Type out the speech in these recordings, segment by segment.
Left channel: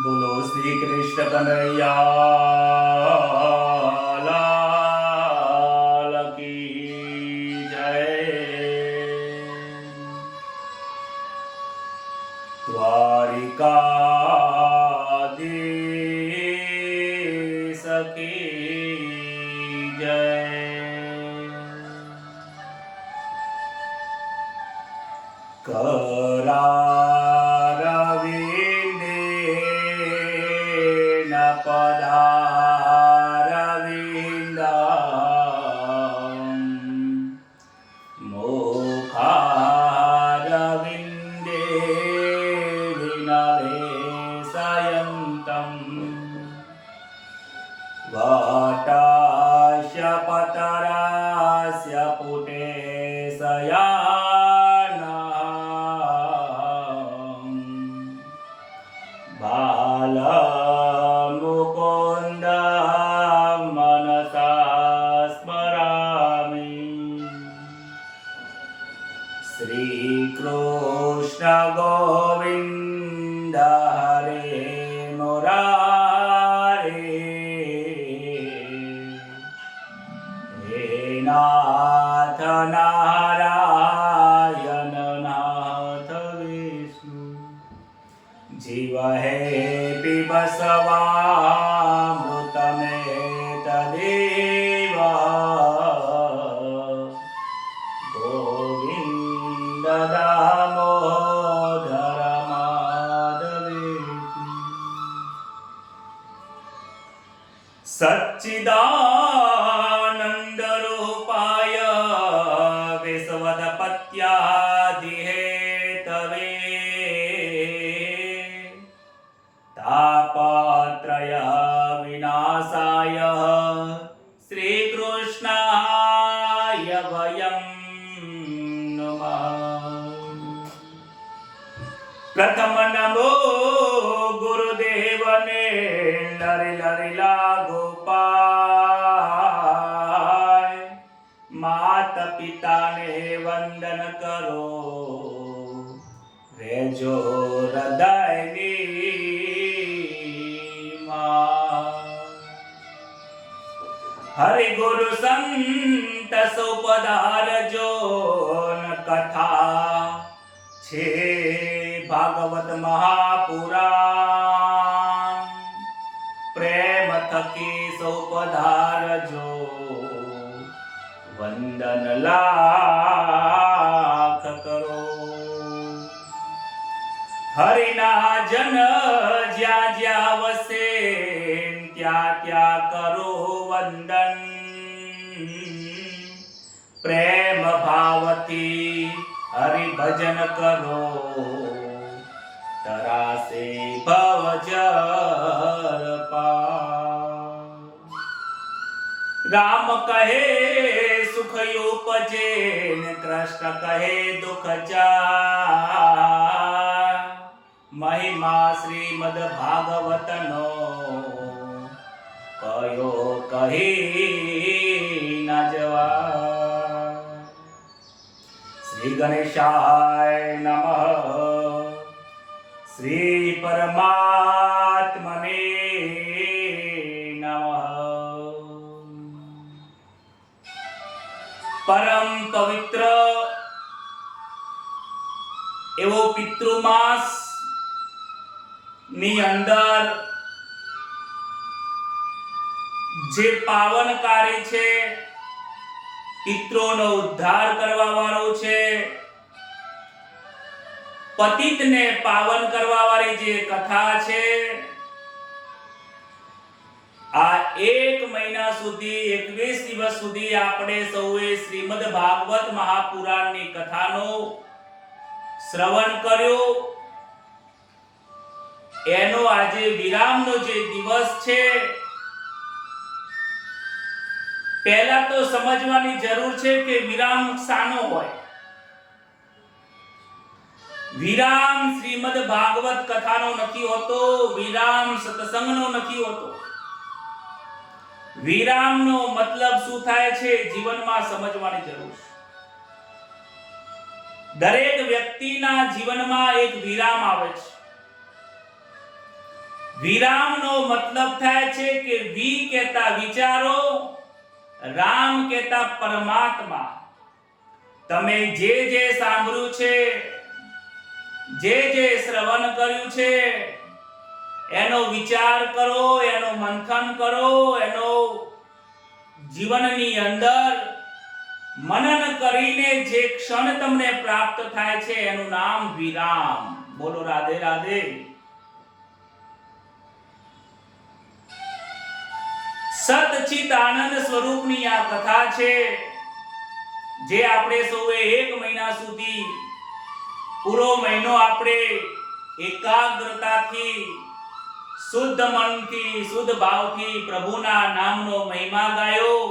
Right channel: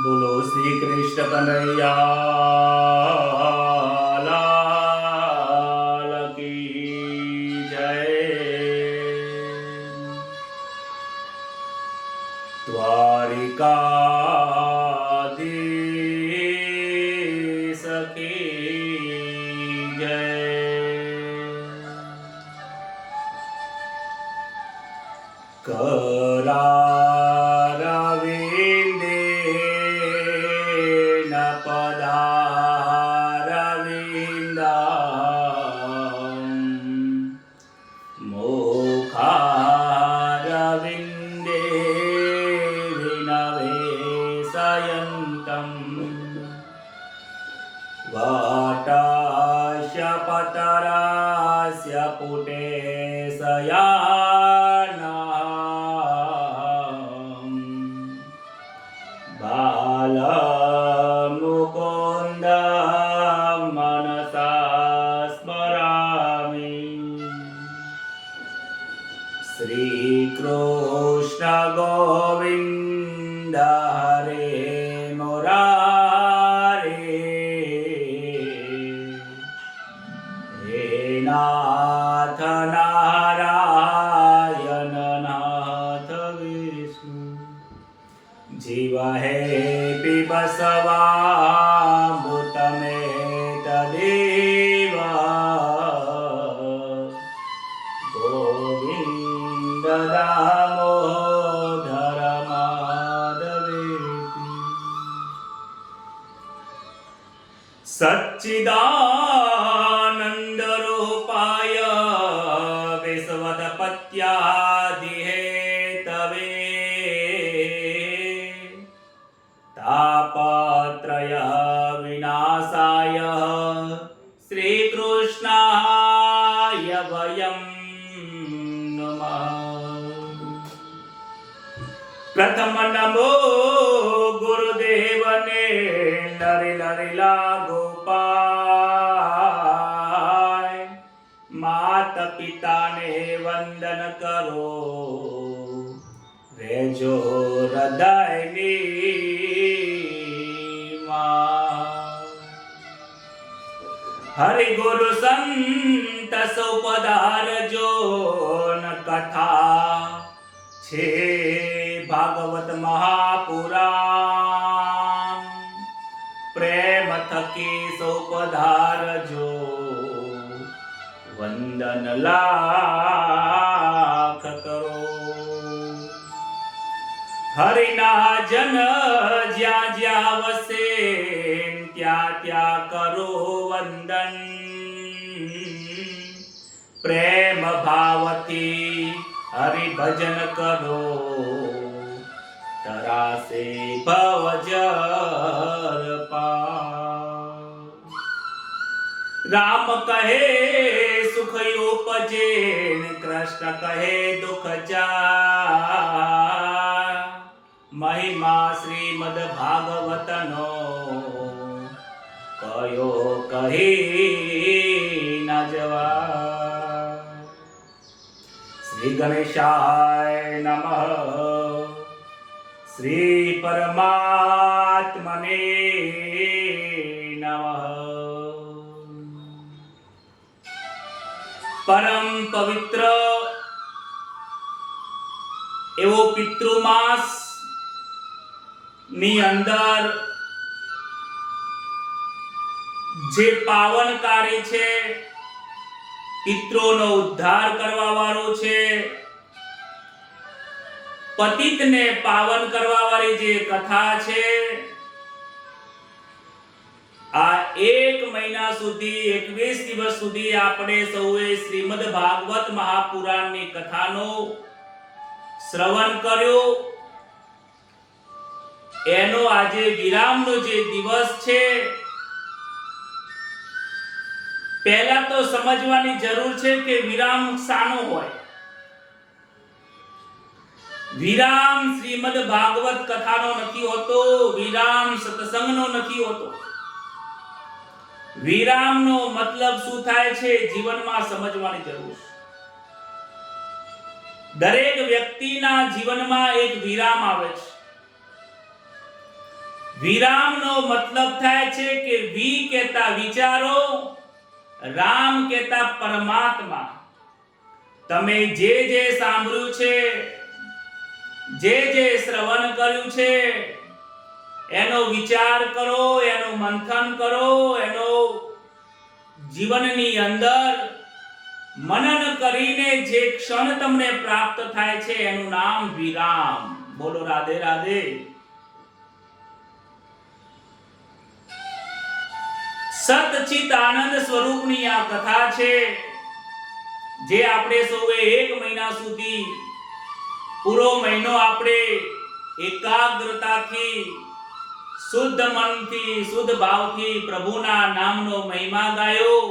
બોલો શ્રી કૃષ્ણ કનૈયા લાલ કી જય। દ્વારિકાધીશ કી જય। करारविंदेन पदारविन्दं मुखारविन्दे विनवेशयन्तं वाटास्य पतरास्य पुटे बालमुकुन्द मनसा स्मरामि। श्रीकृष्ण गोविन्द हरे मुरारे, हे नाथ नारायण नाथ विष्णु, जीव हे पिबसवामृतमेतदेव गोविन्द दामोदर माधवेति। सच्चिदानन्द रूपाय विश्वोत्पत्त्यादिहेतवे तापत्रय विनाशाय श्रीकृष्णाय वयं नमः। प्रथम नमो गुरुदेवने लरि लरि लागो पाय, मात पिता ने वंदन करो रेजो हृदयनी हरि गुरु संत सुपधारजो न कथा छे भागवत महापुराण, प्रेम थकी सुपधारजो वंदन लाख करो। हरिना जन ज्या ज्या वसे त्या त्या करो वंदन, प्रेम भावती हरि भजन करो तरासे भवजर पार। राम कहे सुख उपजे, कृष्ण कहे दुख जाय, महिमा श्रीमद भागवतनो कयो कही न जवाय। श्री गणेशाय नमः, श्री परमात्मने नमः। परम पवित्र एवो पितृमास ની અંદર જે પાવનકારી છે, પિતૃનો ઉદ્ધાર કરવા વાળો છે, પતિતને પાવન કરવા વાળી જે કથા છે, આ એક મહિના સુધી 21 દિવસ સુધી આપણે સૌએ શ્રીમદ ભાગવત મહાપુરાણની કથાનો શ્રવણ કર્યો। એનો આજે વિરામનો જે દિવસ છે, પહેલા તો સમજવાની જરૂર છે કે વિરામ શાનો હોય। વિરામ શ્રીમદ ભાગવત કથાનો નથી હોતો, વિરામ સત્સંગનો નથી હોતો। વિરામનો મતલબ શું થાય છે જીવનમાં સમજવાની જરૂર છે। દરેક વ્યક્તિના જીવનમાં એક વિરામ આવે છે। વિરામનો મતલબ થાય છે કે વી કહેતા વિચારો, રામ કહેતા પરમાત્મા. તમે જે સાંભળ્યું છે, જે શ્રવણ કર્યું છે, એનો વિચાર કરો, એનો મંથન કરો, એનો જીવનની અંદર મનન કરીને જે ક્ષણ તમને પ્રાપ્ત થાય છે એનું નામ વિરામ. બોલો રાધે રાધે. સતચિત આનંદ સ્વરૂપની આ કથા છે, જે આપણે સૌએ 1 મહિના સુધી પૂરો મહિનો આપણે એકાગ્રતાથી, શુદ્ધ મનથી, શુદ્ધ ભાવથી પ્રભુના નામનો મહિમા ગાયો.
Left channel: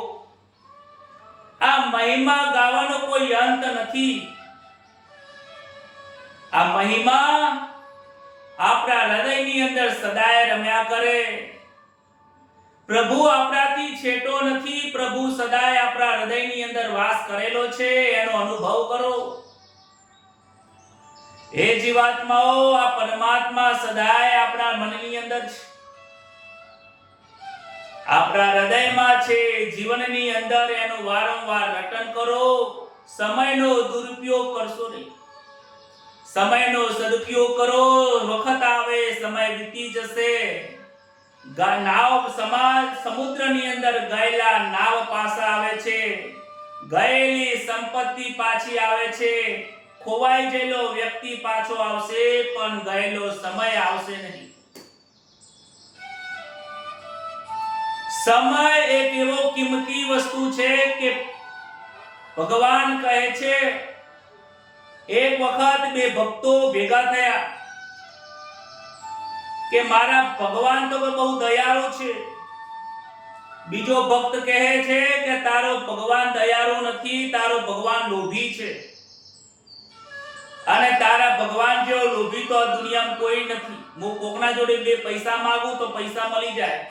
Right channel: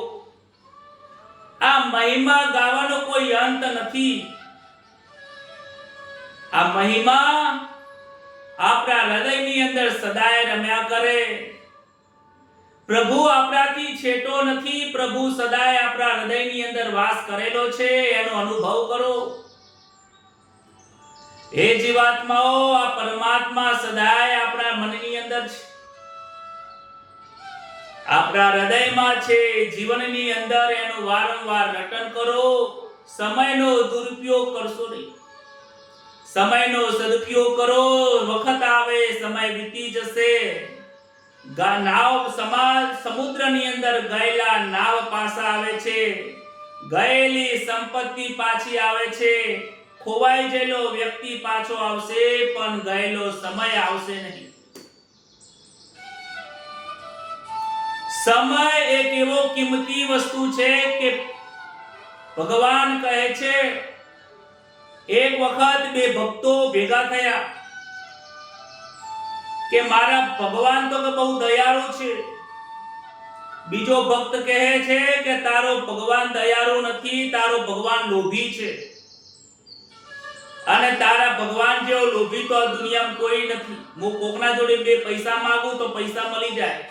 આ મહિમા ગાવાનો કોઈ અંત નથી. આ મહિમા આપણા હૃદયની અંદર સદાય રમ્યા કરે. પ્રભુ આપણાથી છેટો નથી, પ્રભુ સદાય આપણા હૃદયની અંદર વાસ કરેલો છે, એનો અનુભવ કરો. હે જીવાત્માઓ, આ પરમાત્મા સદાય આપણા મનની અંદર છે, આપણા હૃદયમાં છે, જીવનની અંદર એનું વારંવાર રટન કરો. સમયનો દુરુપયોગ કરશો નહીં, સમયનો સદુપયોગ કરો. વખત આવે, સમય વીતી જશે. નાવ સમાજ સમુદ્રની અંદર ગયેલા નાવ પાછા આવે છે, ગયેલી સંપત્તિ પાછી આવે છે, ખોવાઈ ગયેલો વ્યક્તિ પાછો આવશે, પણ ગયેલો સમય આવશે નહીં. સમય એક એવો કિંમતી વસ્તુ છે કે ભગવાન કહે છે, એક વખત 2 ભક્તો ભેગા થયા કે મારા ભગવાન તો બહુ દયાળુ છે. બીજો ભક્ત કહે છે કે તારો ભગવાન દયાળુ નથી, તારો ભગવાન લોભી છે, અને તારા ભગવાન જેવો લોભી તો આ દુનિયામાં કોઈ નથી. હું કોકના જોડે 2 પૈસા માંગુ તો પૈસા મળી જાય.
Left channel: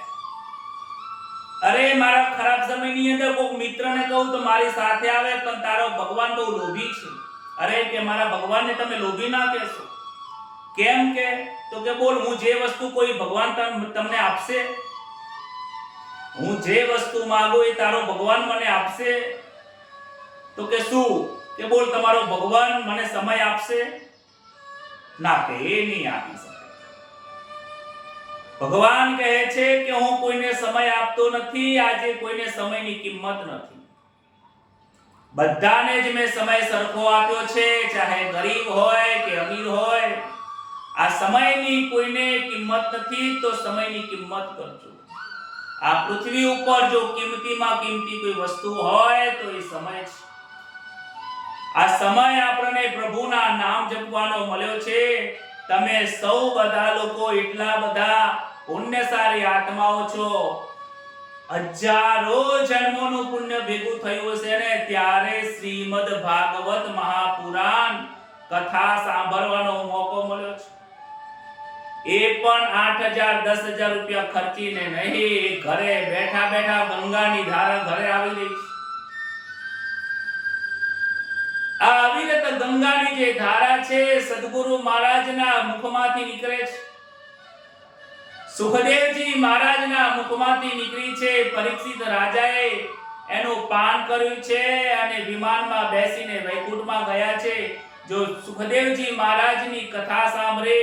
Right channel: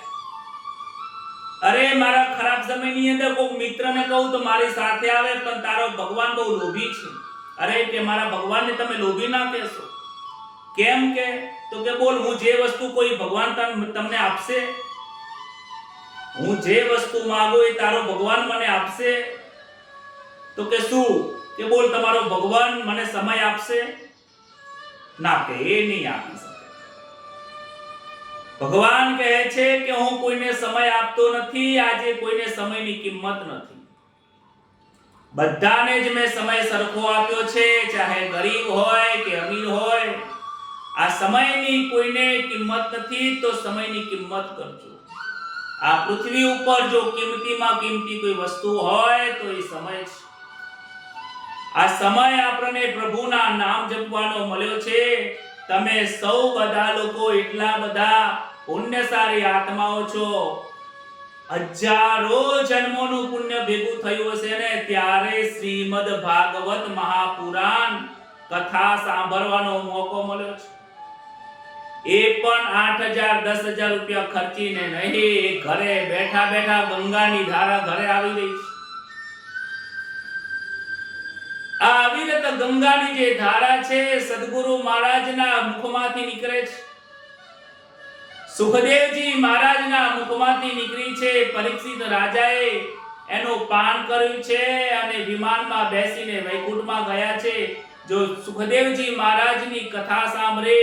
અરે મારા ખરાબ સમયની અંદર કોક મિત્રને કહું તો મારી સાથે આવે, પણ તારો ભગવાન બહુ લોભી છે. અરે કે મારા ભગવાનને તમે લોભી ના કહેશો. કેમ કે તો કે બોલ, હું જે વસ્તુ કોઈ ભગવાન તમને આપશે, હું જે વસ્તુ માંગુ એ તારો ભગવાન મને આપશે. તો કે શું? કે બોલ, તમારો ભગવાન મને સમય આપશે? ના, કે એ નહીં આપી શકે. ભગવાન કહે છે કે હું કોઈને સમય આપતો નથી. આજે કોઈને સમયની કિંમત નથી. બધાને જ મેં સમય સરખો આપ્યો છે, ચાહે ગરીબ હોય કે અમીર હોય. આ સમયની કોઈને કિંમત નથી, તો સમયની કિંમત કરજો. આ પૃથ્વી ઉપર જો કિંમતીમાં કિંમતી કોઈ વસ્તુ હોય તો એ સમય છે. આ સમય આપણને પ્રભુના નામ જપવાનો મળ્યો છે. તમે સૌ બધા લોકો એટલા બધા પુણ્યશાળી આત્માઓ છો. હજારો જન્મોનું પુણ્ય ભેગું થયું છે ને ત્યારે શ્રીમદ ભાગવત મહાપુરાણ કથા સાંભળવાનો મોકો મળ્યો છે. એ પણ 8,000 10,000 રૂપિયા ખર્ચીને નહીં, ઘરે બેઠા બેઠા ગંગાની ધારા ઘરે આવી રહી છે. આ અવિરત ગંગાની જે ધારા છે, સદગુરુ મહારાજના મુખમાંથી નીકળે છે. સુખદેવજી મહારાજના મુખમાંથી નીકળી છે. પરીક્ષિત રાજાએ એનું પાન કર્યું છે અને વિમાનમાં બેસીને વૈકુંઠમાં ગયા છે. જો સુખદેવજી મહારાજની કથા સાંભળે,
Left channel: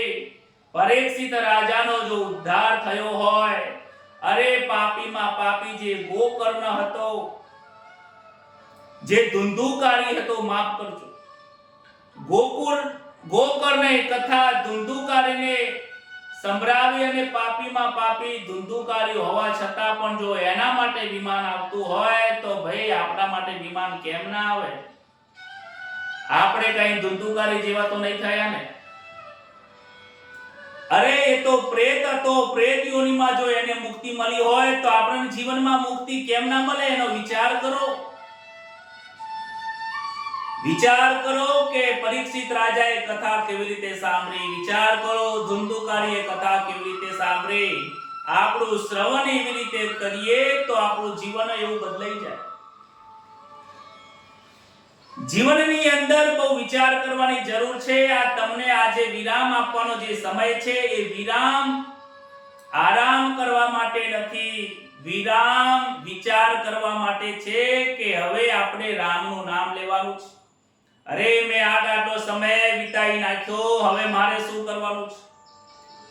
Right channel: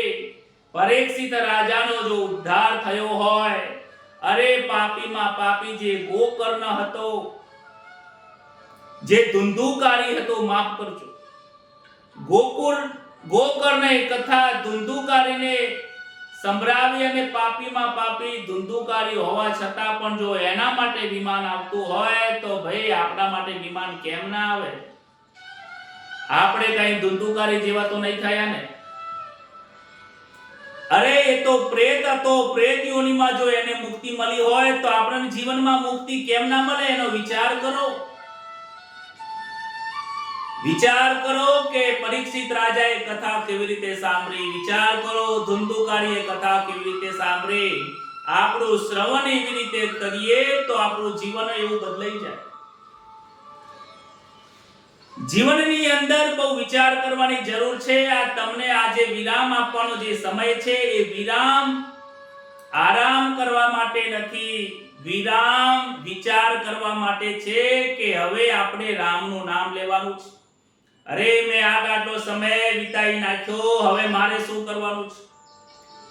પરીક્ષિત રાજાનો જો ઉદ્ધાર થયો હોય. અરે પાપીમાં પાપી જે ગોકર્ણ હતો, જે ધુંધુકારી હતો, માફ કરજો, ગોકર્ણે કથા ધુંધુકારીને સંભળાવી અને પાપીમાં પાપી ધુંધુકારી હોવા છતાં પણ જો એના માટે વિમાન આવતું હોય તો ભાઈ આપણા માટે વિમાન કેમ ના આવે? આપણે કઈ ધુંધુકારી જેવા તો નહીં થયા ને? અરે એ તો પ્રેત હતો, પ્રેત યોનિમાં જો એને મુક્તિ મળી હોય તો આપણને જીવનમાં મુક્તિ કેમ ના મળે? એનો વિચાર કરો. વિચાર કરો કે પરીક્ષિત રાજાએ કથા કેવી રીતે સાંભળી. વિચાર કરો ધુંધુકારીએ કથા કેવી રીતે સાંભળી. આપણું શ્રવણ એવી રીતે કરીએ તો આપણું જીવન એવું બદલાઈ જાય. જીવનની અંદર બહુ વિચાર કરવાની જરૂર છે. આ તમને આજે વિરામ આપવાનો જે સમય છે, એ વિરામ આરામ કરવા માટે નથી, વિરામ વિચાર કરવા માટે છે કે હવે આપણે રામનું નામ લેવાનું છે. અરે મેં આટલો સમય વિતાઈ નાખ્યો, હવે મારે શું કરવાનું છે?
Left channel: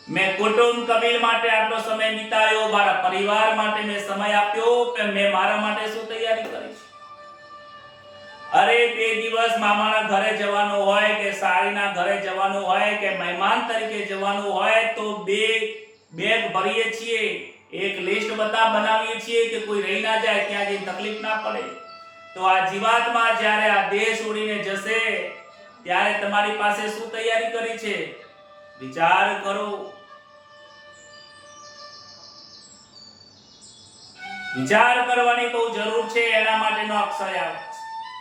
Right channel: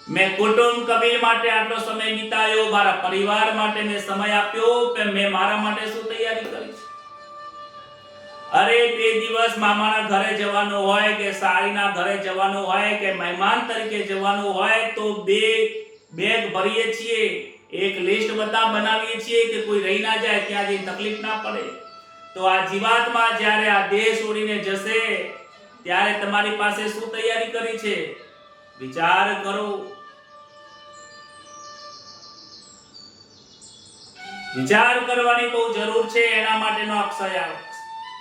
મેં કુટુંબ કબીર માટે આટલો સમય વિતાયો, મારા પરિવાર માટે મેં સમય આપ્યો, મેં મારા માટે શું તૈયારી કરી છે? અરે 2 દિવસ મામાના ઘરે જવાનું હોય કે સાળીના ઘરે જવાનું હોય કે મહેમાન તરીકે જવાનું હોય તો બેગ ભરીએ છીએ, એક લિસ્ટ બનાવીએ છીએ કે કોઈ રહી ના જાય, ત્યાં જઈ તકલીફ ના પડે. તો આ જીવાત્મા જ્યારે આ દેહ છોડીને જશે ત્યારે તમારી પાસે શું તૈયારી કરી છે? વિચાર કરો. વિચાર કરવાની બહુ જરૂર છે. એના માટેનો અક્ષય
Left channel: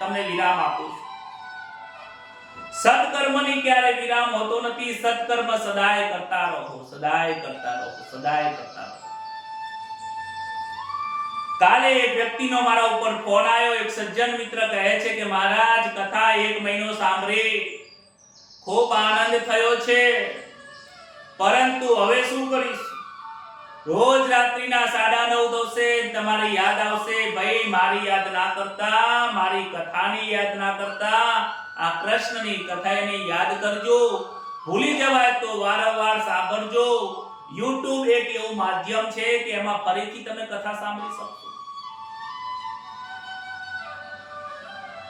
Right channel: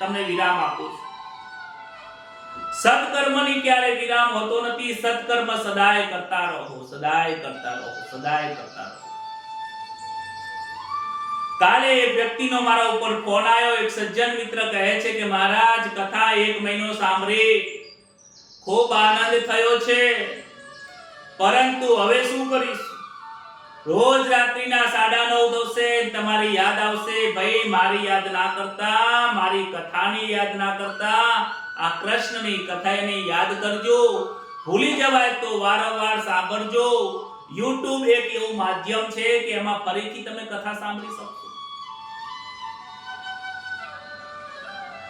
તમને વિરામ આપું છું. સત્કર્મની ક્યારે વિરામ હોતો નથી. સત્કર્મ સદાય કરતા રહો, સદાય કરતા રહો, સદાય કરતા રહો. કાલે એક વ્યક્તિનો મારા ઉપર ફોન આવ્યો. એક સજ્જન મિત્ર કહે છે કે મહારાજ કથા 1 મહિનો સાંભળી, ખૂબ આનંદ થયો છે, પરંતુ હવે શું કરીશ? રોજ રાત્રિના 9:30 થશે, તમારી યાદ આવશે. ભાઈ મારી યાદ ના કરતા, મારી કથાની યાદ ના કરતા, આ કૃષ્ણની કથાની યાદ કરજો. ભૂલી જવાય તો વારંવાર સાંભળજો. YouTube એક એવું માધ્યમ છે કે એમાં ફરીથી તમે કથા સાંભળી શકશો.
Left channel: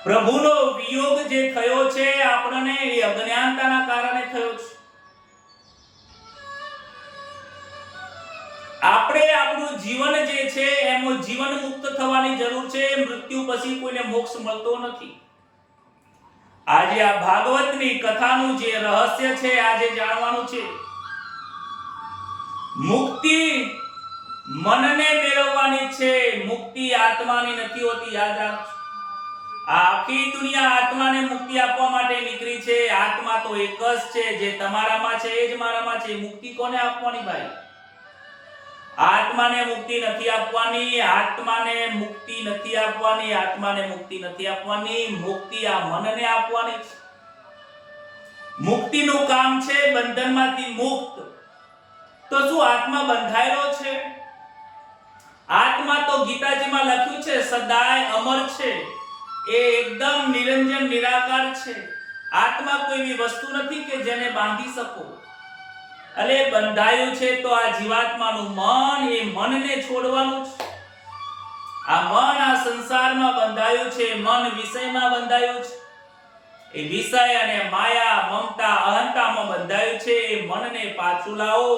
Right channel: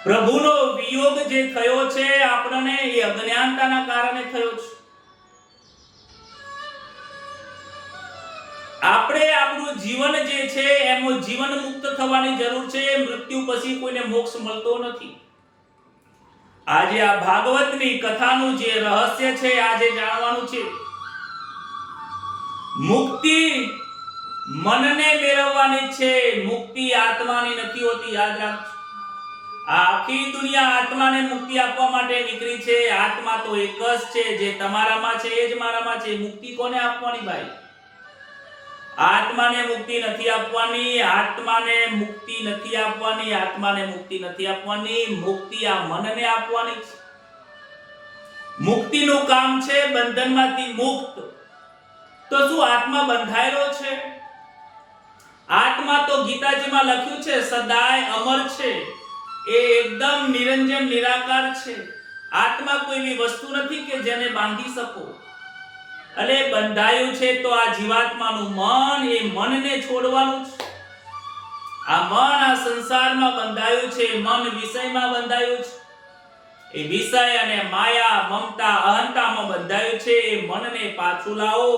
પ્રભુનો વિયોગ જે થયો છે આપણને, એ અજ્ઞાનતાના કારણે થયો છે. આપણે આપણું જીવન જે છે એમાં જીવન મુક્ત થવાની જરૂર છે. મૃત્યુ પછી કોઈને મોક્ષ મળતો નથી. આજે આ ભાગવતની કથાનું જે રહસ્ય છે આજે જાણવાનું છે. મુક્તિ મનને મેળવવાની છે, મુક્તિ આત્માની નથી હોતી, યાદ રાખજો. આ આખી દુનિયા આત્માને મુક્તિ આપવા માટે નીકળી છે. આત્મા તો એક જ છે, જે તમારામાં છે એ જ મારામાં છે. મુક્તિ કોને આપવાની ભાઈ? આત્માને મુક્તિ નથી આપવાની, આત્માને મુક્તિ નથી આપવાની, આત્માને મુક્તિ નથી આપવાની. મુક્તિ આ મનને આપવાની છે. મુક્તિનું કામ છે બંધનમાંથી મુક્ત. તો શું આત્મા બંધાયેલો છે? આત્મા તો ગીતાજીમાં લખ્યું છે સદાય અમર છે, એ એકદમ નિરંજન નિરાકાર છે. આત્મા કોઈ એવી વસ્તુ નથી કે જેને બાંધી શકો. અલે બંધાયું છે તો આ જીવાત્માનું મન, એ મનને છોડવાનું છે. આ મન આ સંસારમાં બંધાયું છે, મન વિષયમાં બંધાયું છે. એ વિષય અને માયા, મમતા, અહંતામાં બંધાયું છે. એ મનને પાછું લાવો.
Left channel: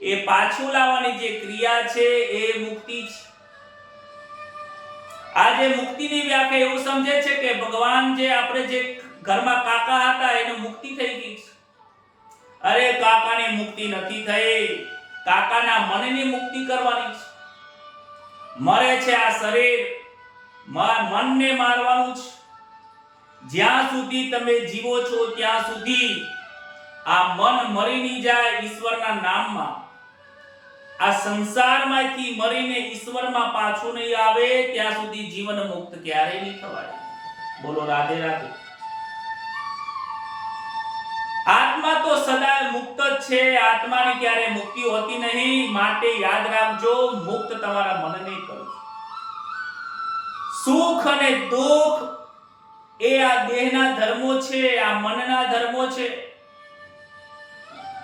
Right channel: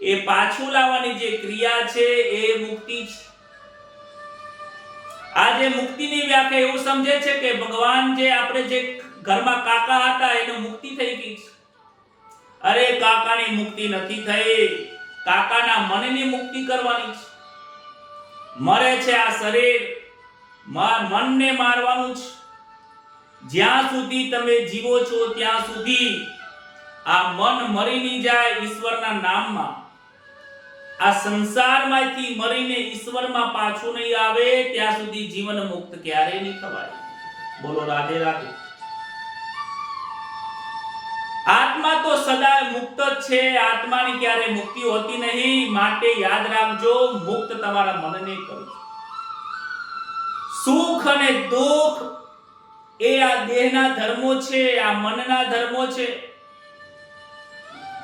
એ પાછું લાવવાની જે ક્રિયા છે એ મુક્તિ છે. આજે મુક્તિની વ્યાખ્યા એવું સમજે છે કે ભગવાન જે આપણે જે ઘરમાં કાકા હતા એની મુક્તિ થઈ ગઈ છે. અરે કાકાની મુક્તિ નથી થઈ, કાકાના મનની મુક્તિ કરવાની છે. મરે છે આ શરીર, મનને મારવાનું છે. જ્યાં સુધી તમે જીવો છો ત્યાં સુધી આ મન મરી નહીં જાય ઈશ્વરના નામમાં, આ સંસારમાંથી મરીને ઈશ્વરમાં પાછું નહીં આવે ત્યાં સુધી જીવન મુક્ત ક્યારેય નહીં થવાય. બોલો રાધે રાધે. આત્મા તો સદા મુક્ત જ છે, આત્માની ક્યારે મુક્તિ હોતી નહીં. માટે યાદ રાખજો, મુક્ત તમારા મનને કરો. સુખ અને દુઃખ એ આ દેહના ધર્મો છે, આ મનના ધર્મો છે.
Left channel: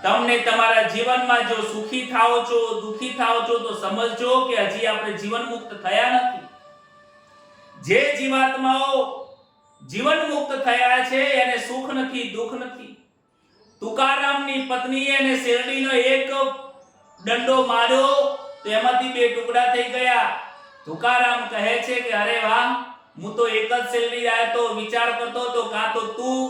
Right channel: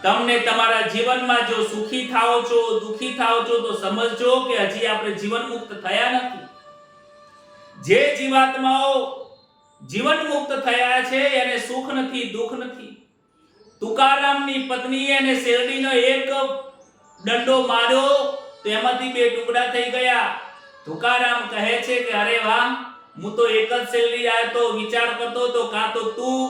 તમને તમારા જીવનમાં જો સુખી થાઓ છો, દુખી થાઓ છો તો સમજજો કે હજી આપણે જીવન મુક્ત થયા નથી. જે જીવાત્માઓ જીવન મુક્ત થયા છે એને સુખ નથી, દુઃખ નથી. તુકારામની પત્નીએ એને શેરડીનો એક દંડો માર્યો તો એમાંથી 2 ટુકડા થઈ ગયા. તુકારામ કહે છે કે અરે વાહ, હું તો એક જ શેરડી આવ્યો તો વિચાર કરતો તો કાં તો તું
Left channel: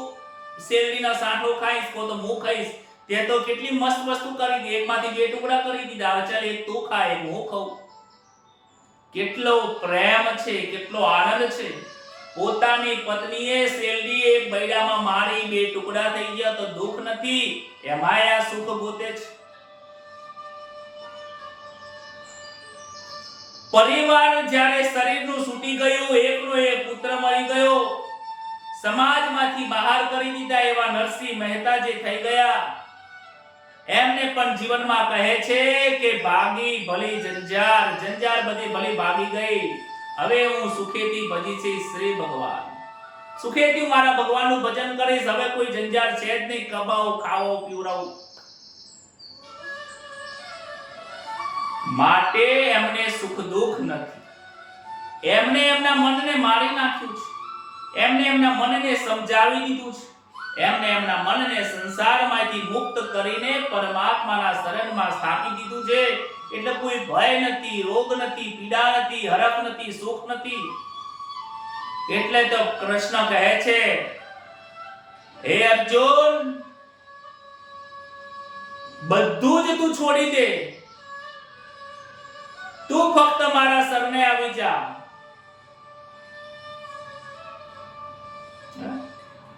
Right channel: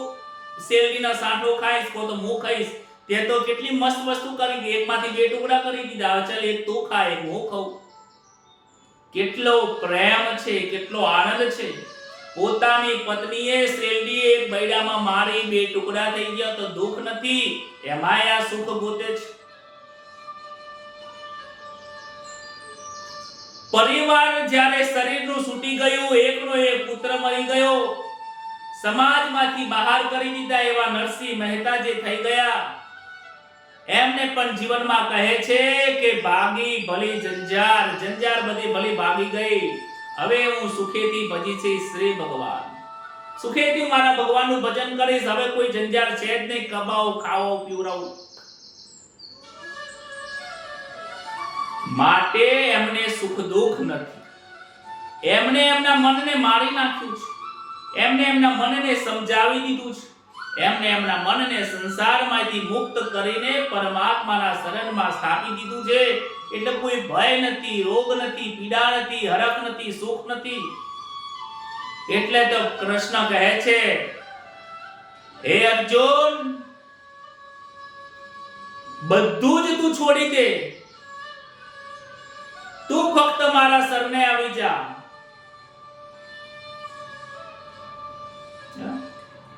શેરડીના સાંઠો ખાઈશ કો તો હું ખાઈશ. તે તો કેટલી મસ્ત વસ્તુ કરી દીધી, એકમાંથી 2 ટુકડા કરી દીધા. ચાલ એક તું ખા, એક હું ખાઉં. કેટલો પ્રેમ છે, કેટલો આનંદ છે. પોતાની પત્નીએ શેરડી એક બૈડામાં મારી 2 ટુકડા થઈ ગયા તો દુઃખ નથી, એમાંય આ સુખ ગોતે છે. પરિવાર જ્યારે શરીરનું છૂટી ગયું, એકનો એક પુત્ર મરી ગયો, સમાજમાંથી બહાર કરી દીધા એવા નરસિંહ મહેતા જે થઈ ગયા, એમને પણ જીવનમાં કહે છે કે ભાગી ભલી જંજાર, જંજાર બધી ભલી ભાગી ગઈ, હવે હું સુખેથી ભજી છે શ્રી ભગવાન, સુખેથી મારા ભગવાનનું ભજન કરીશ, હવે કોઈ જંજાર છે જ નહીં, કમાઓ ખાઓ પીવડાવો. માટે એમને સુખ દુઃખ નથી. એમને એમના મનને મારી નાખ્યું છે, એમને એમના મનને સમજાવી દીધું છે, એમને એમના મનને સંસારમાંથી મુક્ત કરીને પરમાત્માના શરણમાં સ્થાપી દીધું છે. એટલે કોઈ ભય નથી, રોગ નથી, પીડા નથી, હરખ નથી, સુખ નથી. એટલે તો કૃષ્ણ કહે છે, હે અર્જુન, બધું જ તું છોડી દે, તું ફક્ત મારા શરણે આવી જા.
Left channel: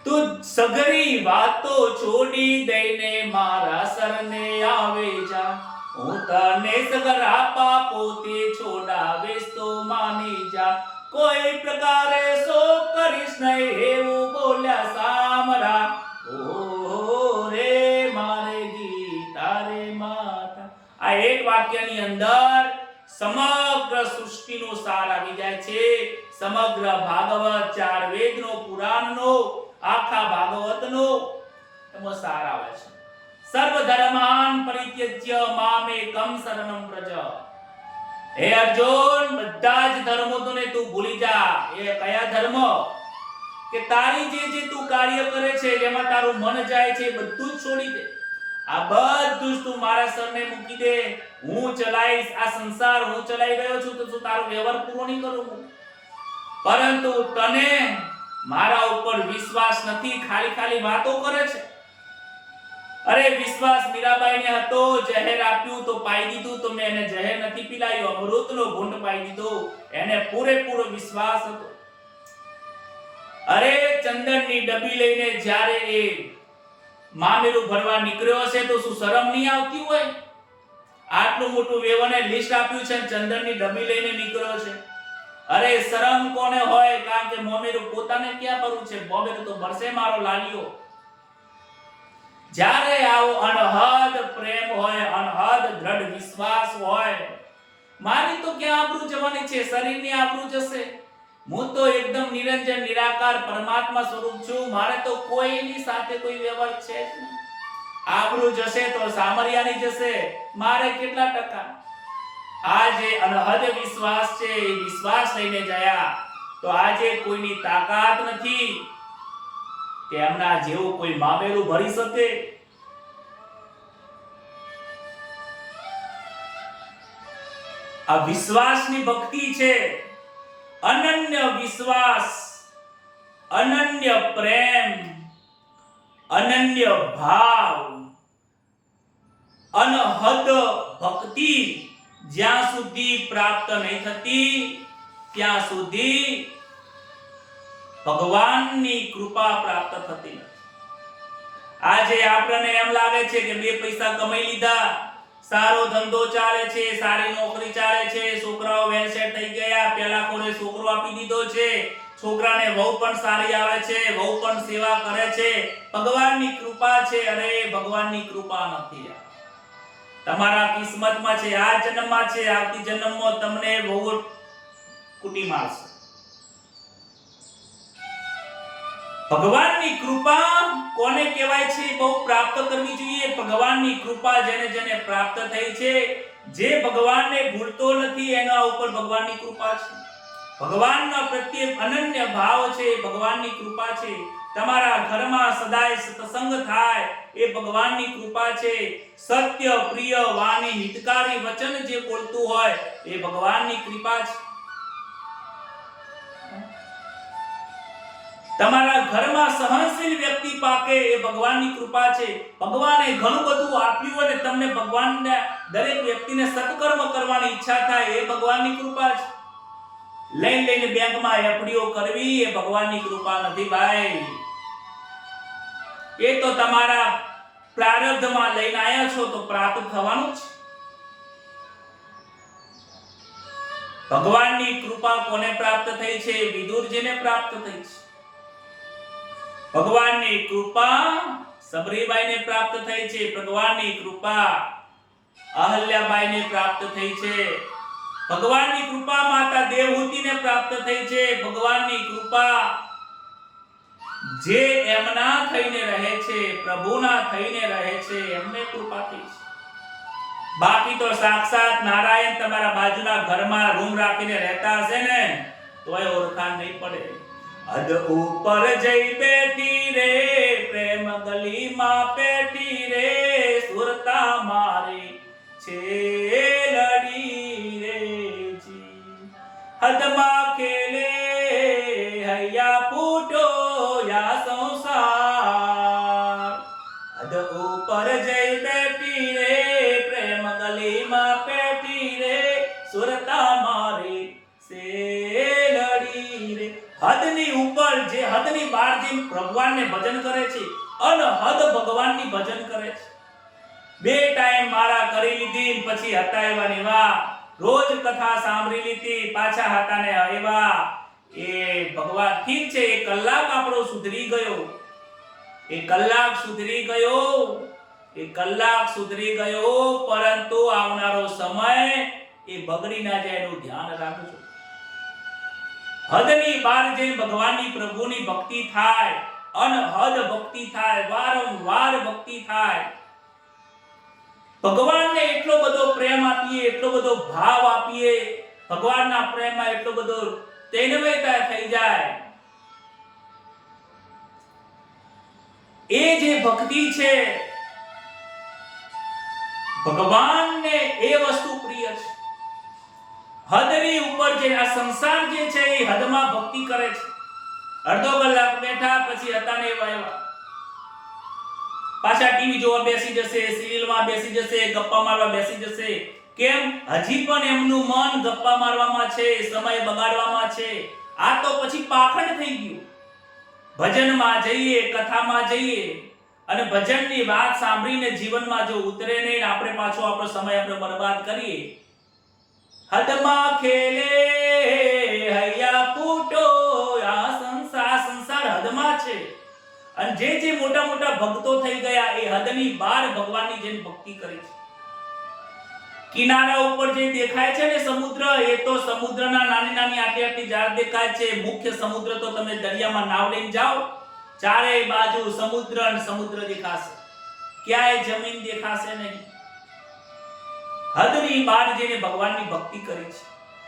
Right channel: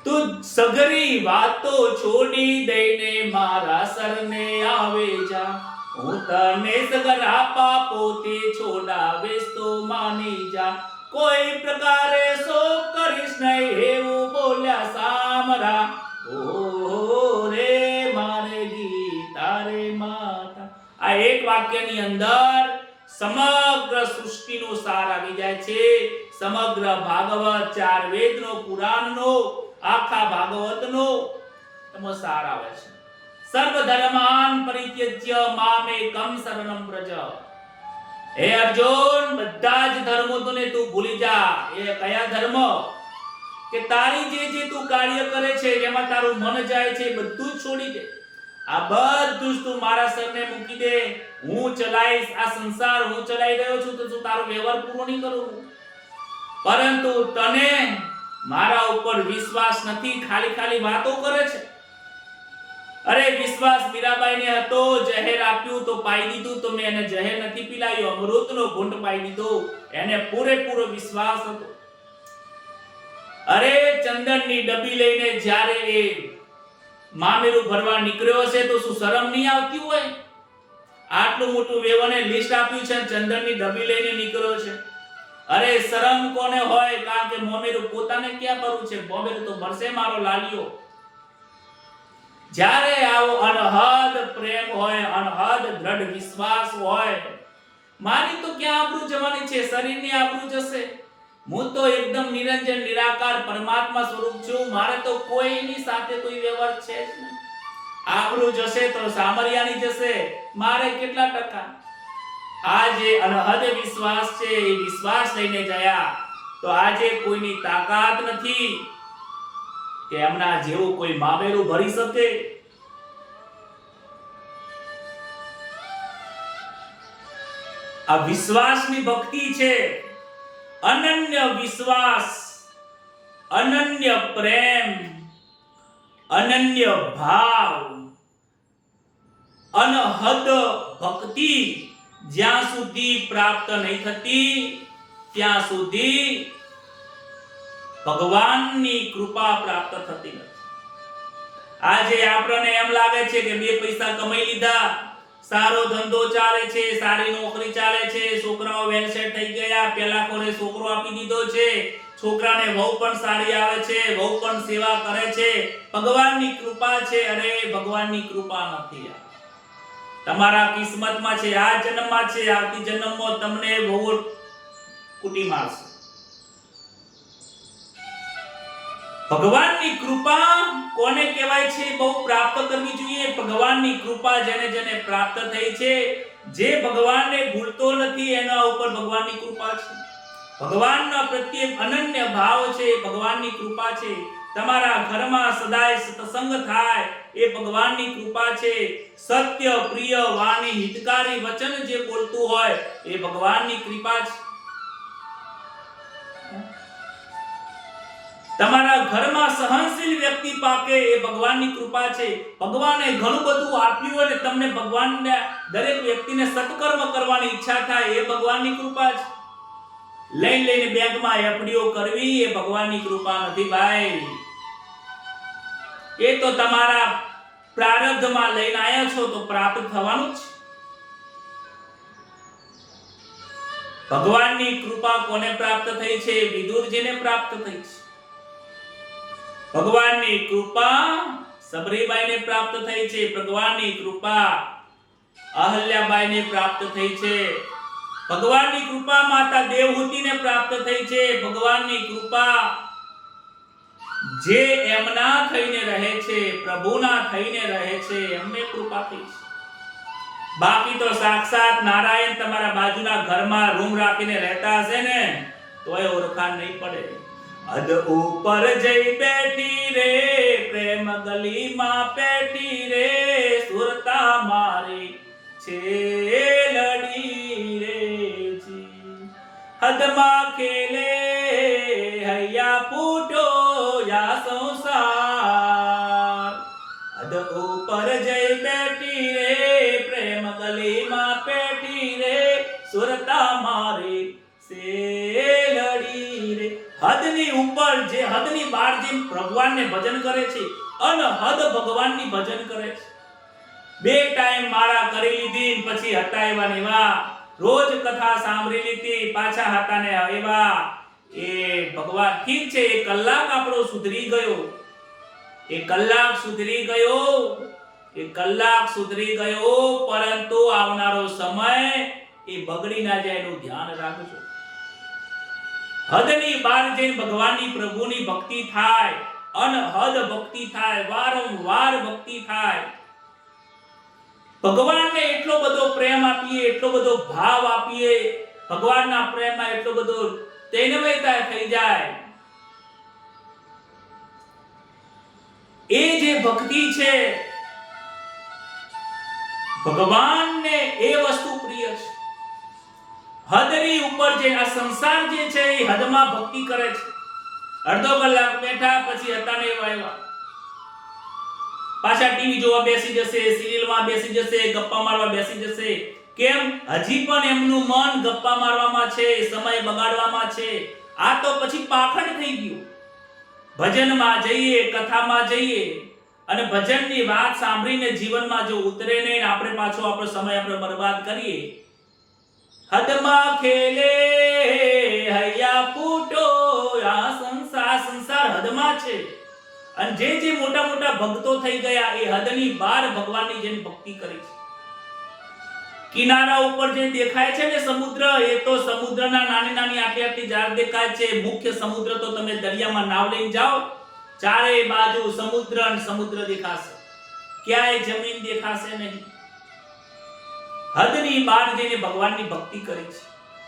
તું સગરી વાતો છોડી દઈને મારા શરણે આવે જા, હું તને સગરા પાપોથી છોડાવીશ તો માની જા. કોઈ પ્રકારે શોક કરીશ નહીં, એવું બોલ્યા સામરા. ઓ રે મારે ગીતા રે માતા. આ એક વાક્યની અંદર સમગ્ર સૃષ્ટિનો સાર આવી જાય છે. સમગ્ર ભાગવત, 4 વેદનો, પુરાણનો, આખા ભાગવતનો એમાં સાર આવે છે. સર્વ ધર્માન પરિત્યજ્ય મામેકમ શરણમ વ્રજ. હે અર્જુન, બધા જ ધર્મો તને તું ભૂલી જા. એ કયા ધર્મ? કે તારી જે તું કાર્ય કરે છે, જેમાં તારું મન જાય છે, બધું જ છોડી દે. આ બધું જ તું મારા શરણે મૂકી દે. હું ચલાઈશ આ સંસાર, હું ચલાઈ રહ્યો છું, તો તું તારો વ્યવહાર પૂરો નહીં કરું. પરંતુ તને મારા ઉપર વિશ્વાસ નથી, ખાલી વાતો કરે છે. અરે વિશ્વાસ મીરાબાઈને હતો, જહેર આપ્યું તો પાઈ દીધું, તો મેં એને જહેર નથી પીલાયો, અમૃતનો ઘૂંટ પાઈ દીધો. એને પૂરેપૂરો વિશ્વાસ હતો. અરે ચંદનની ડબ્બી લઈને જ્યારે એ મામેરું ભરવા નીકળ્યો હશે, તો શું શરમ નહીં આવતી હોય? આટલું મોટું વેવને લિસ્ટ આપ્યું છે, ચંદનની ડબ્બી લઈને નીકળ્યો છે. અરે શરમ કોને હોય? કારણ કે મોમેરું પોતાને ક્યાં ભરવું છે? મોમેરું તો ભરશે મારો લાલિયો. જ્યારે આવો અનહદ પ્રેમ હોય, અનહદ દ્રઢ વિશ્વાસ હોય, મારી તો ક્યાં આબરૂ જવાની છે? શરીરની આબરૂ જશે. હું તો એકદમ નિરંજન નિરાકાર પરમાત્મા સ્વરૂપ છું. મારે તો કોઈની સાથે કોઈ વ્યવહાર છે જ નહીં. આબરૂ જશે તો સામરિયાની જશે. મારે કેટલા ટકા? આ જે અનહદ વિશ્વાસ છે, એ વિશ્વાસ લઈને ગયા તો આજે કોઈની તાકાત નથી કે એમના જેવું કોઈ મામેરું ભરી શકે. આ વિશ્વાસની ભક્તિ છે. અનન્ય વિશ્વાસ, અનન્ય પ્રેમ, અનન્ય ભાવ, અનહદ ભક્તિ જ્યાં સુધી પ્રાપ્ત નહીં થતી, ત્યાં સુધી ભગવાનની કૃપા પ્રાપ્ત થતી નથી. આજે આપણને એમ લાગે છે કે 2 પૈસા કમાઈ લીધા, સારો ધંધો ચાલે છે, સારી નોકરી ચાલે છે, છોકરાઓ વેલ સેટ થઈ ગયા, પેલા કોરે છોકરો આપી દીધો છે, છોકરાને વહુ પણ સારી આવે છે, વહુ પણ સેવા કરે છે, ભગવાનની કૃપા છે. અરે ભગવાનની કૃપા નથી. તમારા કિસ્મતમાં છે, આ જન્મમાં છે, આવતી જન્મમાં તમને વહુ કુટી મારશે. ભગવાનની કૃપા કોને કહેવાય છે? બહુ પ્રાપ્ત કરવી જોઈએ. ભગવાનની કૃપા જેને જેને પ્રાપ્ત થઈ છે, જે ભગવાનને ભૂલતો નથી, એના ઉપર ભગવાનની કૃપા છે. ભગવાનના પ્રત્યે અનન્ય ભાવ છે, ભગવાનની કૃપા છે. તમારા ઘરમાં સદાય સત્સંગ થાય, એ ભગવાનની કૃપા છે. સત્ય પ્રિય વાણી હિતકારી વચન જે બોલતું હોય, એ ભગવાનની કૃપા છે. તમારા ઘરમાં સહનશીલ વ્યક્તિ પાકે, એ ભગવાનની કૃપા છે. ભગવાને ઘણું બધું આપ્યું અને તમને ભગવાનને દરેક વ્યક્તિને સત્કર્મ કરવાની ઈચ્છા થાય, એ ભગવાનની કૃપા છે. લઈને બેંકમાં એફડીઓ કરવી, એ ભગવાનની કૃપા નથી ભાઈ. એ તો તમારા પ્રારબ્ધમાં લઈને આવ્યા છો તો પ્રાપ્ત થવાનું જ. ભગવાનની કૃપા કોને પ્રાપ્ત થઈ છે? વિદુરજીને પ્રાપ્ત થઈ છે. ભગવાનની કૃપા સબરીબાઈને પ્રાપ્ત થઈ છે, ભગવાનની કૃપા અહલ્યાબાઈને પ્રાપ્ત થઈ છે, ભગવાનની કૃપા માતા દેવહૂતિને પ્રાપ્ત થઈ છે, ભગવાનની કૃપા જે એમના થઈને રહે છે, પ્રભુના થઈને રહે છે, એમને કૃપા થઈ છે. બાકી તો સાક્ષાત નારાયણ તમારા બાજુના ઘરમાં રૂમ રાખીને રહેતા હશે ને તોય ઓળખાણ નહીં પડે. અદ ઉપર જઈ બેઠી રે પ્રેમ ગલીમાં પેઠી રે સુરતા મારી છે લડી રે જી હદમાં ખેલે હૈયા ફૂટો યા સંસાર. અદ ઉપર જઈ બેઠી રે પ્રેમ ગલીમાં પેઠી રે સુરતા મારી સે લડી રે. હદની ઉપર જે હદની બહાર જે ભગવાનને ભજન કરે છે અનહદ ભગવાનની ભજન કરે છે. 2 ટાઈમ માળા કરી લીધી પછી હતા એવા ને એવા, રોજ કથા સાંભળી લીધી પાછા હતા ને એવા. એ ભગવાન ઠીક છે, એ કલાક આપણો સુધરી ગયો, એ કલાક સુધરી ગયો, એ કલાક સુધરી ગયો, પરંતુ આવનારો સમય એ બગડી ના જાય એનું ધ્યાન રાખજો. હદની બહાર જઈને ભગવાનની પ્રભુની ભક્તિ થાય, અનહદ ભક્તિ થાય, વારંવાર ભક્તિ થાય. ભગવાનને એટલો બધો પ્રેમ આપીએ, એટલો બધો ભાવ આપીએ, ભગવાનના પ્રેમમાં એટલો બધો તૈનવયતા થઈ જાય. એ જે ભક્તિ છે ભગવાનને એ વસ્તુ પ્રિય છે. હદની ઉપર જે આ સંસાર જે છે એ હદમાં ભક્તિ કરે છે. અડધો કલાક બેઠા પછી હતા ને એવા એવા પાછા ટીવી જોવા બેસી જશે, સિરિયલમાં બેસી જશે, ગપ્પા મારવા બેસી જશે. કેમ? હજી પણ એમનું મન ગપ્પા મારવામાં છે, સમય બગાડવામાં છે. આ તો પછી પાખંડ થઈ ગયું. ભજનમાં જઈએ, કથામાં જઈએ અને ભજનની વાત સાંભળીને જીવનમાં જો ઉતરે નહીં, આપણે પાછો આપણો સમય આપણે બરબાદ કરીએ. હદમાં ખેલે હૈયા ફૂટો આ સંસાર હદમાં છે. અને જે મોટા મોટા ભક્તો થઈ ગયા એ હદની બહાર ભગવાનની જેમ ભક્તિ કરી છે. કિનારા ઉપર જે દેખાય છે ને સમુદ્ર, એ તો સમુદ્રના નાની નાની આટલી આટલી ઝાડ દેખાય છે. મુખ્ય સમુદ્ર તો તમે દરિયામાં નાવ લઈને જાઓ, ચારે બાજુ સમુદ્ર અને સમુદ્ર દેખાશે, ક્યાંય જમીન દેખાશે નહીં. હદની બહાર જઈને ભગવાનની ભક્તિ કરી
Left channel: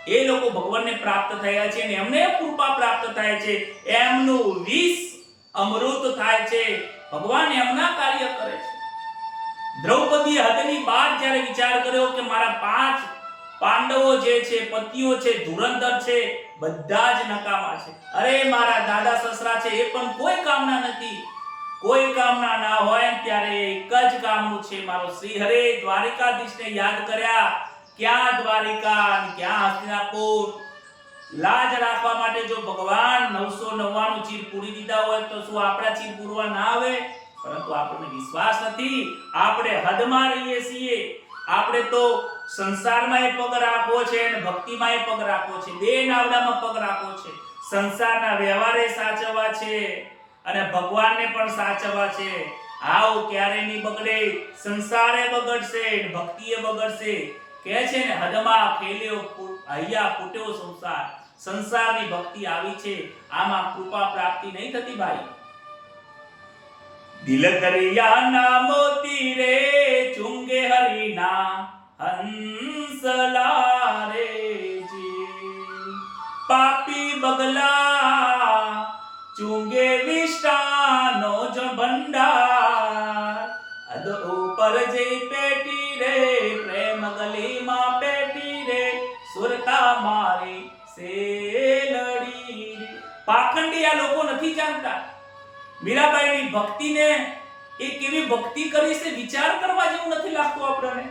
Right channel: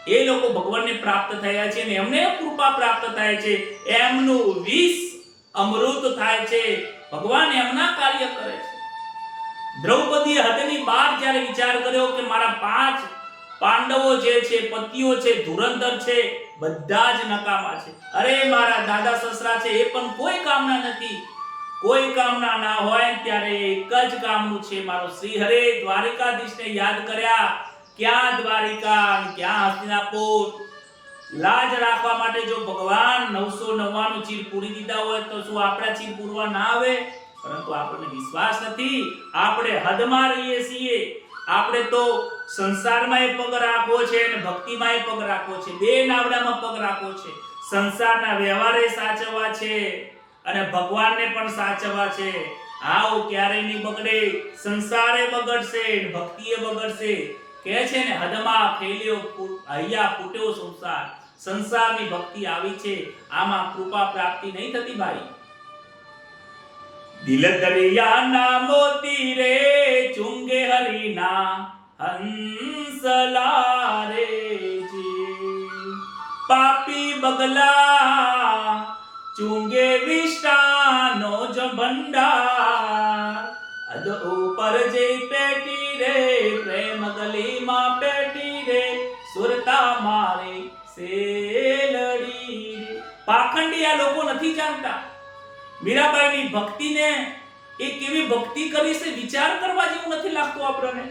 છે એ લોકો ભગવાનને પ્રાપ્ત થયા છે અને એમને કૃપા પ્રાપ્ત થાય છે, એમનું વિષ અમૃત થાય છે, ભગવાન એમના કાર્ય કરે છે. દ્રૌપદી હદની બહાર જ્યારે વિચાર કર્યો કે મારા 5 પાંડવો જે છે, પતિઓ છે, ધુરંધર છે, બધા જ નકામા છે. અરે મારા દાદા સસરા છે એ પણ કોઈ કામના નથી. કોઈ કામના ના હોય ત્યારે એક જ કામનું છે, મારો શ્રી હરે દ્વારિકાધીશને યાદ કર્યા. ક્યાં દ્વારિકા અને ક્યાં હસ્તિનાપુર. લાજ રાખવા માટે જો ભગવાન 999 ચીર પૂરી દીધા હોય તો શું આપણા ચીર પૂરવા ના આવે? પરંતુ આપણને વિશ્વાસ નથી, આપણે હદમાં રહીએ છીએ. આપણે તો સંસારમાં પગ રાખવો છે અને ભક્તિમાં પગ રાખવો છે, 2 નાવડામાં પગ રાખવો છે. સંસારના વ્યવહારે સાચવવા છે અને ભગવાનને પણ સાચવવા છે. આવું ક્યારે નહીં બગડે. સંસારે બગડશે, ભક્તિએ બગડશે. કહે છે ને હદમાં ખેલ્યો હૈયા ફૂટ્યો સંસાર. સંસારની ભક્તિ આવી છે, આમાં કૃપા પ્રાપ્તિ નહીં થતી ભાઈ. દિલ દરિયાના મોતી રે ચુંગે હરીના હંસલા રે જી. પાપી બગલા ચુંગે વિષ્ટાનો જ ભંડાર. અદ ઉપર જઈ પેટી રે પ્રેમ ગલીમાં પેટી રે સુરતા મારી સેલડી રે. પાખંડી આ લોકો નથી જાણતા. મીરાબાઈની ભક્તિને એ કેવી ભક્તિ કરી છે વિચાર કરવા જેવું નથી લાગતું આપણને.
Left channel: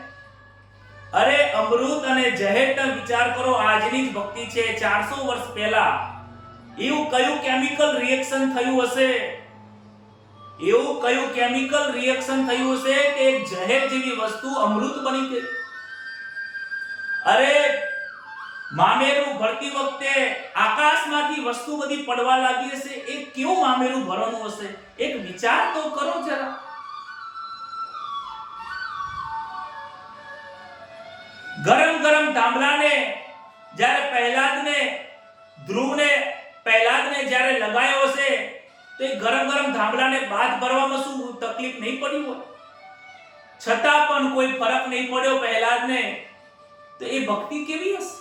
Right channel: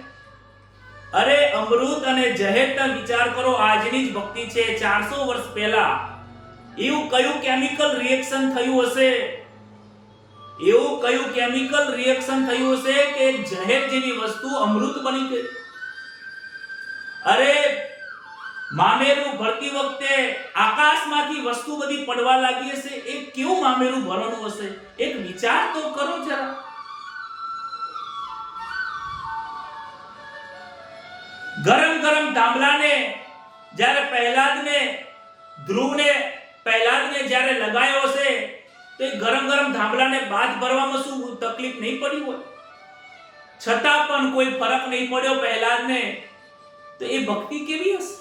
અરે અમૃત અને ઝહેરનો વિચાર કરો. આજની જ ભક્તિ છે. 400 વર્ષ પહેલા એવું કયું કેમિકલ રિએક્શન થયું હશે, એવું કયું કેમિકલ રિએક્શન થયું હશે કે ઝહેર જેવી વસ્તુ અમૃત બની ગઈ. અરે મામેરું ભરતી વખતે આકાશમાંથી વસ્તુ બધી પડવા લાગી હશે. એ કેવું મામેરું ભરવાનું હશે? એક વિચાર તો કરો જરા. ગરમ ગરમ થાંભલાને જ્યારે ધ્રુવને પ્રહલાદને જ્યારે લગાયો હશે તો એ ગરમ ગરમ થાંભલાને બાદ ભરવામાં શું તકલીફ નહીં પડી હોય, છતાં પણ કોઈ ફરક નહીં પડ્યો પ્રહલાદને, તો એ ભક્તિ કેવી હશે?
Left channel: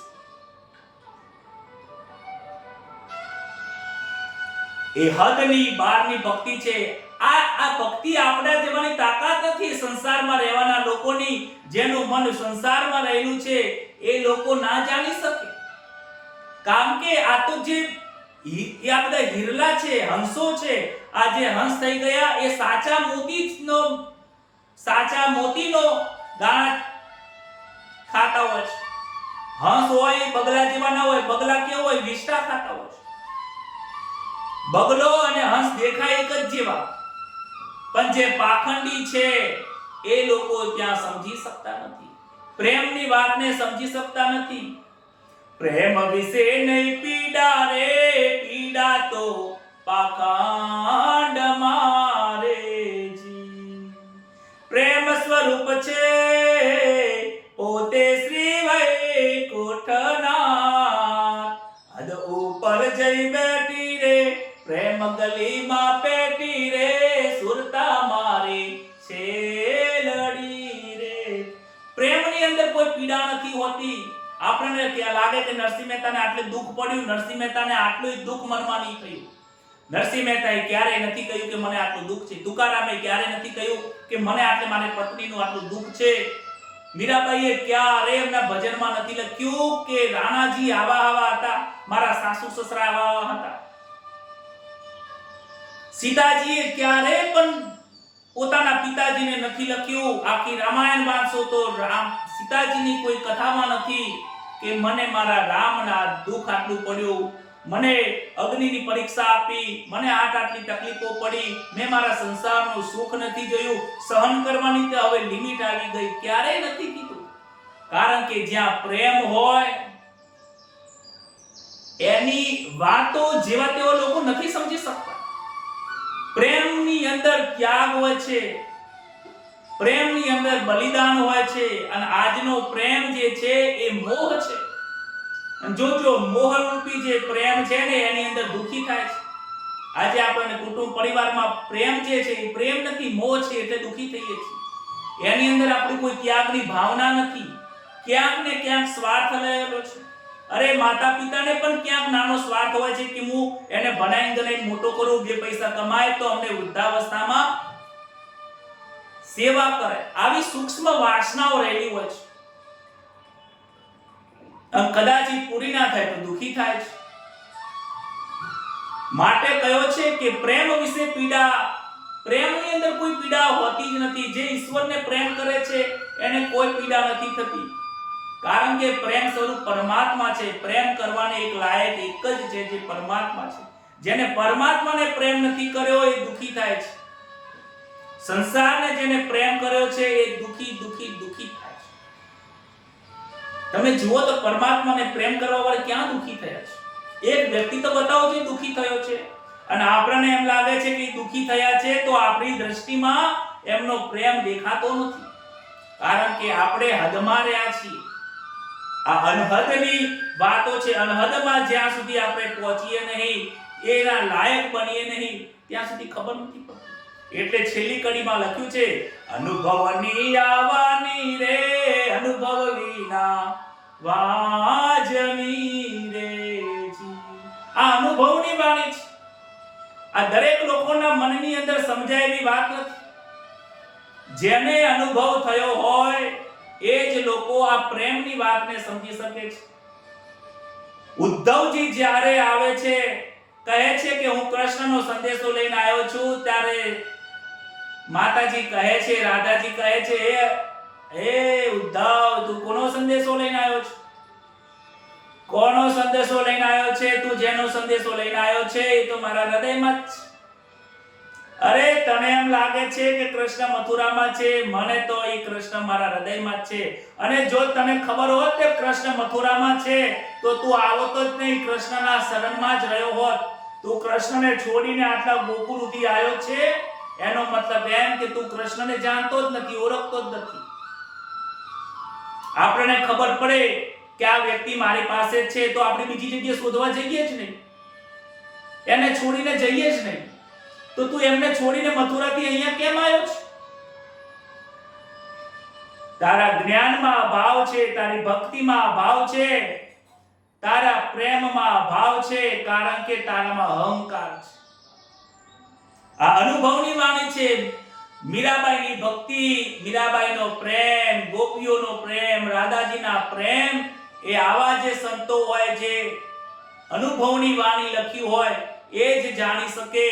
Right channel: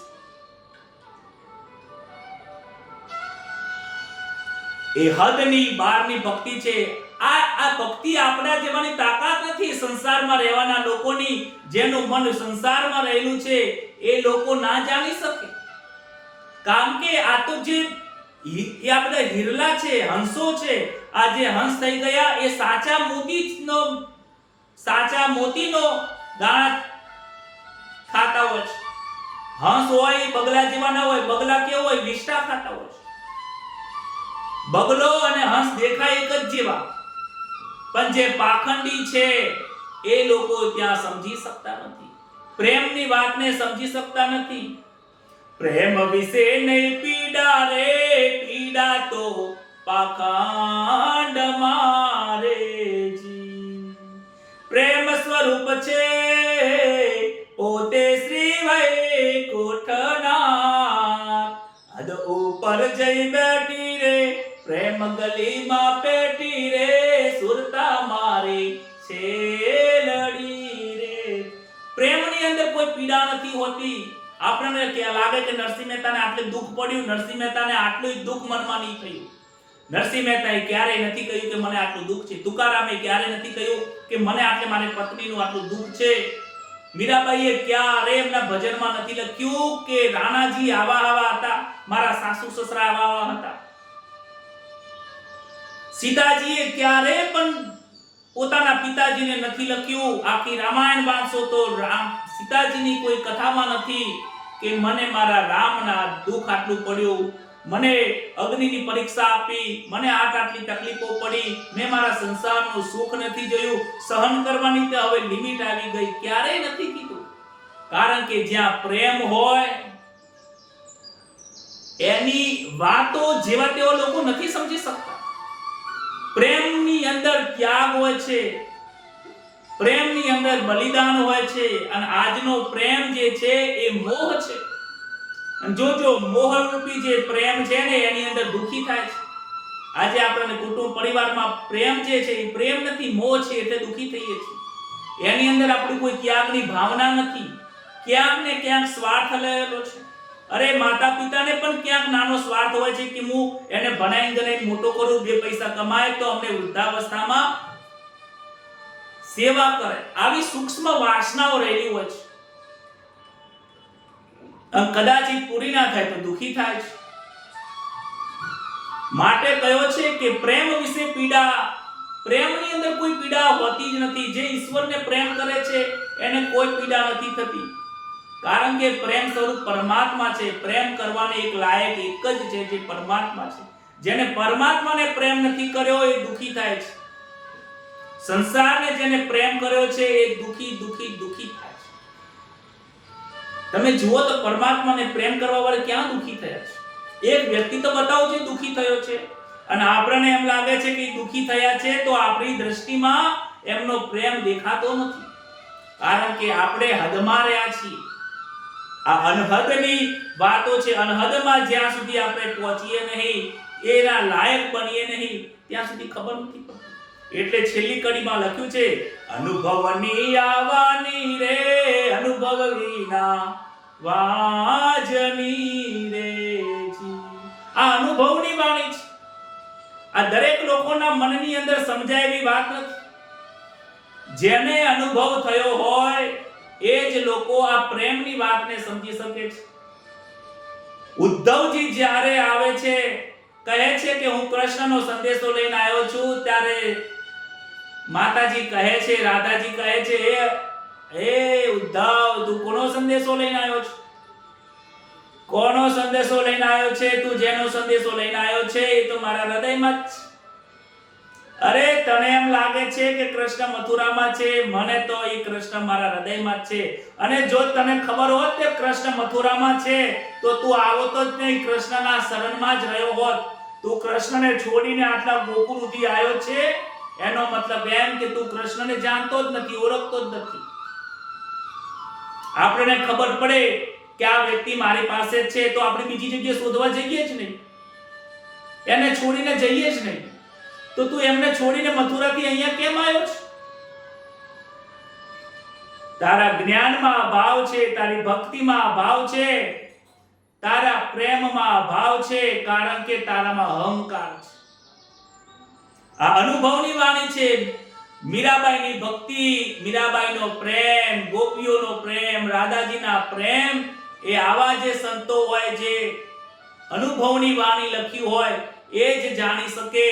એ હદની બહારની ભક્તિ છે. આ ભક્તિ આપણા જેવાની તાકાત નથી. સંસારમાં રહેવાના લોકોની, જેનું મન સંસારમાં રહેલું છે એ લોકો ના જાણી શકે. કારણ કે આ તો જે આ બધા હિરલા છે, હંસો છે, આ જે હંસ થઈ ગયા એ સાચા મોતીનો દાણા ખાતા હોય છે. હંસ હોય એ બગલા જેવા ના હોય. બગલા કેવો હોય? વિષ્ટા ખાતા હોય. બગલો અને હંસ દેખાય એક જ જેવા, પણ જે પાખંડી છે એ લોકો ત્યાં સમજી શકતા નથી, પ્રેમની વાતને સમજી શકતા નથી. પ્રેમ વિશે નહીં પીડા રે, પીડા તો પાખંડ મારે જી. પ્રેમ સ્વરૂપ છે પોતે શ્રી વૈકુંઠનાથ, હદ ઉપર જઈ બેઠી રે પ્રેમ ગલીમાં પેટી રે, સુરતા મારી છેલડી રે. પ્રેમની અંદર કોઈ પીડા નથી હોતી. આપણને ત્યાં લાગે કે નરસિંહ મહેતાને આટલું દુઃખ પડ્યું, નરસિંહ મહેતાને આટલું દુઃખ મનમાં નહીં થયું. નરસિંહ મહેતાએ ક્યારેય નથી કહ્યું કે મને આટલું દુઃખ છે. તુકારામે ક્યારેય નથી કહ્યું કે મને મારી પત્નીનું આટલું દુઃખ છે. મીરાબાઈએ ક્યારેય એમના ભજનમાં નથી લખ્યું કે રાણાજી આવા હતા, મારા સાસુ સસરા આવા હતા. સીતાજીએ ક્યારેય પણ પોતાના પિતાજીને નથી લખ્યું. આખી રામાયણ વાંચો તો સીતાજીની કોઈ કથામાં નથી કે મને મારા રામના દુઃખ આટલું પડ્યું, મને અગ્નિની પરીક્ષા આપી, મને આટલી તકલીફો પડી, મેં મારા સંસારનું સુખ નથી જોયું, સહન કરવાની તો હવે લિમિટ આવી ગઈ, ક્યારેય નથી કીધું. કારણ કે જ્યાં પ્રેમ હોય એની વાતો જેવા તેવા લોકો નથી સમજી શકતા. પ્રેમની અંદર ત્યાગ હોય છે, પ્રેમની અંદર બલિદાન હોય છે, અને આજનો પ્રેમ જે છે એ મોહ છે. જો મોહ રૂપી જે પ્રેમ છે ને એની અંદર દુખી થાય છે. આજે આપણને કુટુંબ પરિવારમાં પ્રેમ જે છે એ પ્રેમ નથી, મોહ છે, એટલે દુખી થઈએ છીએ. એની અંદર આપણી કોઈ ત્યાગની ભાવના નથી, ક્યાંક ને ક્યાંક સ્વાર્થ રહેલો છે. અરે માતા પિતાને પણ ક્યાંક નાનો સ્વાર્થ હોય છે કે હું એને ભણાઈ મોટો કરું, બે પૈસા કમાય તો અમને વૃદ્ધાવસ્થામાં સેવા કરે. આવી સૂક્ષ્મ વાસનાઓ રહેલી હોય છે. કદાચ પૂરી ના થાય તો દુખી થાય છે. માટે કયો છે કે પ્રેમ વિશે પીડા, પ્રેમની અંદર કોઈ પીડા હોતી જ નથી. જે ઈશ્વરને પ્રેમ કરે છે એને કોઈ પીડા નથી થતી. કારણ કે પ્રેમ સ્વરૂપ પરમાત્મા છે. પ્રેમ કરવાને એક લાયક એક જ છે જે પરમાત્મા છે. જેને પરમાત્માને પ્રેમ નથી કર્યો એ દુખી થાય છે. સંસારને જેને પ્રેમ કર્યો છે એ દુખી થાય છે. તમે જુઓ તો પરમાત્માને પ્રેમ કરવા વાળા ક્યાં દુખી થયા છે? એક વ્યક્તિ તો બતાવો જે દુખી થયો છે, અને આપણને એમ લાગે છે કે દુખી થયા છે તો આપણી દ્રષ્ટિમાં એમનો પ્રેમ દેખાતો નથી. કારણ કે આપણે હદમાં રહ્યા છીએ. આ અનહદની વાતો છે. અનહદમાં જ્યાં સુધી આપણે પહોંચીએ નહીં, એના લાયક બનીએ નહીં, ત્યાં સુધી ખબર નથી પડતી. એટલે છેલ્લી કડીમાં લખ્યું છે, અનુભવની આવવાની રે, અનુભવ વિના વાજની રે જી. આ અનુભવની વાણી છે. આ દરેક લોકોના મનની અંદર સમજાયેલી વાત નથી. જેને અનુભવ થયો હોય એ જ લોકો આ પ્રેમની વાતને સમજી શકે છે. ઉદ્ધવજી જ્યારે આવે છે, કહે છે કે હું કૃષ્ણનો સંદેશો લઈને આવ્યો છું, ત્યારે માતાજી કહે છે, રાધાજી કહે છે, હે ઉદ્ધવ, તું કોનો સંદેશો લઈને આવ્યો છે? કોનો સંદેશો લઈને આવ્યો છે? તું જેનો સંદેશો લઈને આવ્યો છે એ તો મારા હૃદયમાં જ છે. અરે તને એમ લાગે છે કે કૃષ્ણ મથુરામાં છે, મને તો એ કૃષ્ણ મારા હૃદયમાં જ છે. અને જો તને ખબર હોત કે કૃષ્ણ મથુરામાં છે તો તું આવતો જ નહીં, કૃષ્ણના શરણમાં જ રહ્યો હોત. તું કૃષ્ણને છોડીને આટલા ગોકુળ સુધી આવ્યો છે, એનો મતલબ એમ કે તું કૃષ્ણને જાણતો જ નથી, ઓળખતો જ નથી. આપણને ખબર પડે કે આ વ્યક્તિ મારી પાસે જ છે તો આપણે બીજી જગ્યાએ શોધવા જઈએ જ નહીં, એને છોડીને જઈએ જ નહીં. તો તું એમને છોડીને મથુરાથી અહીંયા કેમ આવ્યો છે? તારા જ્ઞાનમાં અભાવ છે, તારી ભક્તિમાં અભાવ છે, તારા પ્રેમમાં અભાવ છે, કારણ કે તારામાં અહંકાર છે. આ અનુભવની વાણી છે. મીરાબાઈની ભક્તિ, મીરાબાઈનો પ્રેમ, ગોપીઓનો પ્રેમ, રાધાજીના પ્રેમ, એ આવા જે સંતો હોય, જે અનુભવની વાણી લખી હોય, એ જ જાણી શકે.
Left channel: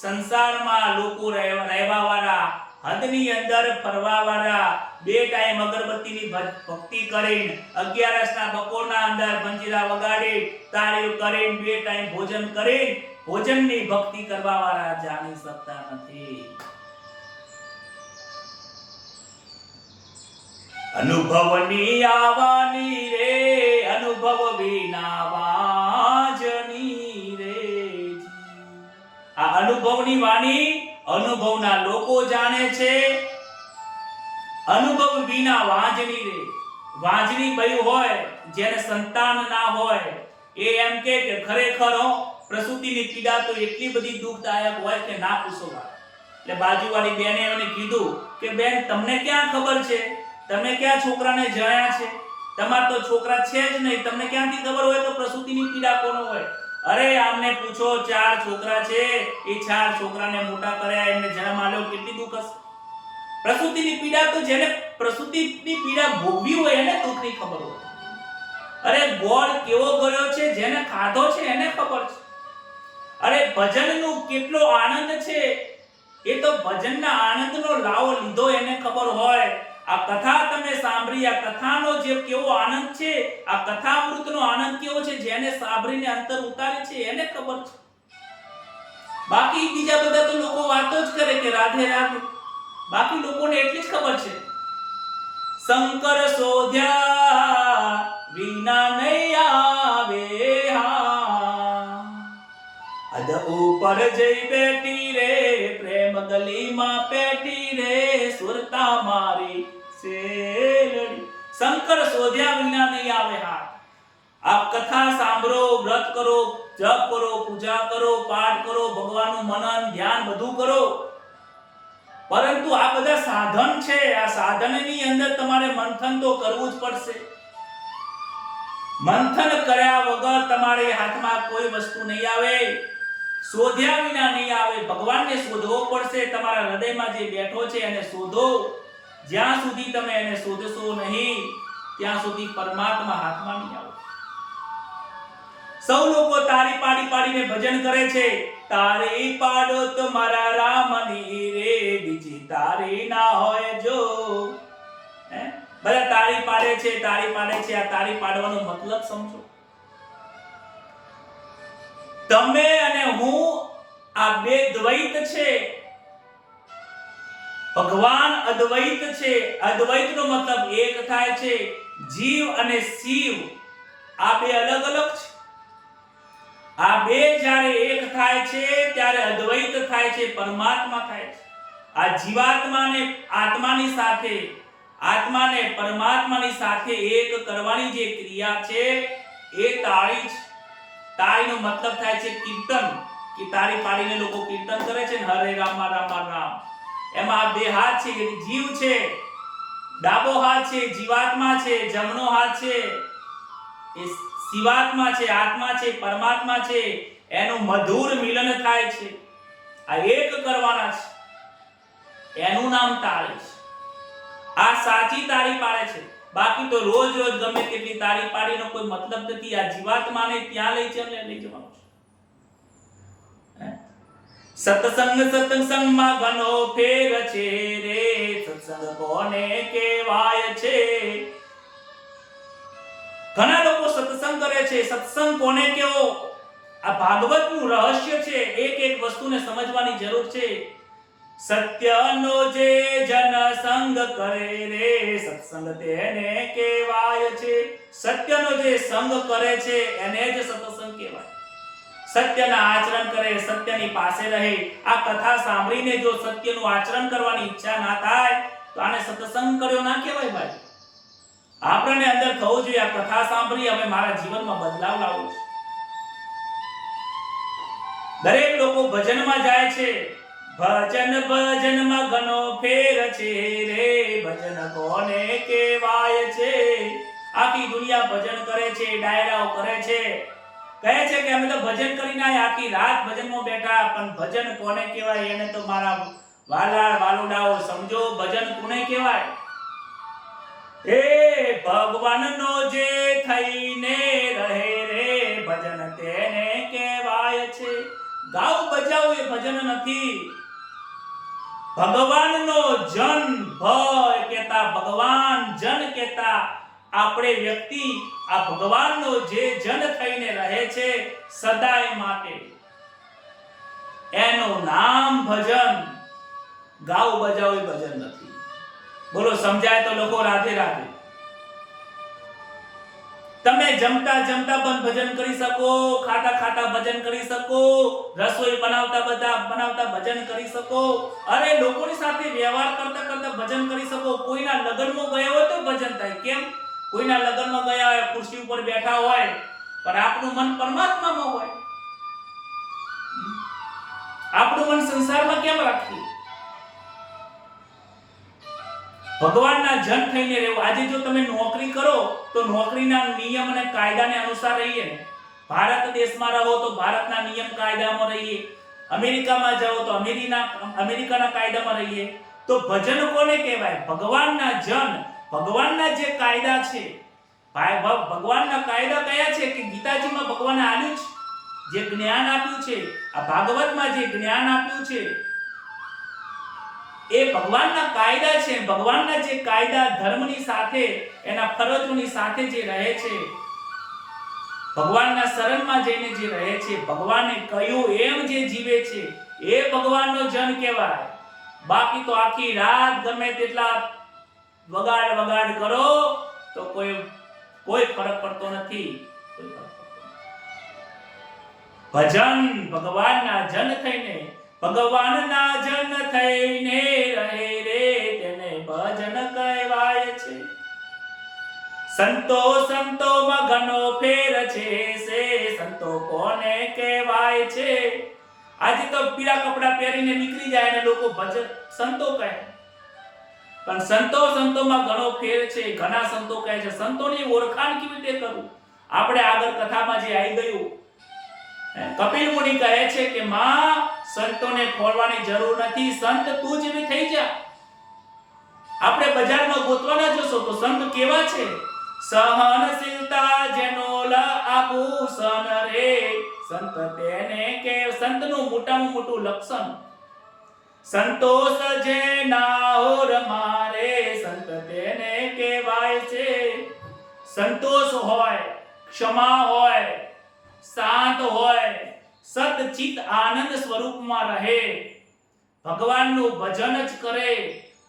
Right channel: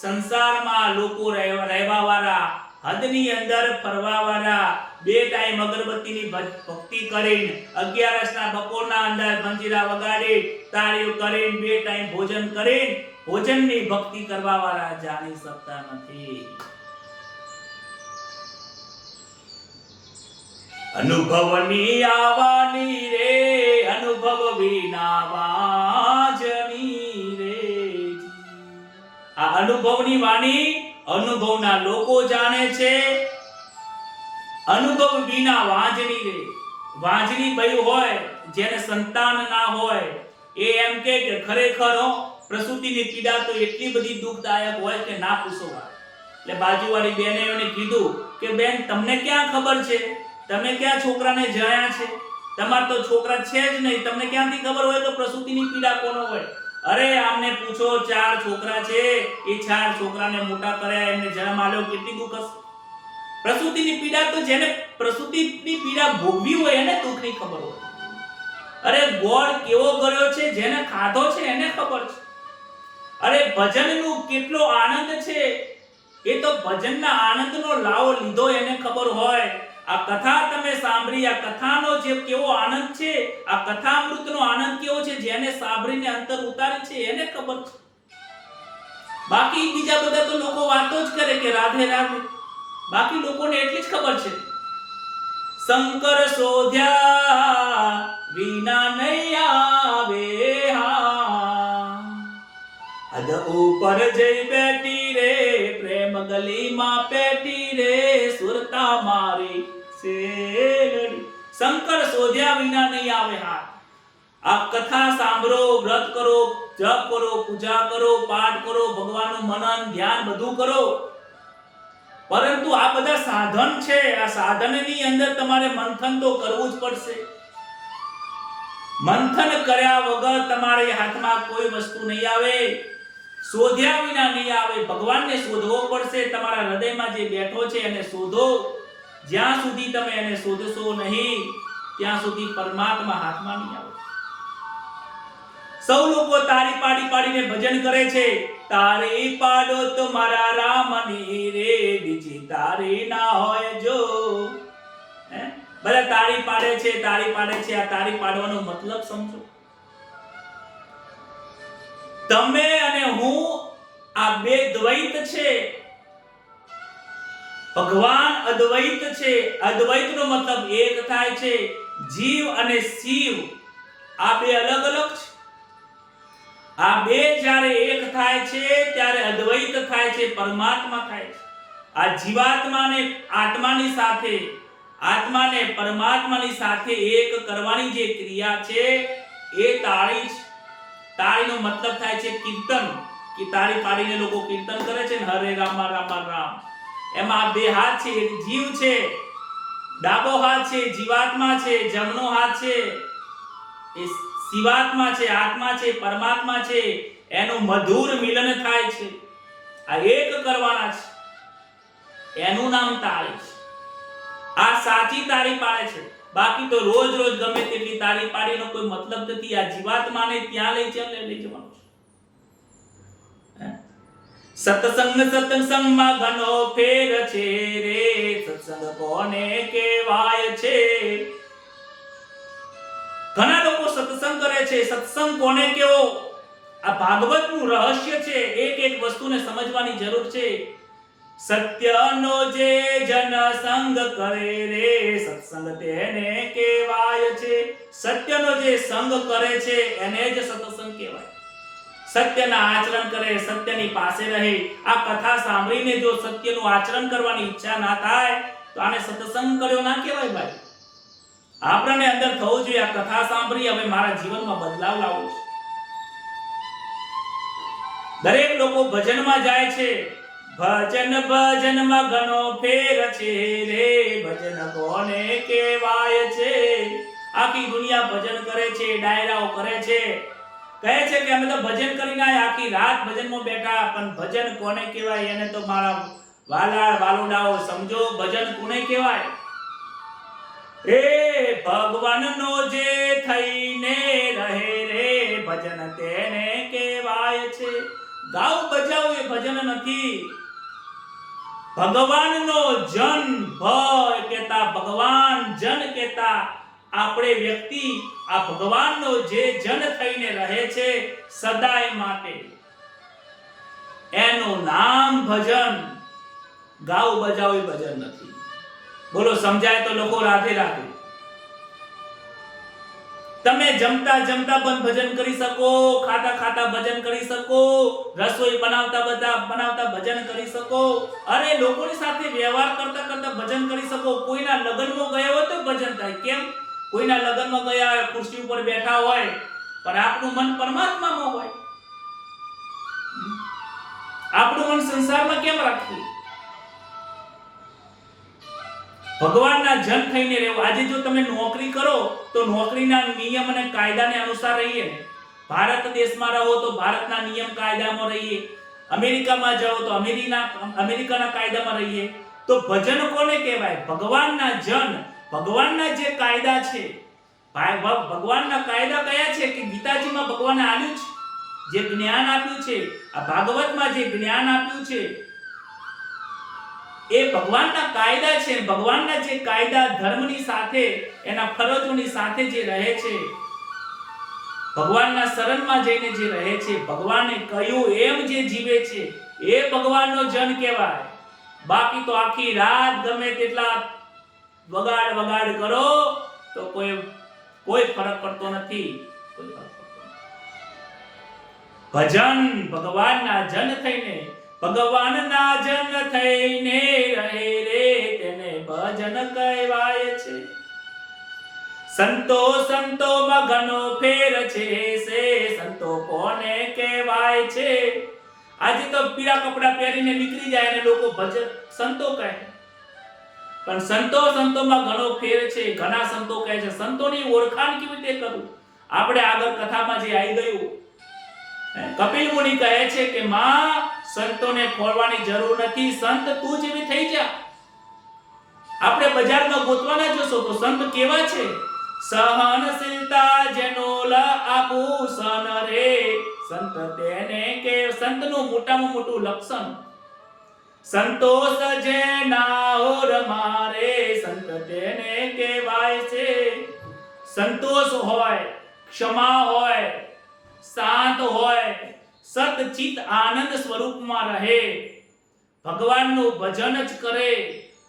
સંસારમાં લોકો રહેવા વાળા, હદની અંદર ફરવા વાળા, 2 ટાઈમ અગરબત્તીની ભક્તિ કરીને, 11ના બપોરના અંદર મંજીરા વગાડી, તાળીઓ કરીને, 2 ટાઈમ ભોજન કરીને, ભોજનની ભક્તિ કરવા વાળા જાણી શકતા નથી. અનુભવની આવવાની રે, અનુભવ વિના વાજની રે. આ અનુભવની વાણી અનુભવના લોકો જાણે છે. અનુભવ વિના વાંજની રે. વાંજની બઈ હોય, જેને સંતાન ના હોય, એ એમ કે ખરેખર પ્રસૂતિની પીડા તો એટલી બધી દુઃખદાયક હોય કે ના પૂછો વાત. એટલે બાજુવાળી બેને એને કીધું કે બેન, તમને ક્યાં ખબર છે? તમે ક્યાં છોકરાને જણ્યા છે? તમાર તો છોકરા છે જ નહીં, તમને ક્યાંથી ખબર હોય તો પ્રસૂતિની પીડા કોનો હોય? અરે આમને પૂછો, 4 છોકરા છે, એ 4 છોકરાને મોટા કર્યા, એમને જન્મ આલ્યો, કેટલી દુઃખ હશે. પ્રસૂતિની પીડા તો જેને પ્રસૂતિની પીડા ભોગવી હોય એને દુઃખની ખબર હોય. અરે ગોળ કેવો ગળ્યો છે, જેને ખાધો છે એને ખબર છે. અરે ભજનનો કેટલો આનંદ છે, એ તો ભજનના આનંદનો લાવો લીધો એને ખબર હોય. આ કથા તમે સાંભળી, આ કથાનો જે કેવો આનંદ છે, આ કથામૃતનો આનંદ કેવો છે, જેને સાંભળીને અંતર ઉતારે છે એને ખબર છે. બાકી બીજા બધા તો લોકો વાતો જ કરે કે રાધે રાધે, બાકી લોકોને એટલી જ ખબર છે, શંકર શોધ્યા વિના નહીં આવે હા, અદ ઉપર જઈ બેઠી રે, પ્રેમ ગલીમાં પેટી રે, સુરતા મારી સેલડી. શંકર શોધ્યા વિના નહીં આવે હા. આ કથા સાંભળો, વ્રત કરો, જપ કરો, પૂજા કરો, પાઠ કરો, ભગવાનનું મનન ધ્યાન બધું કરો, પરંતુ આ બધા સાધન છે. આ સાધનની અંદર તમારે મંથન તો કરવું જ પડશે. મંથન કર્યા વગર તમારે હાથમાં કોઈ વસ્તુ નહીં આવે, શોધ્યા વિના નહીં આવે. ભગવાનને શોધવો પડશે. તમારા હૃદયમાં જે બેઠો છે એને શોધો. જ્યાં સુધી તમે એને શોધશો નહીં, ત્યાં સુધી પરમાત્મા હાથમાં નહીં આવે. સૌ લોકો તારી પાડીને ભજન કરે છે. તારી પાડો તો મારા રામની રે, બીજી તારી ના હોય જો. બધા તારી પાડે છે, તારી પાડે છે. આ તારી પાડવાનો મતલબ સમજો. તમે અને હું આ બે દ્વૈત છે, ભગવાન અદ્વૈત છે. અદ્વૈતનો મતલબ એક થાય છે. જીવ અને શિવ આ બે અલગ અલગ છે. આ બે જ્યારે એક થાય છે ત્યારે અદ્વૈત થાય છે, પરમાત્મા થાય છે. આ જીવાત્માને આત્માની સાથે, આત્માને પરમાત્માની સાથે એક કરવાની જે ક્રિયા છે એ તાળી છે. તાળીનો મતલબ થાય છે કીર્તન, કે તાળી પાડીને લોકો કીર્તન કરે છે ને, હરે રામ રામ રામ. એમાં બે હાથ છે, એક જીવ છે, ડાબો હાથ છે જીવાત્મા છે, જમણો હાથ છે એ શિવાત્મા છે, આત્મા છે, પરમાત્મા છે. એનું મધુર મિલન થાય છે. આ એક કરવાના છે, એનું નામ તાળી છે. આ સાચી તાળી પાડે છે. બાકી તો રોજ રોજ ગમે તેટલી તાળી પાડીનો કોઈ મતલબ નથી. આ જીવાત્માને ત્યાં લઈ જવાનું છે. સત્સંગમાં ઘણો ફેર છે રે, સત્સંગ કોને કહેવાય છે? ઘણા લોકો સત્સંગ કરે છે. સત્સંગ કોને કેવો? આ ભાગવતનું રહસ્ય છે. એક એક વસ્તુને સમજવાની જરૂર છે. સત્યનો જે જન સંગ કરે રે, સત્સંગ તેને કહેવાય છે. સત્યનો જે સંગ કરે છે એને જ સત્સંગ કહેવાય. સત્યના આચરણ કરે, સત્યની પાસે રહે. આ કથા સાંભળીને જો સત્યનું આચરણ કરવાની ઈચ્છા ના થાય તો આને સત્સંગ કર્યો ના કહેવાય ભાઈ. આપણને અંદર થવું જોઈએ આ કથા સાંભળી હવે મારા જીવનમાં બદલાવ લાવવો છે. દરેક લોકો ભજનમાં જાય છે. ભજન ભજનમાં ઘણો ફેર છે રે, ભજન કોને કહેવાય છે. આખી દુનિયા ભજન કરે છે, ડાયરાઓ કરે છે, કહે છે કે અમે તો ભજન કરીને આખી રાત ભજનમાં બેઠા, પણ ભજન કોને કહેવાય એને તો મારા વાલા વાલુડાઓ સમજો, ભજન કોને કહેવાય? એ ભગવાનનો જે થઈને રહે રે, ભજન તેને કહેવાય છે. ગાવ બજાવ એ ભજન નથી. ભગવાનનો જન ભય કહેતા, ભગવાન જન કહેતા આપણે વ્યક્તિ આ ભગવાનનો જે જન થઈને રહે છે સદાય માટે, એનું નામ ભજન. ગાવ બજાવ એ ભજન નથી. બોલો સમજાય તો લોકો રાધે રાધે. તમે જમતા જમતા પણ ભજન કરી શકો, ખાતા ખાતા ભજન કરી શકો, રસોઈ બનાવતા ભજન કરી શકો, અરે લોકોની સાથે વ્યવહાર કરતા કરતા ભજન કરી શકો. કોઈના લગ્નમાં ગયા હોય તો ભજન થાય. કેમ? કોઈના લગ્નમાં ગયા હોય, ખુરશી ઉપર બેઠા હોય, પણ આપણું મન પરમાત્મામાં હોય. આપણું મન સંસારમાં કેમ રાખીએ? ભગવાનના જન થઈને રહેવું. આજે જો તમે નોકરી કરો તો નોકરીના નિયમ અને કાયદાને અનુસાર રહીએ. ભારત દેશમાં રહો તો ભારતના નિયમ કાયદામાં રહીએ. અમેરિકામાં જાઓ તો અમેરિકાના કાયદામાં રહીએ. તો ભજન કોને કહેવાય? ભગવાનના જન. ભગવાનના જે કાયદા છે, ભગવાનના કાયદા કયા છે કે ગીતાજીમાં ભગવાને આપ્યું છે, જે જ્ઞાન આપ્યું છે, આ ભાગવતમાં જે જ્ઞાન આપ્યું છે, એ ભગવાનના કાયદા છે. ભગવાનના જે કાયદા ધર્મની સાથે, એના ફરજોની સાથે જે રહે છે, ભગવાનના શરણમાં જઈને જે રહે છે, ભગવાને કહ્યું એમ જે જીવે છે, એ ભગવાનનો જન કહેવાય. બાકી તો આખી રાત ગમે તેટલા વગાડ કરો તો કોઈ ફરક પડતો નથી. ભજન ભગવાનના જન થઈને, ભગવાનના જન થઈને રહે રે, તેને ભજન કહેવાય છે. સંતોમાં ઘણો ફેર છે, સંતો કોને કહેવાય છે. આજે તો પીળા કપડા પહેરીને નીકળી જાય અને લોકો ભજન સંતો કહે, પણ સંતોમાં ઘણો ફેર છે. ઘણા સંતો કહે છે. સંતોની ઓળખાણ કેવી રીતે કરવું? આપણે આગળ કથામાં જે આવી ગયું, કપિલ મુનિ કહે છે કે માં, સંતોને ખોળવાની જરૂર નથી, સંત તું જ એવી થઈ જા. આપણે બજારમાં ગોતવાના જોશો તો સંત કેવા છે? સહનશીલતા જેનો આભૂષણ રે, સંત તેને કે સંતનું મોટામાં મોટું લક્ષણ. સંતોષ જેના ઓર મારે, સંત તેને કહેવાય છે. સંતોષ હોય, ક્ષમા હોય, શાંત હોય, સતચિત આનંદ સ્વરૂપમાં રહે, ભગવાનનું ભજન જ કરે,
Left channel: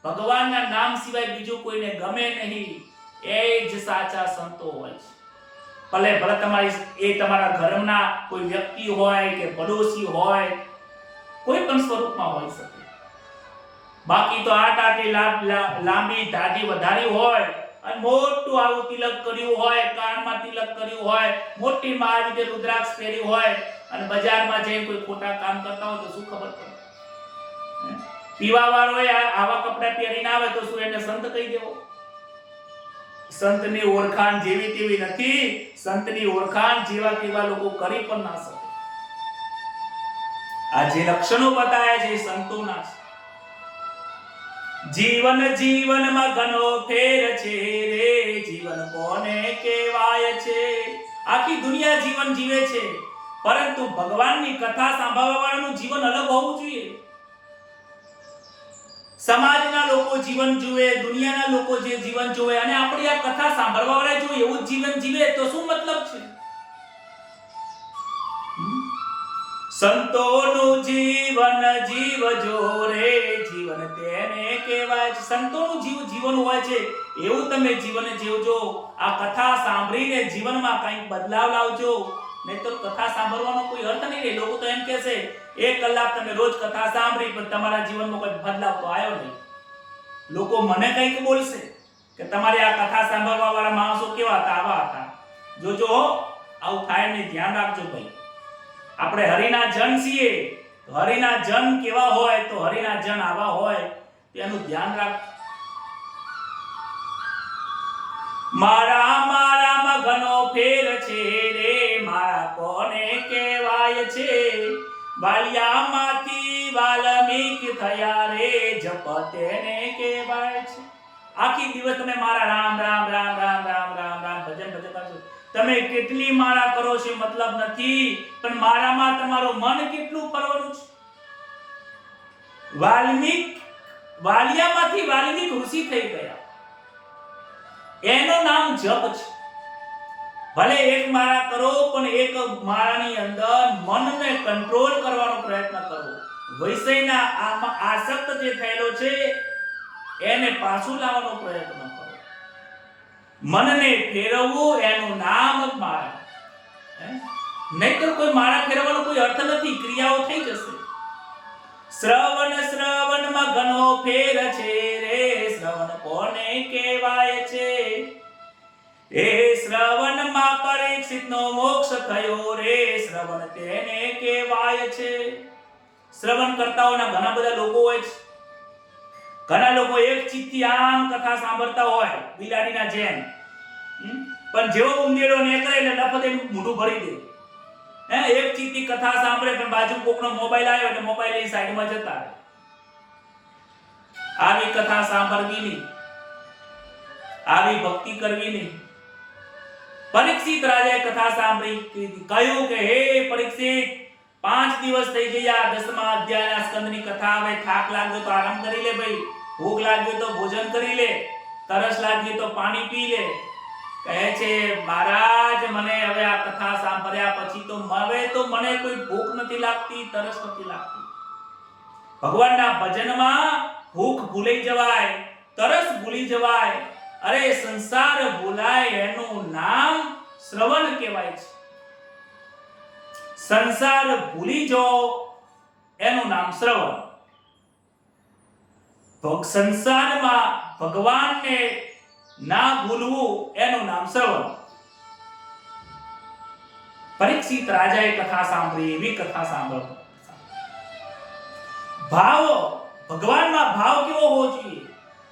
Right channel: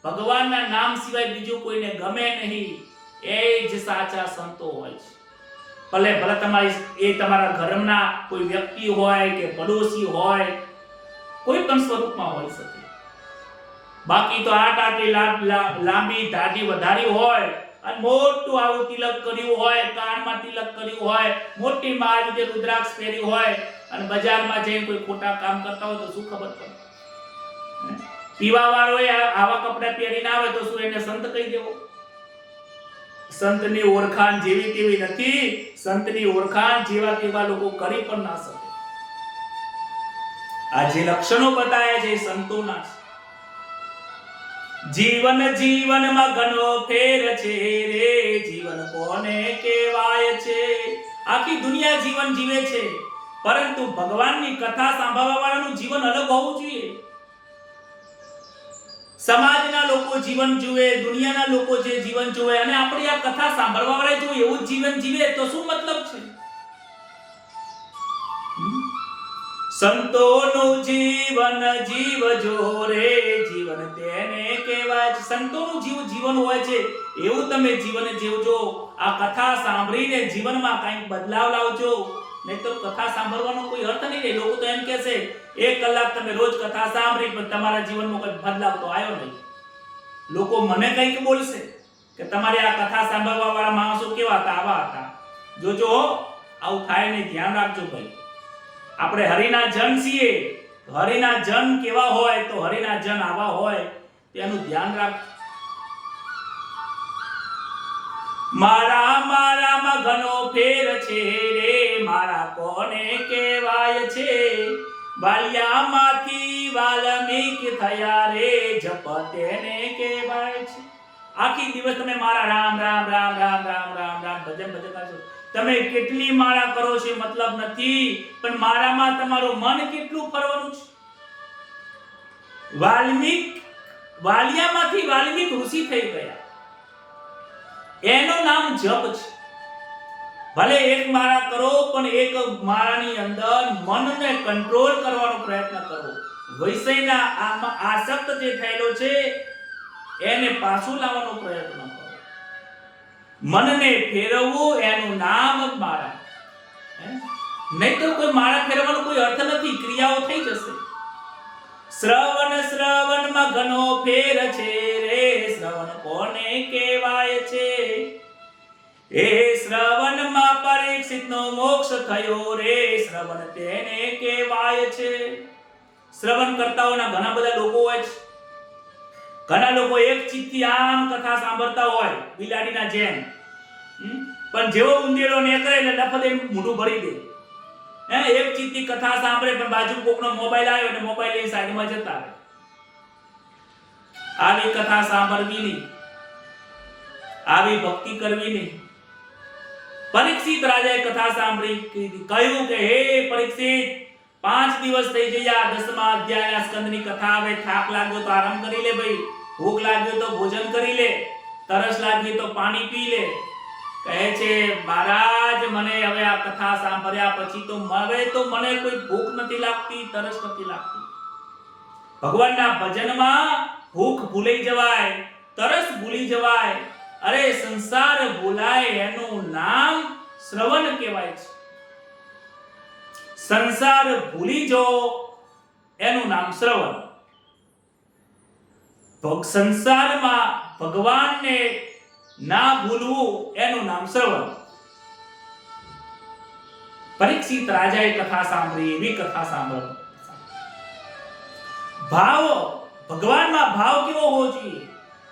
ભગવાનના નામ સિવાય બીજું કોઈને ગમે નહીં, એ જ સાચા સંતો હોય છે. ભલે તમારા ઘરના કોઈ વ્યક્તિ હોય કે પડોશી હોય, કોઈ પણ સ્વરૂપમાં હોઈ શકે. બાકી તો લાંબી દાઢી વધારી હોય અને મોટું આવું તિલક કર્યું હોય, કાનમાં તિલક કર્યું હોય, મોટી માં જે રુદ્રાક્ષ પહેરી હોય અને બજારમાં જઈને કોઈ ખોટા કામ કરતા હોય તો શું ખબર પડે? પીવા વાળો આવા કપડા પહેરીને આવે તો શું એને સંત કહી દેવો? સંતની ઓળખાણ જેવી તેવી નથી. સંતની ઓળખાણ જેવા તેવા લોકો કરી પણ ના શકે. આ જે લક્ષણો બતાવ્યા છે સંતોના છે. જીવનમાં ઘણો ફેર છે રે, જીવન કોને કહેવાય છે. આખી દુનિયા જીવન જીવે છે, પરંતુ ભગવાનની કથા સાંભળવા વાળાનું જીવન અલગ હોવું જોઈએ. સમાજના લોકો જીવન જુએ, દુનિયાના લોકો જે જીવન જુએ, અને આપણી આ કથા સાંભળવા વાળા જો એવું જીવન જીવે તો શું મતલબ છે? સંતોનું જીવન જીવજો રે, જીવન તેને કહેવાય છે. સંતોનું જીવન હોય છે એવું તમે જીવન જીવજો. આ કથા સાંભળીને જીવનમાં કંઈક બદલાવ લાવજો, નહીં તો કથા સાંભળવાનો કોઈ અર્થ નહીં. લોકો તો એમ કહે છે 1 કલાક તમે રોજ કથા સાંભળી પણ તમારા જીવનમાં કોઈ બદલાવ તો આવ્યો નહીં. લોકો મને કંઈક બોલશે, કે તમારે આ કથા સાંભળવા વાળા માણસો કેવા હતા, આવા હતા. જોજો આવું થાય નહીં, ધ્યાન રાખજો ભાઈ. આપણે હરિના જન છીએ, તો હરિના જન કેવા હોય, તો હરિના જન આવા હોય, તેનું ધ્યાન રાખજો. મારામાં ઘણો ફેર છે રે, મારા કોને કહેવાય છે, વાલિયામાંથી વાલ્મીક થયા રે, જપ તેને કહેવાય છે. આખી દિવસ તમે મારા રામ રામ રામ રામ રામ રામ રામ ભજન કરશો. તમે કેટલી માળા કરો છો મતલબ નથી, પણ મારામાં તમારું મન કેટલું ફરવાનું છે. વાલિયામાંથી વાલ્મીક ઋષિ થઈ ગયા, એનું નામ જપ છે. ભલે એક માળા કરો, પણ એક માળાની અંદર મનને કંટ્રોલ કરવાનો પ્રયત્ન કરો. વિષયના આમાં આસક્ત જે થયેલો છે એને પાછું લાવવાનો પ્રયત્ન કરો. મનને ફેરવવું એનું નામ જ માળા. નહીં તો કોઈ માળા ફેરવવાનો કોઈ અર્થ નથી, ક્રિયાઓ થઈ જશે. શ્રવણમાં ઘણો ફેર છે રે, શ્રવણ કોને કહેવાય છે, એ શ્રવણમાં પરીક્ષિતનો મોક્ષ થયો રે, શ્રવણ તેને કહેવાય છે. શ્રવણ કરતાઓના ઘણા બધા લોકો હોય છે. ઘણા લોકો એક ચીજથી આમ કથા સાંભળતા હોય બિલાડીના જેમ, પણ જેવો ઉંદેડો નીકળે એટલે લફતે મોઢું ભરી દે. એક ચીજથી કથા સાંભળે, પણ બાજુ કોકનો મોબાઈલ આવ્યો એટલે મોબાઈલ લઈને સાઈડમાં જતા રહે. આવી કથા સાંભળવી નહીં, આવી ભક્તિ કરવી નહીં. પરીક્ષિત રાજાએ કથા સાંભળી, કહ્યું કે હે પરીક્ષિત, 5 દિવસ થઈ ગયા, 10મા અધ્યાયના સ્કંદની કથા આવે. થાક લાગ્યો તો આરામ કરી લે ભાઈ, ભૂખ લાગ્યો તો ભોજન કરી લે, તરસ લાગી તો પાણી પી લે. કહે છે મહારાજ, મને હવે આ કથા સાંભળ્યા પછી તો મને કોઈ ભૂખ નથી લાગતી, તરસ નથી લાગતી. ભગવાનના ભજનમાં ભૂખ ભૂલી જવાય, તરસ ભૂલી જવાય. અરે સંસાર ભૂલાય એનું નામ શ્રવણ કહેવાય છે. સંસાર ભૂલી જો એનું નામ શ્રવણ. તો સંસારમાં ભગવાનને ના ભૂલવું એનું નામ શ્રવણ. પરીક્ષિત રાજાએ કથા સાંભળી, એવી કથા સાંભળ. ભાવ, ભગવાનમાં ભાવ કેવો હોવો જોઈએ?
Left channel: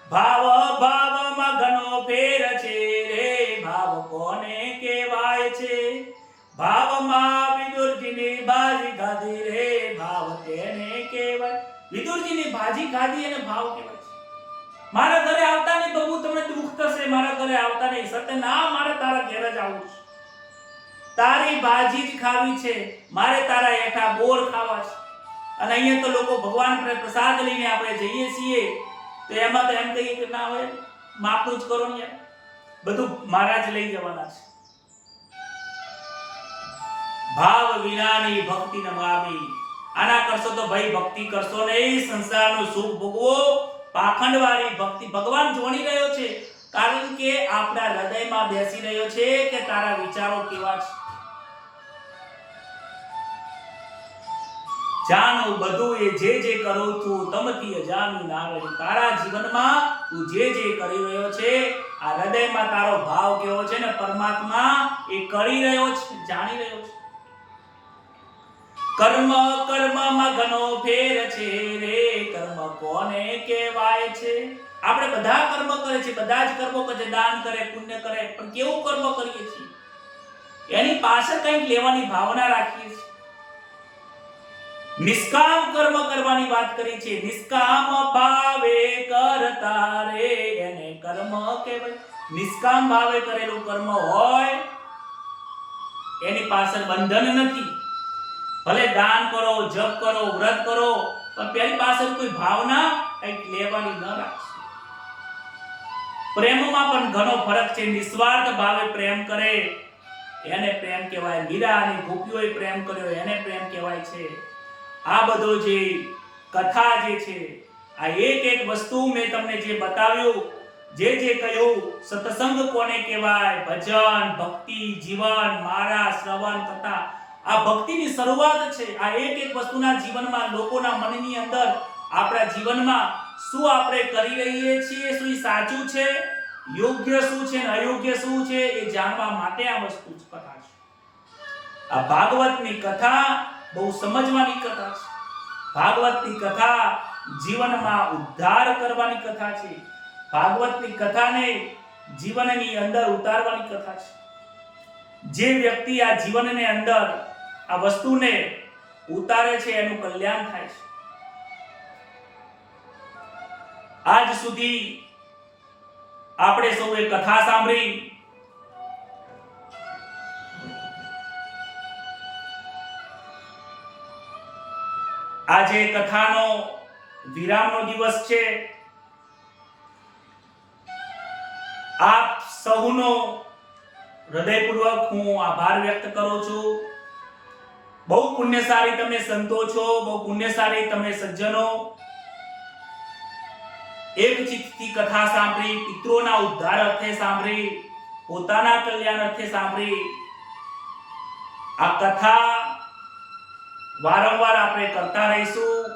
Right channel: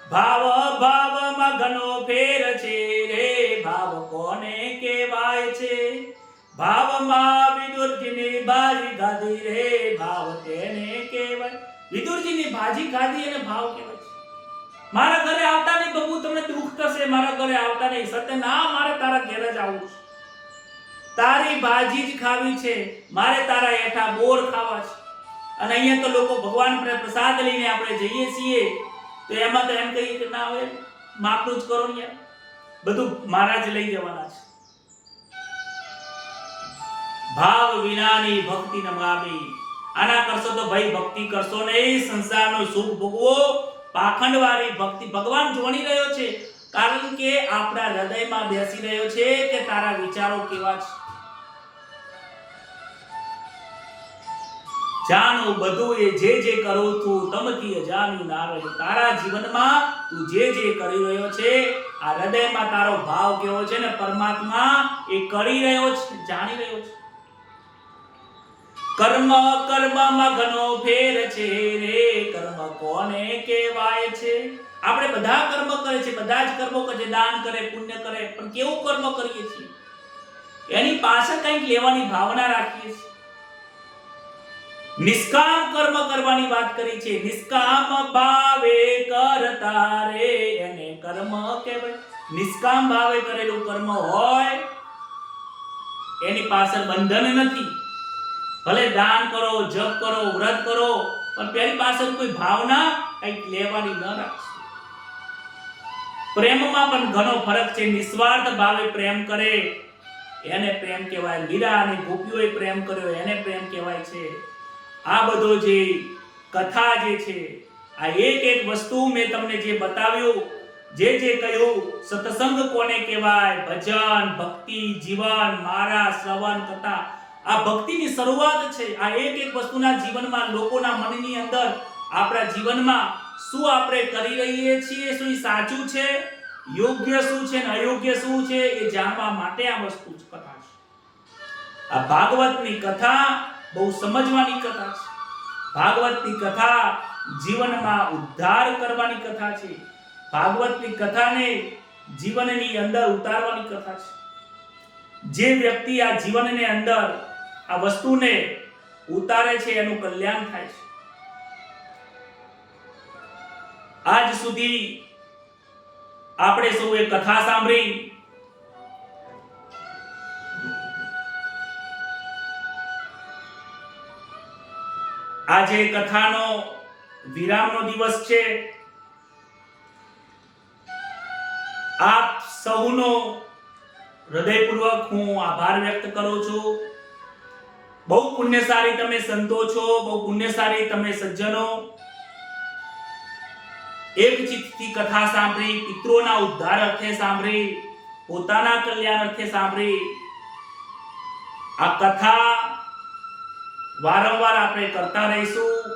ભાવમાં ઘણો ફેર છે રે, ભાવ કોને કહેવાય છે, ભાવમાં વિદુરજીની ભાજી ખાધી રે, ભાવ તેને કહેવાય. વિદુરજીની ભાજી ખાધી અને ભાવ કહેવાય છે. મારા ઘરે આવતા નહીં તો તમને દુઃખ થશે, મારા ઘરે આવતા નહીં. સત્ય ના, મારે તારા ઘરે જ આવું છે, તારી ભાજી જ ખાવી છે, મારે તારા હેઠા બોર ખાવા છે. અને અહીંયા તો લોકો ભગવાન પ્રસાદ લઈને આપણે જઈએ છીએ, તો એમાં તો એમ કહીએ કે ના હોય, માપનું જ કરો ને, બધું મહારાજ લઈ જવાના છે. ભાવ વિનાની ભક્તિ નમામી. આના કરશો તો ભાઈ ભક્તિ કરશો નહીં, સંસારનું સુખ ભોગવો. પાખંડવાળી ભક્તિ ભગવાન જોણી રહ્યો છે, કારણ કે આપણા હૃદયમાં બેસી રહ્યો છે કે તારા વિચારો કેવા છે. જાણું બધું એ જે કરું છું, તમથી અજાણ્યું ના રહ્યું. તારા જીવનમાં તું જે કરી રહ્યો છે, આ હૃદયમાં તારો ભાવ કેવો છે ને, પરમાત્મા એ કરી રહ્યો છે, જાણી રહ્યો છે. કર્મમાં ઘણો ફેર છે રે, કર્મ કોને કહેવાય છે. આપણે બધા કર્મ કરે છે, બધા જ કર્મો કરે, દાન કરે, પુણ્ય કરે, પણ કેવું કર્મ કરીએ છીએ એની પાછળ કંઈક લેવાની ભાવના રાખીએ છીએ. નિષ્કામ કર્મ કરવાની વાત કરી છે. નિષ્કામ ભાવે કરતા રે, એને કર્મ કહેવાય. નિષ્કામ ભાવે કરેલું કર્મ હોય એની પાછળ બંધન નથી. ભલે દાન કરો, જપ કરો, વ્રત કરો, પણ પેલી પાછળ કોઈ ભાવના કંઈક લેવાની ન રાખશો. પ્રેમમાં પણ ઘણો ફરક છે. નિસ્વાર્થ ભાવે પ્રેમ કરે એને પ્રેમ કહેવાય. મીરા અને ગોપીઓએ પ્રેમ કર્યો એને પ્રેમ કહેવાય છે. આ બધો જે કથા જે છે, આ એક વસ્તુ મેં તમને જે બતાવ્યું, જે કહ્યું, સત્સંગ કોને કહેવાય, ભજન, ભક્તિ, જીવન, મારા, શ્રવણ, કથા, આ ભક્તિની શરૂઆત છે. આ એક વસ્તુના જીવનમાં, લોકોના મનની અંદર, આપણા જીવનમાં શું આપણે કરી રહીએ છીએ, શું સાચું છે, યોગ્ય શું છે ને અયોગ્ય શું છે એ જાણવા માટે આ વસ્તુ કથા છે. આ ભાગવતની કથા બહુ સમજવાની કથા છે. ભાગવતની કથા જીવનમાં ઉદ્ધાર કરવાની કથા છે. ભાગવતની કથાને જીવનની અંદર ઉતારવાની કથા છે. જે વ્યક્તિ આ જીવનની અંદર આ વસ્તુને ઉતારે છે એનું કલ્યાણ થાય છે. આજ સુધી આપણે સૌએ કથા સાંભળી. આજે કથાનો વિરામનો દિવસ છે. આપ સૌનો હૃદયપૂર્વક હું આભાર વ્યક્ત કરું છું. બહુ પુણ્યશાળી તમે સંતો છો, બહુ પુણ્યશાળી તમે સજ્જનો. એક ચિત્તથી કથા સાંભળી, પિતૃઓના ઉદ્ધાર અર્થે સાંભળી, પોતાના કલ્યાણ અર્થે સાંભળી. આ કથા વારંવાર આપણે કરતા રહીશું,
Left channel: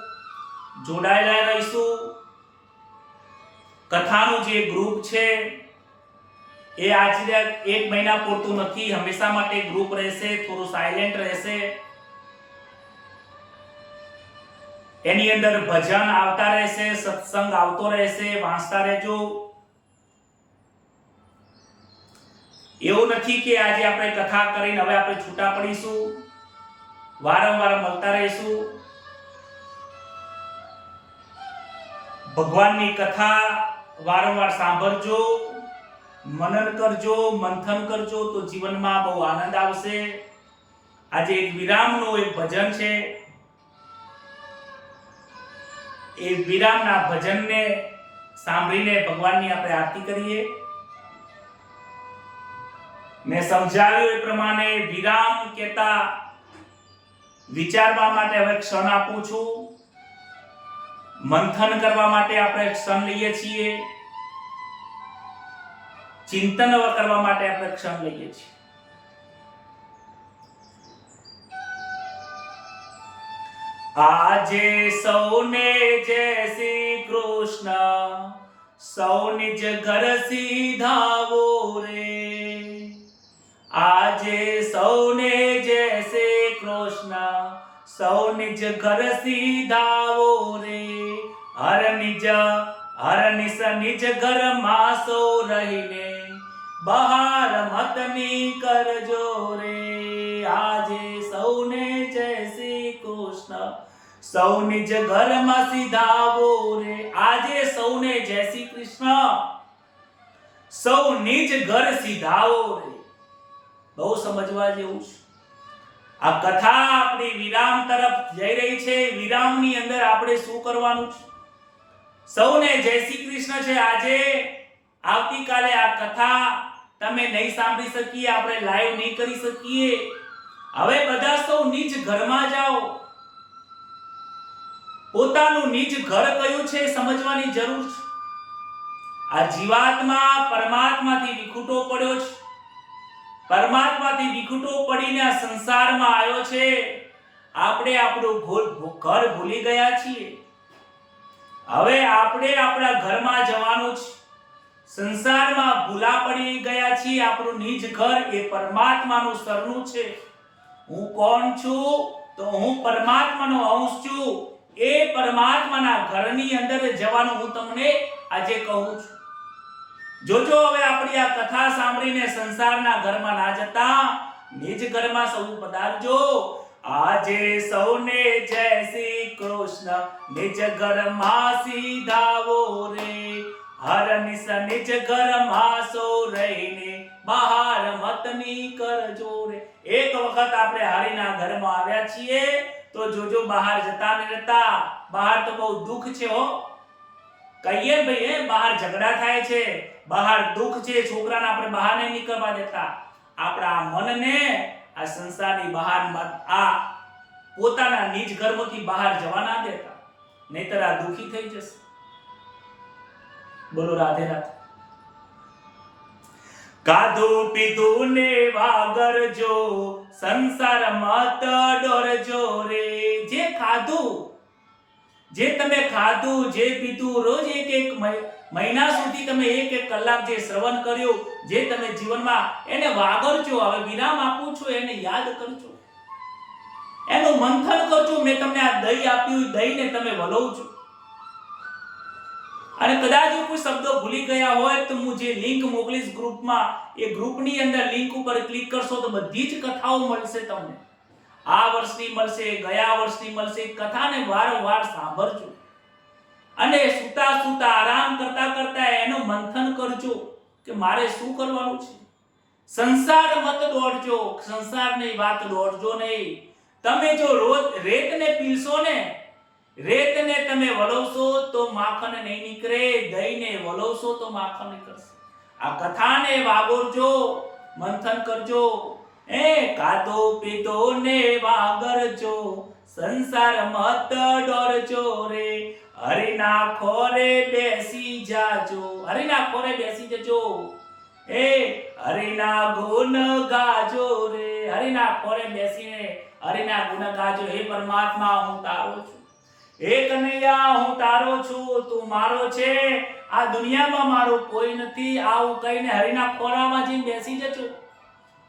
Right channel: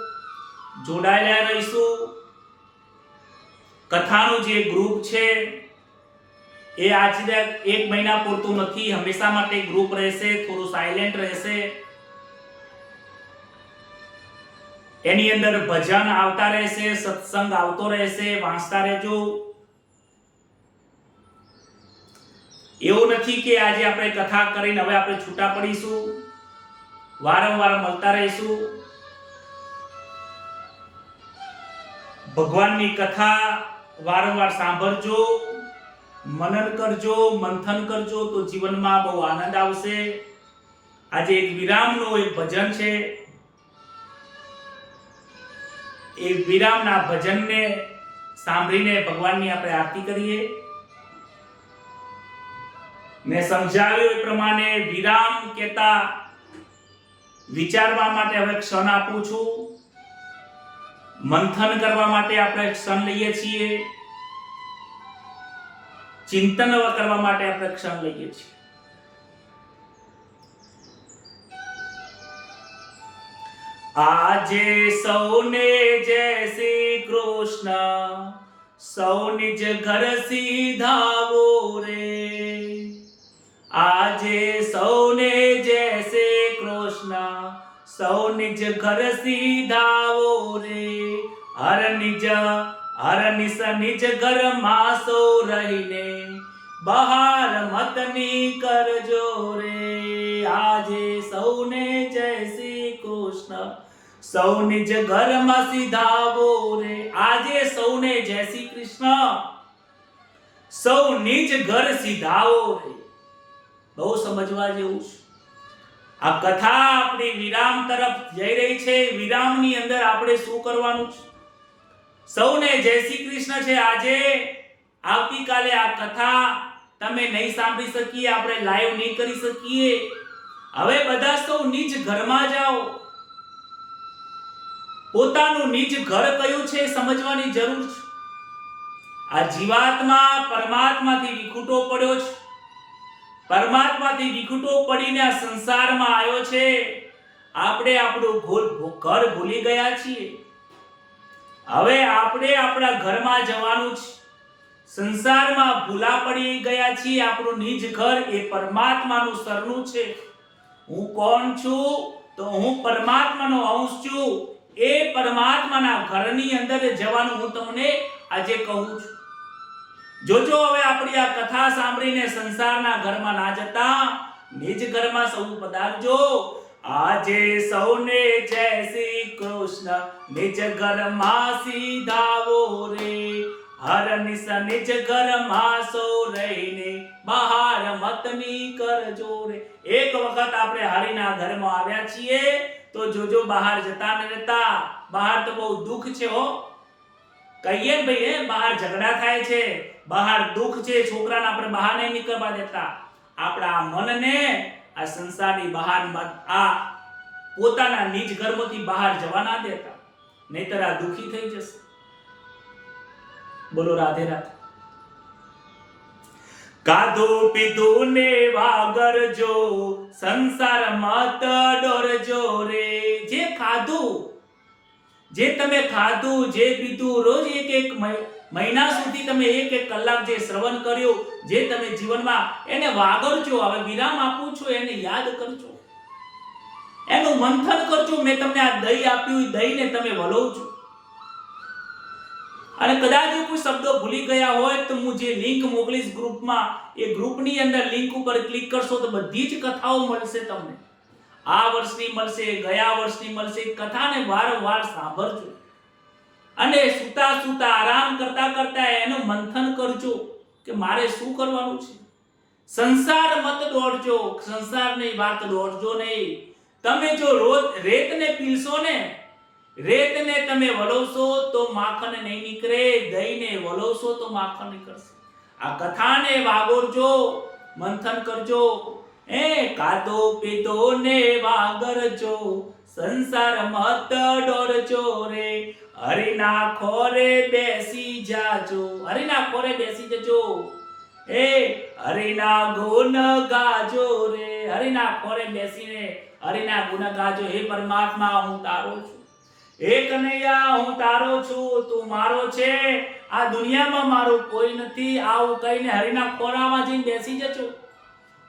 જોડાયેલા રહીશું. કથાનું જે ગ્રુપ છે એ આજે એક મહિના પૂરતું નથી, હંમેશા માટે ગ્રુપ રહેશે, થોડું સાયલેન્ટ રહેશે. એની અંદર ભજન આવતા રહેશે, સત્સંગ આવતો રહેશે, વાંચતા રહેજો. એવું નથી કે આજે આપણે કથા કરીને હવે આપણે છૂટા પડીશું. વારંવાર મળતા રહીશું. ભગવાનની કથા વારંવાર સાંભળજો, મનન કરજો, મંથન કરજો તો જીવનમાં બહુ આનંદ આવશે. આજે એક વિરામનું એક ભજન છે. એ વિરામના ભજનને સાંભળીને ભગવાનની આપણે આરતી કરીએ. મેં સમજાવ્યું એ પ્રમાણે વિરામ કહેતા વિચારવા માટે હવે ક્ષણ આપું છું. મંથન કરવા માટે આપણે ક્ષણ લઈએ છીએ. ચિંતન કરવા માટે આપણે ક્ષણ લઈએ છીએ. આજે સૌને જય શ્રી કૃષ્ણ, સૌ નિજ ઘર સીધાવો રે. આજે સૌને જય શ્રી કૃષ્ણ, સૌ નિજ ઘર સીધાવો રે. હર નિજ નિજ ઘરમાં સૌ રહીને બહાર મત નીકળજો રે. આજે સૌને જય શ્રી કૃષ્ણ, સૌ નિજ ઘરમાં સીધાવો રે. આજે સૌને જય શ્રી કૃષ્ણ, સૌ નિજ ઘર સીધાવો રે. બહુ સમજવા જેવું છે. આ કથા આપણી વિરામ તરફ જઈ રહી છે. વિરામની અંદર આપણે શું કરવાનું છે? સૌને જય શ્રી કૃષ્ણ છે. આજે આવતીકાલે આ કથા તમે નહીં સાંભળી શકીએ, આપણે લાઈવ નહીં કરી શકીએ. હવે બધા સૌ નિજ ઘરમાં જાઓ. પોતાનું નિજ ઘર કયું છે સમજવાની જરૂર છે. આ જીવાત્મા પરમાત્માથી વિખૂટો પડ્યો છે. પરમાત્માથી વિખૂટો પડીને આ સંસારમાં આવ્યો છે. આપણે આપણું ઘર ભૂલી ગયા છીએ. હવે આપણે આપણા ઘરમાં જવાનું છે. સંસારમાં ભૂલા પડી ગયા છીએ. આપણું નિજ ઘર એ પરમાત્માનું સરનું છે. હું કોણ છું? તો હું પરમાત્માનો અંશ છું. એ પરમાત્માના ઘરની અંદર જવાનું હું તમને આજે કહું છું. જોજો હવે આપણી આ કથા સાંભળીને સંસારના ઘરમાં ના જતા નિજ ઘરમાં સૌ પધારજો. આજે સૌને જય શ્રી કૃષ્ણ, નિજ ઘરમાં સીધાવો રે. હર નિજ ઘરમાં સૌ રહીને બહાર મત નીકળજો રે. એક વખત આપણે હરિના ઘરમાં આવ્યા છીએ તો જોજો બહાર જતા ન રહેતા. બહાર તો બહુ દુઃખ છે હો. કહીએ ભાઈ બહાર ઝઘડા થાય છે, બહાર દુઃખ છે, છોકરાને આપણે બહાર નહીં નીકળવા દેતા. આપણા મનને આ સંસારની બહાર આ પોતાના નિજ ઘરમાંથી બહાર જવા ના દેતા, નહીતર આ દુઃખી થઈ જશે. બોલો રાધે રાધે. કાધું પીધું ને વાગરજો, સંસાર મત ડરજો રે. જે ખાધું, જે તમે ખાધું, જે પીધું, રોજ એક એક મહિના સુધી તમે એક કલાક જે શ્રવણ કર્યું, જે તમે જીવનમાં એને વાગરજો. હવે વિરામ આપું છું, એને યાદ કરજો, એનું મંથન કરજો. મેં તમને આ દહીં આપ્યું, દહીંને તમે વલોવજો. અને કદાચ કોઈ શબ્દો ભૂલી ગયા હોય તો હું જે લિંક મોકલીશ ગ્રુપમાં, એ ગ્રુપની અંદર લિંક ઉપર ક્લિક કરશો તો બધી જ કથાઓ મળશે તમને. આ વર્ષની મળશે, ગયા વર્ષની મળશે. કથાને વારંવાર સાંભળજો અને સૂતા સૂતા આરામ કરતા કરતા એનું મંથન કરજો કે મારે શું કરવાનું છે. સંસાર મત દોડજો, સંસારની વાત દોડજો નહીં. તમે જો રોજ રેતને પીલશો ને, રેતને તમે વલોવશો તો માખણ નહીં નીકળે, દહીંને વલોવશો તો માખણ નીકળશે. આ કથાને વાગોરજો, મંથન કરજો. કાદો પીધો ને વાગરજો, સંસાર મત દોડજો રે. હરિના ખોરે બેસી જાજો, હરિના ખોરે બેસી જજો. હરિના ગુણ ગાજો રે. હરિના ખોરે બેસીને હરિના ગુણ ગાજો. હે પરમાત્મા, હું તારો છું. હે કનૈયા, હું તારો છું, તું મારો છે. આ દુનિયામાં મારો કોઈ નથી. આવું કહીને હરિના ખોરામાં જઈને બેસી જજો.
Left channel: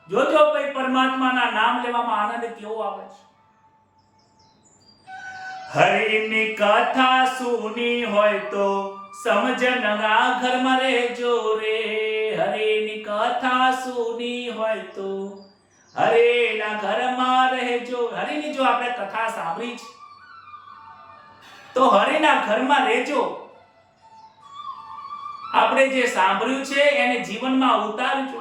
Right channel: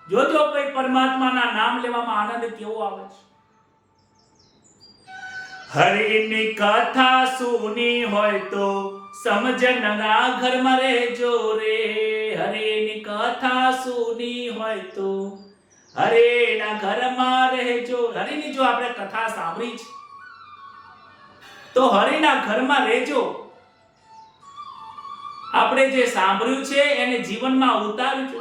જોજો ભાઈ, પરમાત્માના નામ લેવામાં આનંદ કેવો આવે છે. હરિની કથા સુની હોય તો સમજણના ઘરમાં રહેજો રે. હરિની કથા સુની હોય તો હરિના ઘરમાં રહેજો. હરિની જો આપણે કથા સાંભળી છે તો હરિના ઘરમાં રહેજો. આપણે જે સાંભળ્યું છે એને જીવનમાં ઉતારજો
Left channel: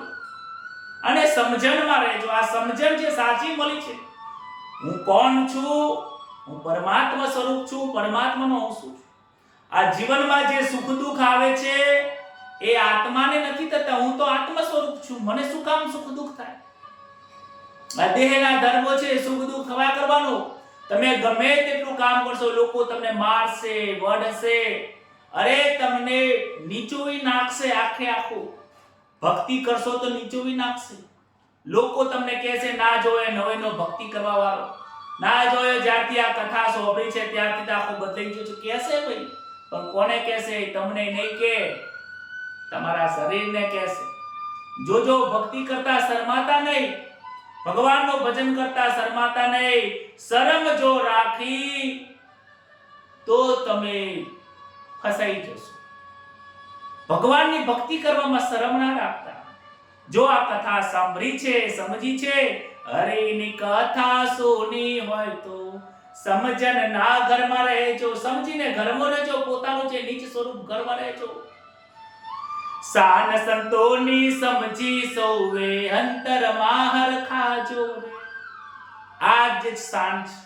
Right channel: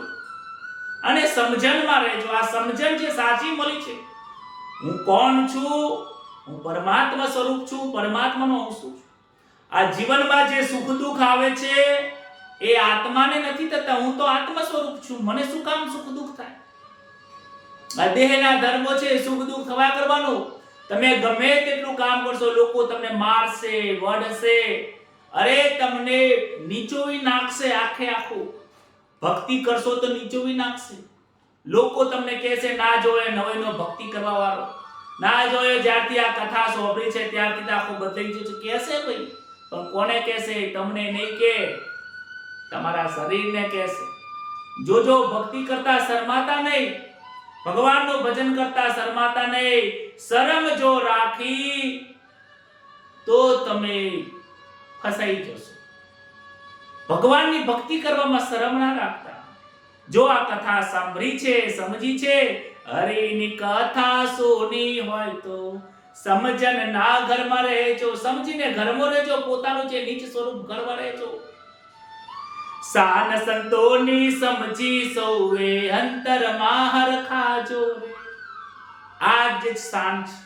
અને સમજણમાં રહેજો. આ સમજણ જે સાચી મળી છે, હું કોણ છું, હું પરમાત્મા સ્વરૂપ છું, પરમાત્માનો અંશ છું. આ જીવનમાં જે સુખ દુઃખ આવે છે એ આત્માને નથી થતા. હું તો આત્મા સ્વરૂપ છું, મને શું કામ સુખ દુઃખ થાય? આ દેહના ધર્મો છે, સુખ દુઃખ થવા કરવાનું. તમે ગમે તેટલું કામ કરશો, લોકો તમને મારશે, વઢશે, અરે તમને નીચોવી નાખશે. આખે આખું ભક્તિ કરશો તો નીચોવી નાખશે. લોકો તમને કહેશે ના જોયે નવેનો ભક્તિ કરવા વાળો, ના જોયે જ્યારથી આ કથા સાંભળી છે ત્યારથી આખો બદલાઈ ગયો છે. કહેશે ભાઈ, પણ કોને કહેશે? તમને નહીં કે, તમારા શરીરને કહેશે. જોજો, ભક્તિ કરતા શરમાતા નહીં, ભગવાનનું ભજન કરતા શરમાતા નહીં. શરમ જો રાખી તો તમે ફસાઈ જશો. ભગવાનની ભક્તિ કરવામાં શરમ ના રાખતા. જો આ કથા સાંભળી છે, સમજી છે, હરિની કથા સુની હોય તો સમજન ના ઘરમાં રહેજો. સમજીને ઘરમાં રહેજો, પોતાનું જે નીચ સ્વરૂપ ઘરમાં રહેજો. સાન સંતોની સમજી સૌએ અંતરમાં હરખાજો. આ જે શાન છે,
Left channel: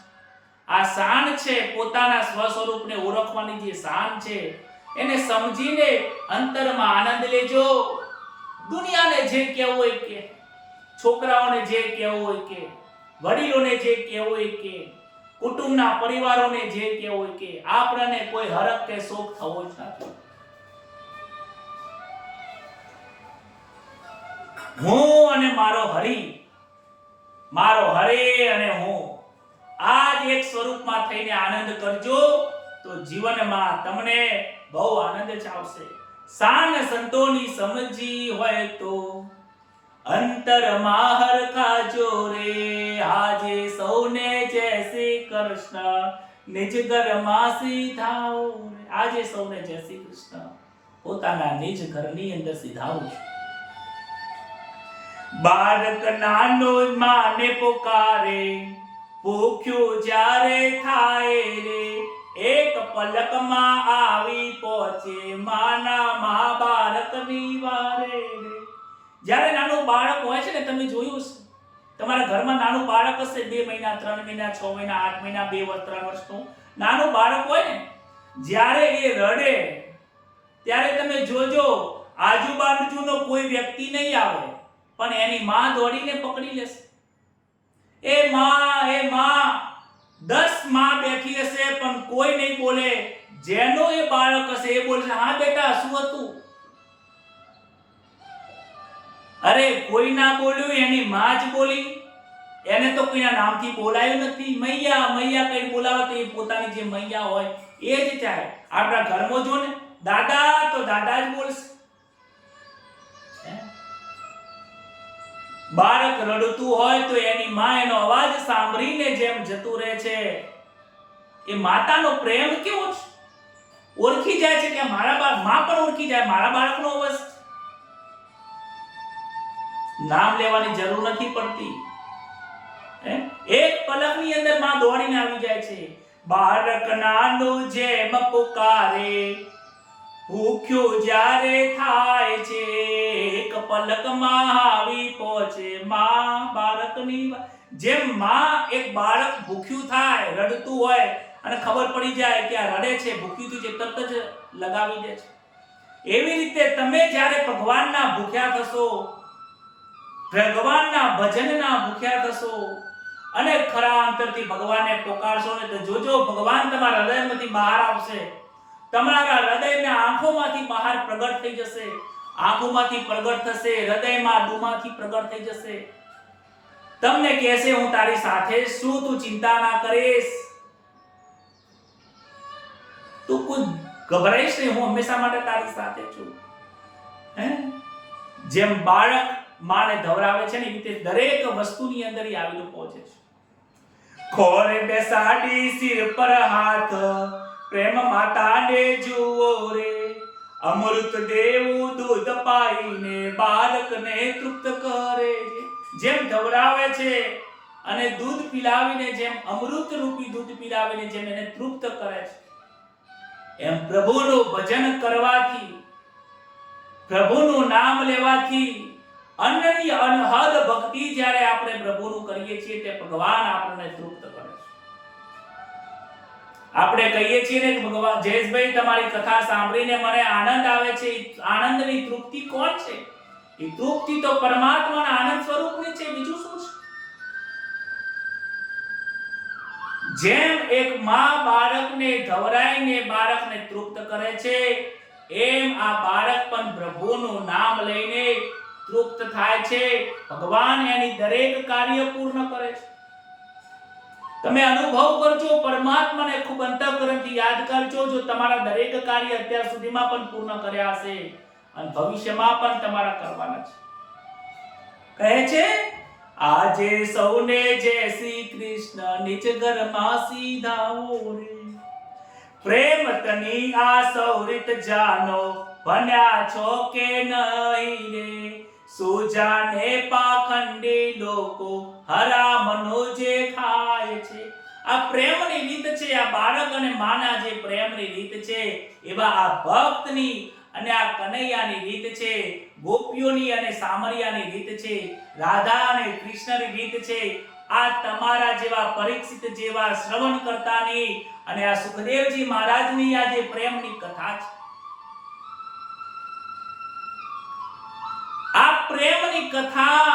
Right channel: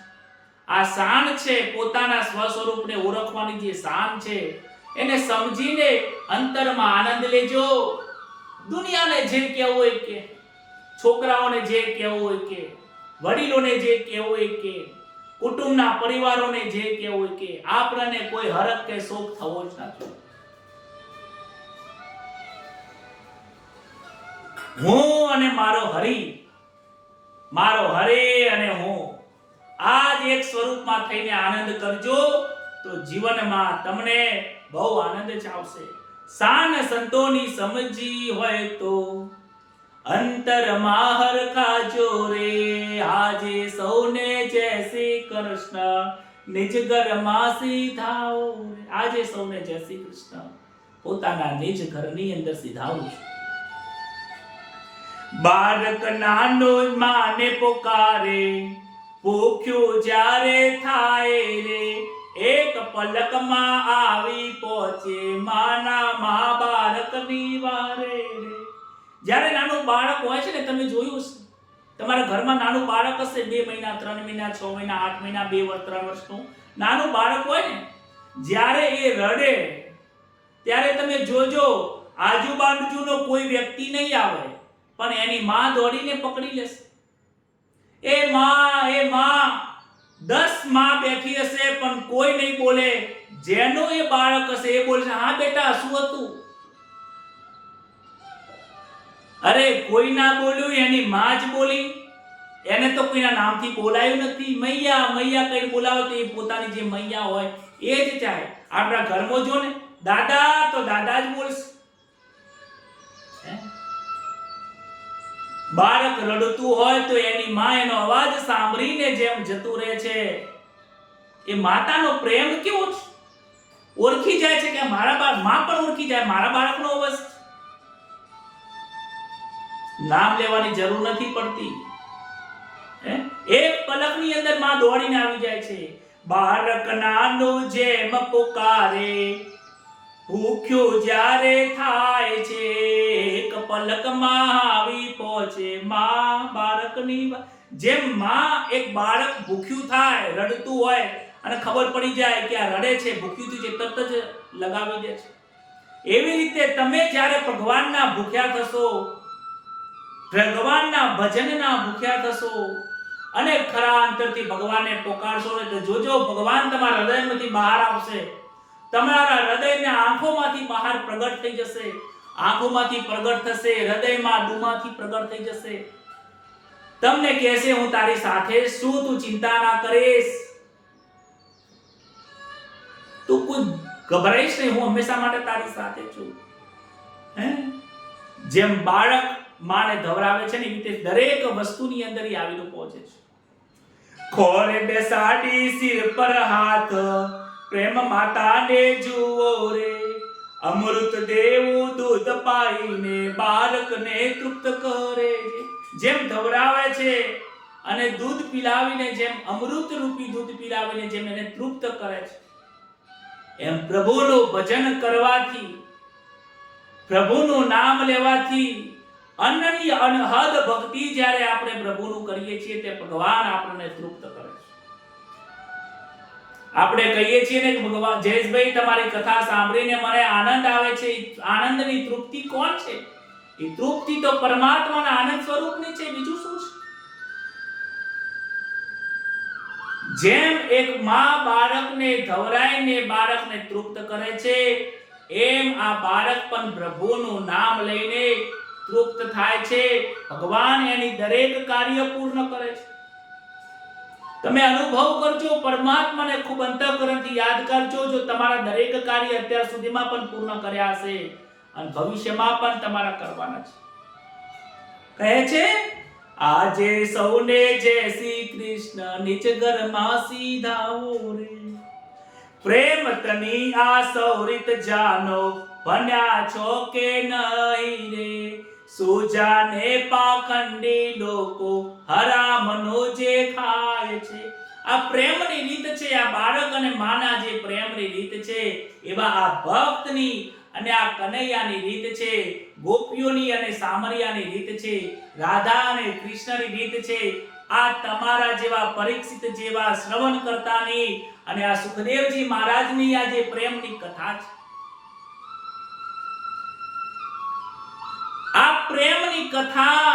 આ શાન છે, પોતાના સ્વ સ્વરૂપને ઓળખવાની જે શાન છે, એને સમજીને અંતરમાં આનંદ લેજો. દુનિયાને જે કહેવું હોય કે, છોકરાઓને જે કહેવું હોય કે, વડીલોને જે કહેવું હોય કે, કુટુંબના પરિવારોને જે કહેવું હોય કે, આપણને કોઈ હરખ કે શોખ થવો જ નથી. હું અને મારો હરિ, મારો હરે અને હું, આ જ એક સ્વરૂપમાં થઈને આનંદ કરજો તો જીવનમાં તમને બહુ આનંદ જ આવશે. શાન સંતોની સમજી હોય તો અંતરમાં હરખાજો રે. આજે સૌને જય શ્રી કૃષ્ણ, નિજ ઘરમાં સીધાઓ રે. આજે સૌને જય શ્રી કૃષ્ણ, પોતાના નિજ ઘરની અંદર સીધાવું છે. બાળક નાનો માને પોકારે, ભૂખ્યું જ્યારે થાય રે. એક પલકમાં આવી પહોંચે માના મા બાળકની વારે રે. જ્યારે નાનું બાળક હોય છે ને, તમે જોયું છે, તમારા ઘરમાં નાનું બાળક હશે, 2 મહિના, 3 મહિના, 6 મહિના, 8 મહિના, 2 વર્ષ, 3 વર્ષનું નાનું બાળક હોય ને, જ્યારે એ રડે ત્યારે તમે જોજો, આજુબાજુનો કોઈ વ્યક્તિ નહીં આવે, પણ એની માં દોડીને પકડી લેશે. એ માં 10 માં બેઠી હશે પણ કોઈ નહીં બોલે. જેનો એ બાળક હશે એ બોલશે, હા બેટા શું હતું? અરે કોઈ ના બોલ્યું, એની માં જ બોલી. એને તો કોઈના નામથી બોલાયું નથી. મૈયા મૈયા કઈ બોલાવો તો એ પોતાની જે મૈયા હોય એ જ ચાહે. આપણા ઘરમાં જો ને દાદા તો દાદા જ બોલશે. બાળક રડતું હોય તો એની માં એનો અવાજ સાંભળીને જેમ જતું રહે છે, એ માતાનો પ્રેમ કેવો છે, ઓળખી જાય છે કે મારા માં પણ ઓળખી જાય મારા બાળકનો અવાજ. નામ લેવાની જરૂર નથી પડતી. એક પલકની અંદર માં દોડીને આવી જાય છે. બાળક નાનું જેમ પુકારે, ભૂખ્યું જ્યારે થાય છે, એક પલકમાં આવી પહોંચે માં બાળકની. જેમ માં એક બાળક ભૂખ્યું થાય, રડતું હોય અને ખબર પડી જાય કે આ રડે છે, ભૂખ્યું થયું છે, તરત જ લગાવી દે છે. એવી રીતે તમે જ્યારે ભગવાનના ભૂખ્યા થશો, ભગવાનના ભજનના ભૂખ્યા થશો અને ખરા અંતરથી ભગવાનને પોકારશો ને તો જોજો ભગવાન તમારા હૃદયમાંથી બહાર આવશે. તમારા હૃદયના આંખોમાંથી બહાર પ્રગટ થઈ જશે, આંખોમાંથી પ્રગટ થશે, હૃદયમાં ડૂમાંથી પ્રગટ થઈ જશે. તમને કહેશે હું તારી સાથે છું, તું ચિંતા ના કરીશ, તું કોઈ ગભરાઈશ નહીં, હું હંમેશા માટે તારી સાથે છું. જેમ બાળક માને ધવરાવે છે ને એ રીતે દરેક વસ્તુની અંદર આવીને પહોંચે છે. ખોળે બેસાડી સિર પર હાથ, પ્રેમ માતાને જુઓ રે, અમૃત દેવું દૂધ પાઈને બાળકને તૃપ્ત કરે. જેમ ધવરાવે છે અને દૂધ પીલાવીને, જેમ અમૃત રૂપી દૂધ પીલાવીને જેમ એને તૃપ્ત કરે છે, એમ પ્રભુનું ભજન કરવાથી, પ્રભુનું નામ લેવાથી, અનન્ય અનહદ ભક્તિ જ્યારે આપણે પ્રભુનું કરીએ છીએ તે ભગવાન આપણને તૃપ્ત કરે છે. આપણે કહીએ છીએ ને કે ભગવાન જયેશભાઈ તમારી કથા સાંભળીને મને આનંદ આવે છે. આનંદની તૃપ્તિ કોણ છે? એ તૃપ્તિ તો પરમાત્માના આનંદ સ્વરૂપની છે, બીજું શું છે? જેમ એક માં બાળકને ધવરાઈને બાળકને તૃપ્ત કરે છે, એમ આ બાળક પણ પ્રભુનું નામ લઈને તૃપ્ત થાય છે. ભગવાન એની દરેક કાર્ય પૂર્ણ કરે છે. તમે અનુભવ કરજો, પરમાત્માને ખૂબ અંતઃકરણથી યાદ કરજો. જો તમારા દરેક કાર્ય અત્યાર સુધીમાં પણ પૂર્ણ કર્યા હશે અને ભવિષ્યમાં પણ તમારા કરવાના છે. કહે છે આજે સૌને જય શ્રી કૃષ્ણ, નિજ ઘરમાં સીધાઓ રે, પ્રેમ તની આ સૌરિત જાનો, ભણ્યા છો કે નહીં રે, સુજાને પાખંડી લોકો હરામનો જે ખાય છે. આ પ્રેમની રીત છે, આ બાળક અને માના જે પ્રેમની રીત છે, એવા આ ભક્તની અને આ કનૈયાની રીત છે, ગોપીઓની અને સામરિયાની રીત છે, રાધા અને કૃષ્ણની રીત છે. આ તમારા જેવા પરીક્ષિત જેવા શ્રવણ કરતાની અને આ સુખદેવજી મહારાજની આ જે પ્રેમની કથા છે, આ પ્રેમની કથા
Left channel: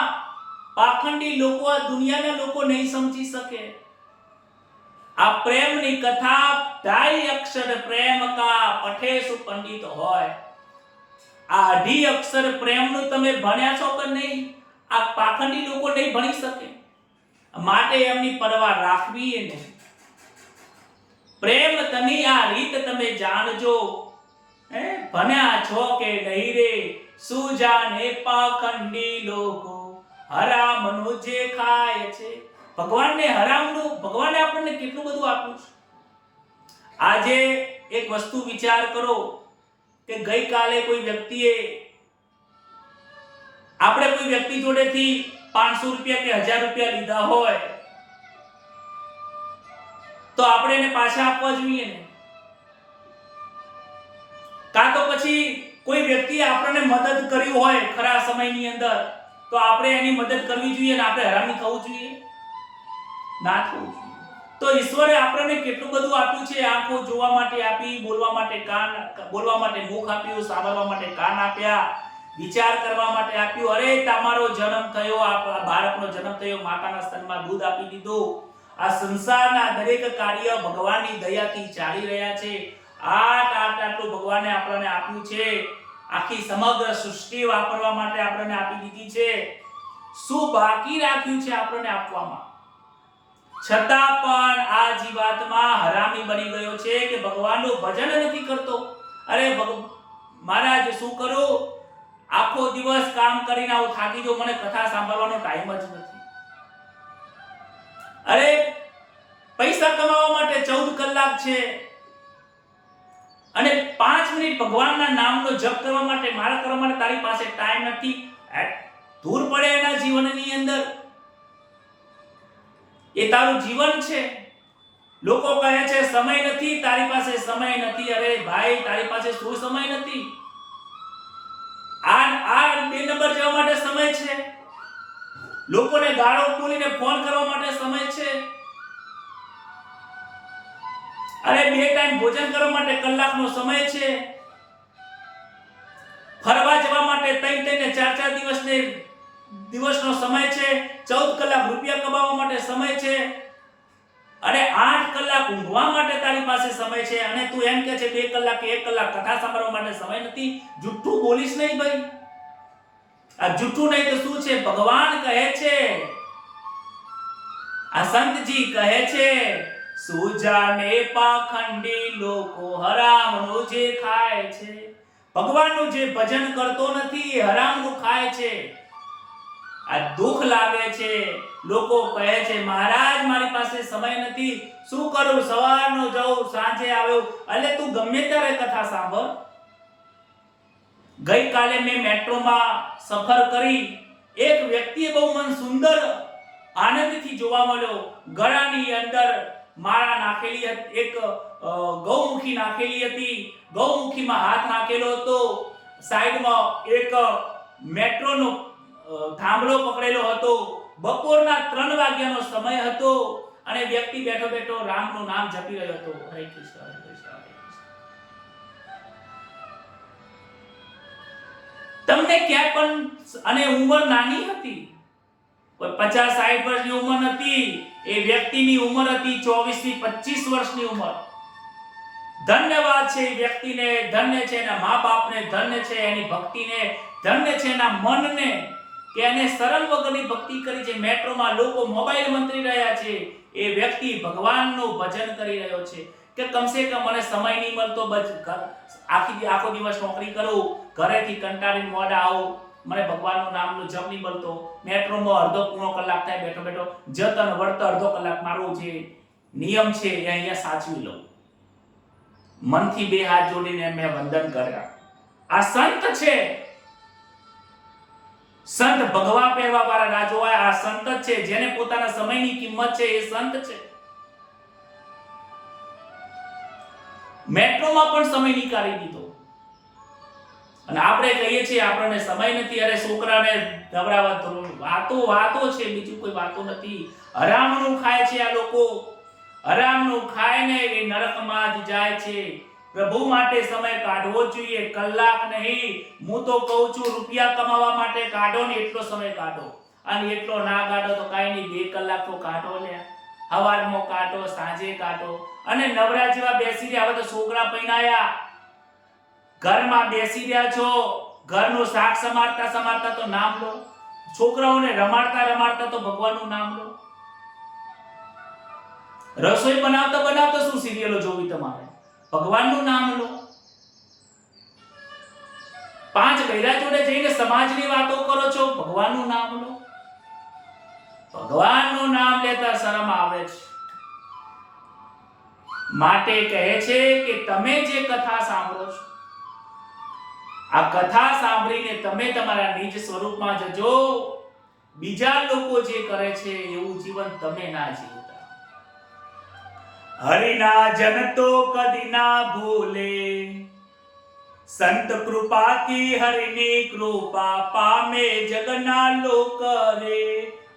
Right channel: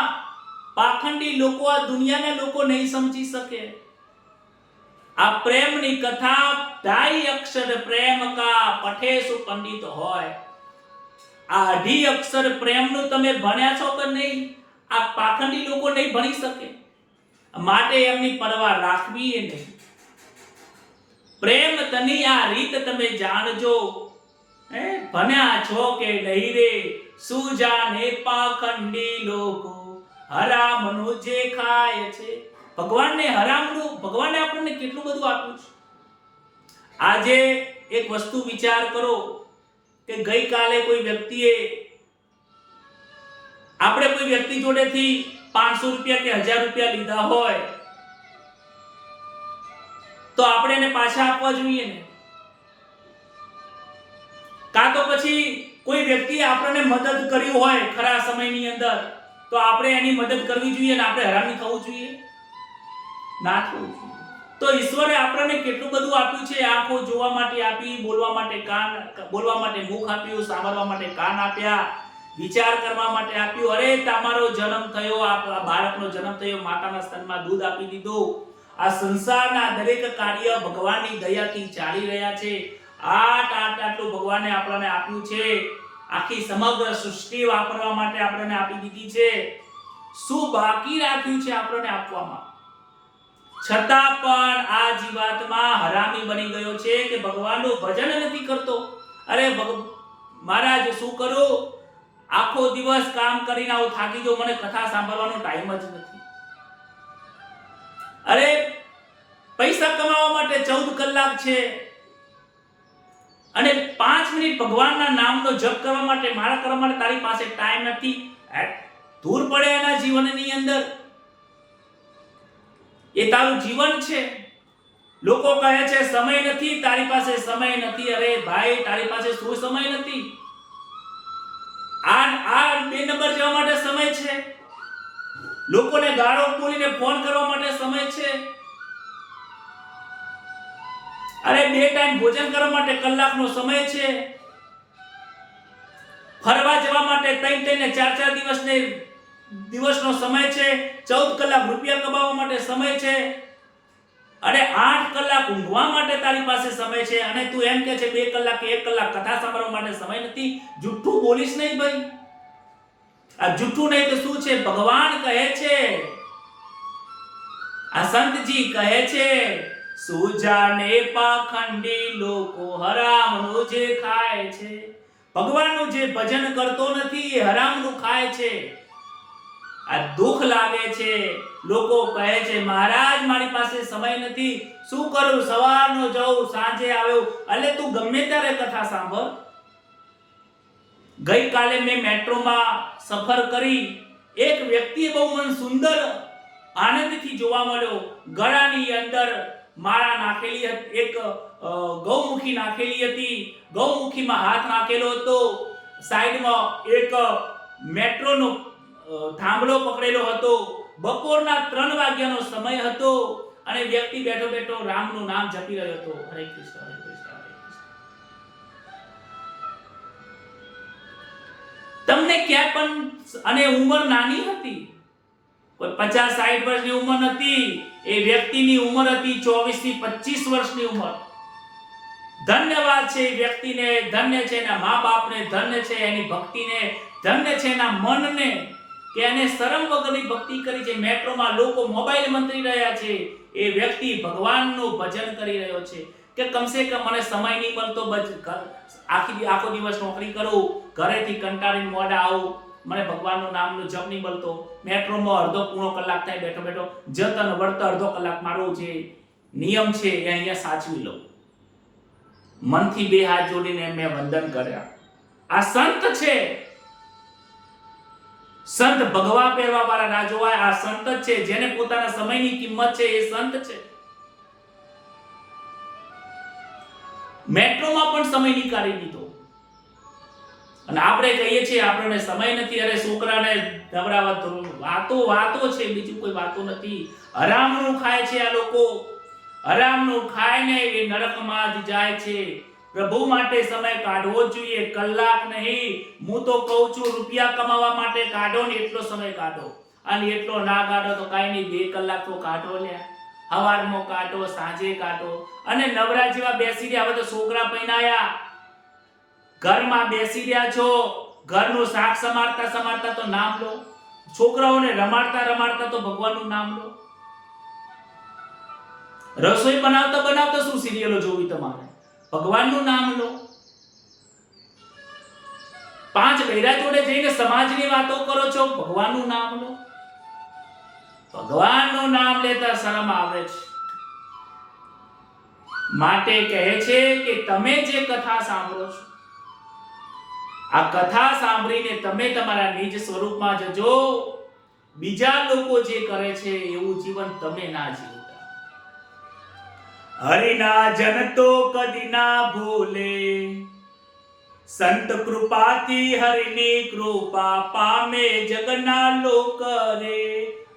પાખંડી લોકો, આ દુનિયાના લોકો નહીં સમજી શકે. આ પ્રેમની કથા ઢાઈ અક્ષર પ્રેમ કા પઠેસુ પંડિત હોય. આ અઢી અક્ષર પ્રેમનું તમે ભણ્યા છો કે નહીં, આ પાખંડી લોકો નહીં ભણી શકે. માટે એમની પરવા રાખવી એ નહીં. પ્રેમ તની આ રીત તમે જાણજો. ભણ્યા છો કે નહીં રે, સુજાને પાખંડી લોકો હરામનું જે ખાય છે. ભગવાનને હરામનું, ભગવાને આપણને કેટલું બધું આપ્યું છે. આજે એક વસ્તુ વિચાર કરો કે ગઈકાલે કોઈ વ્યક્તિએ, આપણે કોઈ વ્યક્તિ જોડેથી 500 રૂપિયા કે 1000 રૂપિયા લીધા હોય તો આપણે એને પાછા આપવા જોઈએ ને? કાં તો પછી કોઈ વ્યક્તિએ આપણને મદદ કરી હોય ખરા સમયની અંદર તો આપણે એની મદદ કરવી જોઈએ ને આપણે હરામી થવું જોઈએ? ના થવું જોઈએ. તો ઈશ્વરે આપણને કેટલું બધું આપ્યું છે. આંખો જોવા માટે આપી, બોલવા માટે કાન, બોલવા માટે મુખ આપ્યું, સાંભળવા માટે કાન આપ્યા, વિચાર કરવા માટે આપ્યું. અરે તમારો જન્મ થયો, આ બાળકનો જન્મ થયો, માતાના સ્તનમાં દૂધ આપી દીધું. આ સંસારના દરેક કાર્ય ભગવાનની દયાથી ચાલી રહ્યા છે. આટલું ભગવાને આપણને આપ્યું છે. આખી સમગ્ર સૃષ્ટિ વાપરવા માટે આપણને આપી દીધી છે. શું બાકી રાખ્યું છે આપણને આપવામાં? છતાં પણ આ જીવાત્મા હરામી બની ગયો છે કે ભગવાનનું ભજન નથી કરતો. અરે મહારાજ શું કરું, આખો દિવસ કામ કરીને આવું થાકી ગયો, મને કથા સાંભળવાનો ટાઈમ જ નથી. અરે પૈસા કમાવા માટે 14 કલાક છે અને 5 મિનિટ ભગવાનના નામનો જપ કરવા માટે, માળા કરવા માટે તારી પાસે ટાઈમ નથી. દૂર પડે એના જીવનની અંદર. એ તારું જીવન છે. લોકો કહે છે સમય નથી, તારી પાસે સમય નથી. અરે ભાઈ, તારી પાસે શું સમય નથી? આ 2 નંબર જવા માટે સમય છે. લોકોને ગાળો બોલીને ફોન કરવા માટે સમય છે. અરે 2 ટાઈમ ભોજન કરવા માટે કલાકનો સમય છે. ફરવા જવા માટે 3 ને 4 દિવસનો સમય છે. 14 કલાક રૂપિયા કમાવા માટે સમય છે. અને 8 કલાક ઊંઘવા માટે તારી પાસે સમય છે. અને તું એમ કહે છે 2 કલાક કે 1 કલાક કથા સાંભળવા માટે સમય નથી. જુઠ્ઠું બોલીશ નહીં ભાઈ. આ જુઠ્ઠું નહીં તો શું છે? ભગવાન કહે છે, આ સંતજી કહે છે, સુજાને પાખંડી લોકો હરામનું જે ખાય છે. ભગવાનનું જે ભજન કરતો નથી એ હરામનું ખાય છે. આ દુઃખ લાગે છે. લોકો કહે છે મહારાજ મારી પાસે સમય નથી, શું કરું? સવારનો જાઉં, સાંજે આવ્યો. એટલે તું ગમે ત્યારે કથા સાંભળ. ગઈકાલે મેં મેટ્રોમાં સફર કરી. એક વ્યક્તિએ બહુ મન સુંદર આનંદથી જોવા મળ્યો. ગળાની અંદર માળા નાખેલી હતી, એક ગૌમુખી નાખેલી હતી. ગૌમુખીમાં હાથ નાખેલો હતો. સાઈડમાં એક મેટ્રોનો થાંભલો પકડેલો હતો. બપોરના 3 વાગ્યાનો સમય હતો અને વ્યક્તિ બેઠો બેઠો રામનું નામ જપી રહ્યો હતો. હરે કૃષ્ણ, હરે કૃષ્ણ, હરે કૃષ્ણ. તમને ક્યાં પણ, અને ઉંમર નાની હતી, કોઈ 50-60 વર્ષની ઉંમર નથી. એ વ્યક્તિની ઉંમર હતી 24 થી 25 વર્ષની ઉંમર. ધન્યવાદ છે એ વ્યક્તિને, ધન્ય છે એના મા બાપને, ધન્ય છે એની ભક્તિને, ધન્ય છે એના મનને કે એને શરમ વગરની ભક્તિ કરી છે. મેટ્રોમાં લોકો મોબાઈલ મંત્રી રહ્યા છે, એ વ્યક્તિ ભગવાનનું ભજન કરી રહ્યો છે કે કમસે કમ મને સમય નહીં મળતો, આખો દિવસ નોકરી કરું, ઘરેથી કંટાળીને મોડા આવું, મને ભગવાનનું નામનો જપ નહીં મળતો. મેટ્રોમાં અડધો પૂર્ણો કલાક થાય બેઠો બેઠો, જતન વર્ત અડધો કલાક મારો જે નિયમ છે એ અહીંયા સાચવી લઉં. મનથી 2 હાથ જોડીને મેં વંદન કર્યા. આ સંત છે. સંત ભગવા પહેરવા વાળા રાજોવાય આ સંત જ છે. જેને પોતાના સમયની કિંમત છે એ સંત છે. મેટ્રોમાં પણ સમય નીકાળી દીધો. અને આપણે કહીએ છીએ આપણને સમય નથી. અરે છોકરાને નવરાવા વાતો છે, બીજું કોઈ વાતો નથી. હરામનું ખાય છે આ લોકો. હરામનું ખાઈને એ નરકમાં જ જાય છે. પ્રભુ માટે સમય કાઢવો જોઈએ, કલાક નહીં. હું તો કહું છું રૂપિયા કમાવા માટે કાઢો ને એટલો સમય કાઢો. અને એટલો ના કાઢો તો કાંઈ નહીં, 2 કલાક તો કાઢો લ્યા. સવારમાં કાઢો, સાંજે કાઢો. અને નવરા જેવા બેસી રહ્યા. હવે તો છોકરા પૈણાયા, ઘરમાં બેસી રહ્યા છો, ઘરનું શાક સમારતા તો નામ લો. છોકરાઓને રમાડતા તો ભગવાનનું નામ લો. રસોઈ બનાવતા શું સિરિયલો જોવી તમારે? ભગવાનનું નામ લો. 5 બૈરા જોડે જઈને સમાજની વાતો કરો છો, ભગવાનનું નામ લો. ભગવાનનું નામ લેતા શરમ આવે છે. માટે કહે છે કે તમે જે કથા સાંભળો છો, આ કથા સાંભળીને તમે તમારા નિજ સ્વરૂપમાં જજો. બીજા લોકો જે કરે છે એવું જીવન તમે ના જીવતા. હરિના જન તો કદી ના ભૂલે, સંત કૃપાથી હરિની કૃપા પામે જગના લોક રે.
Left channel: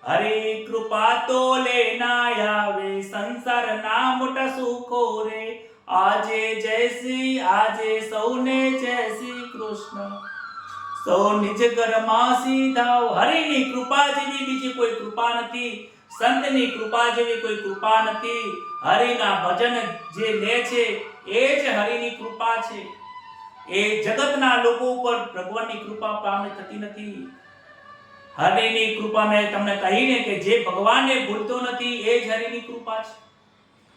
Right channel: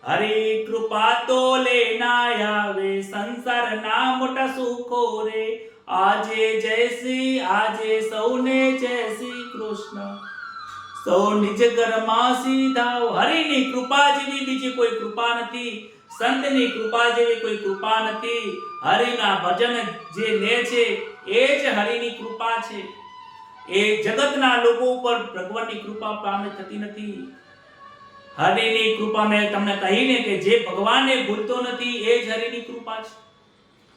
હરી કૃપા તો લેના આવે, સંસારના મોટા સુખો રે. આજે જય સૌને જય શ્રી કૃષ્ણ. સૌ નિજ ઘરમાં સીધાઓ. હરિની કૃપા જેવી બીજી કોઈ કૃપા નથી. સંતની કૃપા જેવી કોઈ કૃપા નથી. હરિના ભજન જે લે છે એ જ હરિની કૃપા છે. એ જગતના લોકો ઉપર ભગવાનની કૃપા પામે થતી નથી. હરિની કૃપા મેં તમને કહીને કે જે ભગવાનને ભૂલતો નથી એ જ હરિની કૃપા છે.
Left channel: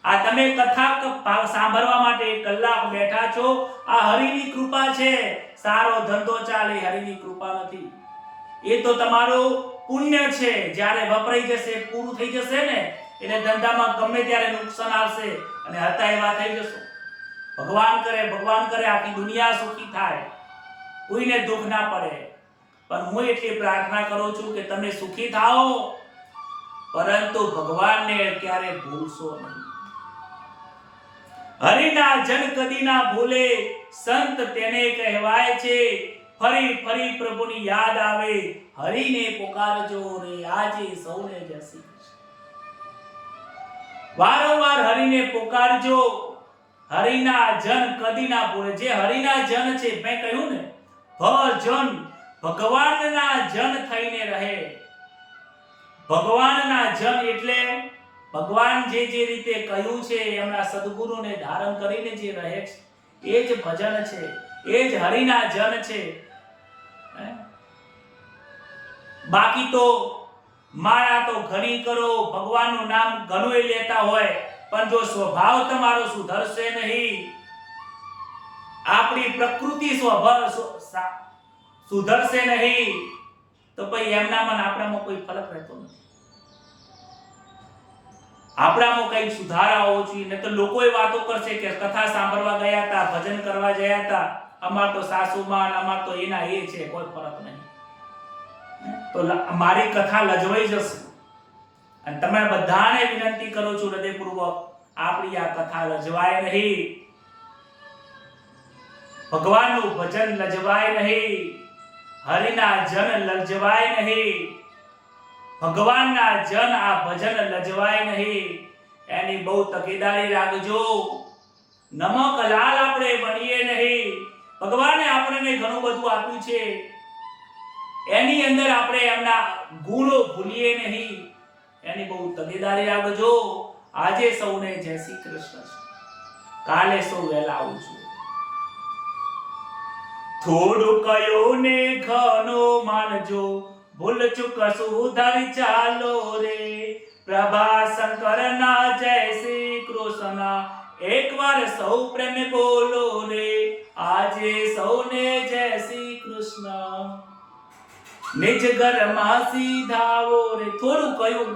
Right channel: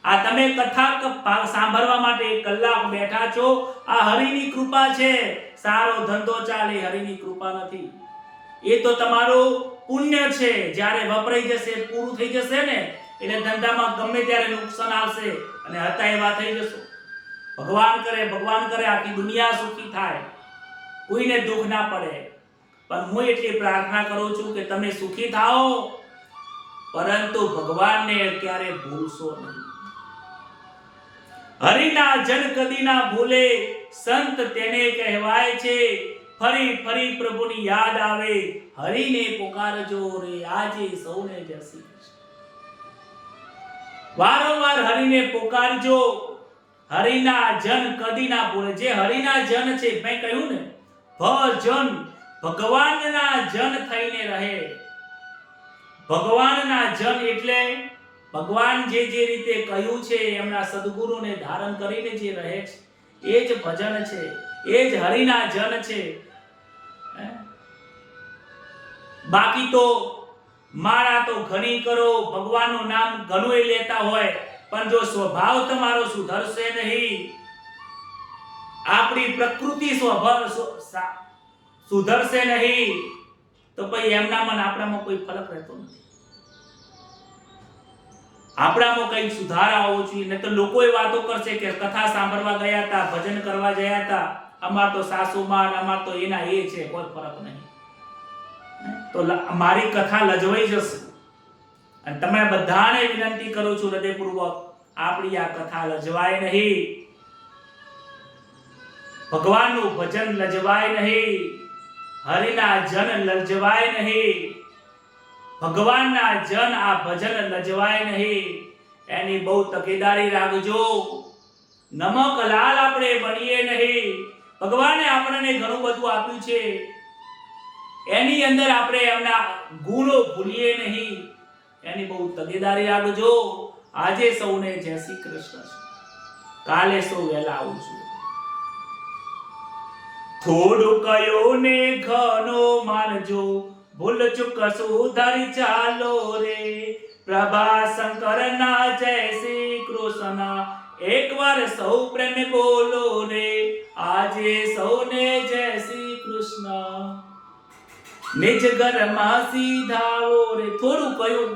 આ તમે કથા સાંભળવા માટે 1 કલાક બેઠા છો, આ હરિની કૃપા છે. સારો ધંધો ચાલે હરિની કૃપા નથી. એ તો તમારું પુણ્ય છે. જ્યારે વપરાઈ જશે, પૂરું થઈ જશે ને, એટલે ધંધામાં ગમે ત્યારે નુકસાન આવશે અને હતા એવા થઈ જશો. ભગવાન કરે આખી દુનિયા સુખી થાય, કોઈને દુઃખ ના પડે. પણ હું એટલી પ્રાર્થના કરું છું કે તમે સુખી થાઓ, પરંતુ ભગવાનને ક્યારે ભૂલશો નહીં. હરિના જન કદી ના ભૂલે, સંત તેને કહેવાય છે. ફરી ફરી પ્રભુની યાદ આવે, હરિને પુકારજો રે આજે સૌને જય શ્રી કૃષ્ણ. વારંવાર હરિને પુકારજો. હરિના જન કદી ના ભૂલે. જે હરિના જન છે, મેં કહ્યું ને, ભજન, ભગવાનના જન થઈને રહે. ભગવાનના જન એટલે ભગવાન જે રીતે કહ્યું છે, એમના સદગુરુને ધારણ કરીને જે રહે છે, એ જ ભજન છે, એ જ હરિના જન છે. બાકી તો મારા તો ઘણી કરો, ભગવાનનું નામ ઘણું લેતા હોય, પણ જો સ્વભાવ તમારો સુધરશે નહીં, આપણી પ્રકૃતિ સ્વભાવ સુધરશે નહીં, તો પછી એમનામાં આપણામાં કોઈ ફરક રહેતો નથી. આપણામાં કઈ સુધારા હોવો જોઈએ. ને તો લોકો એ વાતો કરશે કે કથા સાંભળવા ગયા હતા, ભજન કરવા ગયા હતા, અમાર તો સાસુમાં, અમાર તો એના એ છે, કોઈ ફરક નહીં. તો મારી કથા લજવાઈ જશે. અને તમે બધાને વિનંતી કરું છું હૃદયપૂર્વક, આપણી આ કથા લજવાય નહીં, ભગવાનનું ભજન લજવાય નહીં, હરિના જન લજવાય નહીં, ભગવાનના જન આ ભજન લજવાય નહીં. એની બહુ તકેદારી રાખજો. નમક લાલ આપણે બનીએ નહીં. ભગવાને આપણને ઘણું બધું આપ્યું છે, એની અંદર આપણે એમના ગુણો ભૂલીએ નહીં. એની બહુ તકેદારી રાખજો. આજે સૌને જય શ્રી કૃષ્ણ. કાલે સૌ વહેલા આવજો. થોડું કયો ને ઘણો માનજો, ભૂલ ચૂક સુધારી ચાલો રે. પ્રભા શંકર ના જય શ્રી કૃષ્ણ, એકવાર સૌ પ્રેમ બોલો રે. આજે સૌને જય શ્રી કૃષ્ણ. નિજ ઘરમાં સીધાવો રે. થોડું કયું,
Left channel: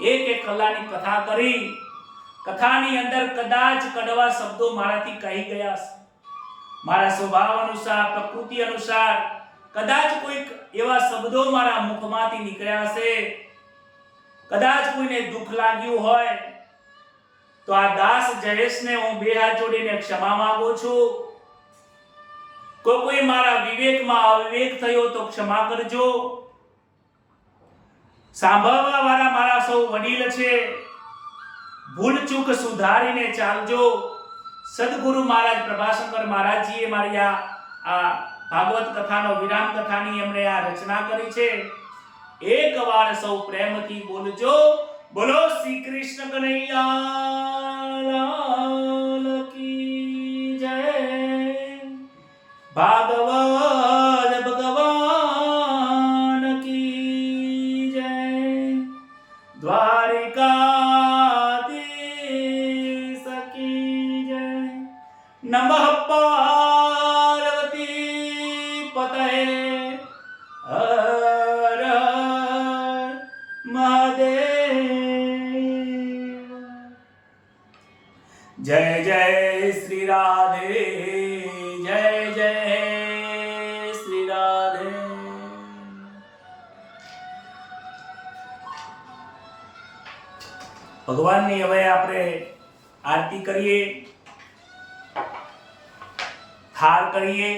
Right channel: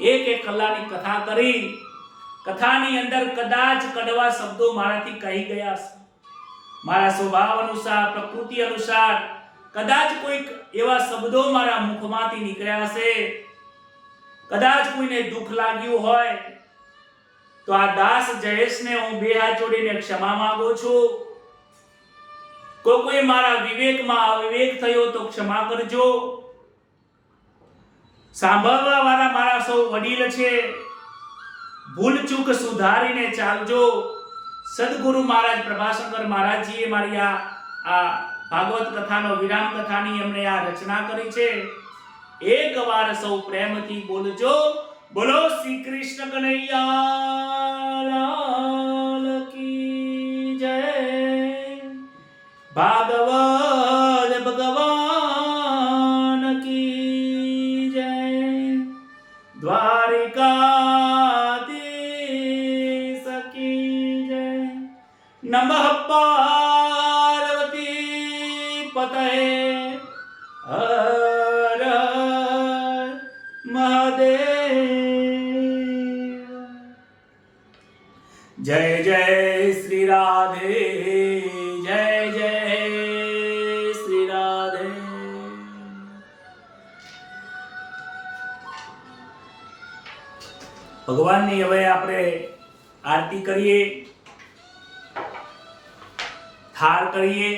1 કલાકની કથા કરી. કથાની અંદર કદાચ કડવા શબ્દો મારાથી કહી ગયા છે, મારા સ્વભાવ અનુસાર, પ્રકૃતિ અનુસાર કદાચ કોઈક એવા શબ્દો મારા મુખમાંથી નીકળ્યા છે. કદાચ કોઈને દુઃખ લાગ્યું હોય તો આ દાસ જયેશને હું 2 હાથ જોડીને ક્ષમા માંગુ છું. કોઈ મારા વિવેકમાં અવિવેક થયો તો ક્ષમા કરજો. સાંભળવા વાળા મારા સૌ વડીલ છે, ભૂલ ચૂક સુધારીને ચાલજો. સદગુરુ મહારાજ પ્રભાશંકર મહારાજજીએ મારી આ ભાગવત કથાનો વિરામ કથાની એમણે આ રચના કરી છે. એકવાર સૌ પ્રેમથી બોલજો, બોલો શ્રી કૃષ્ણ કનૈયા કી જય. ભાગવત ભગવાન કી જય. દ્વારિકાધીશ કી જય. નમઃ પાર્વતી પતये. હર હર મહાદેવ. જય જય શ્રી રાધે, જય જય શ્રી રાધે. ભગવાનની હવે આપણે આરતી કરીએ, થાળ કરીએ.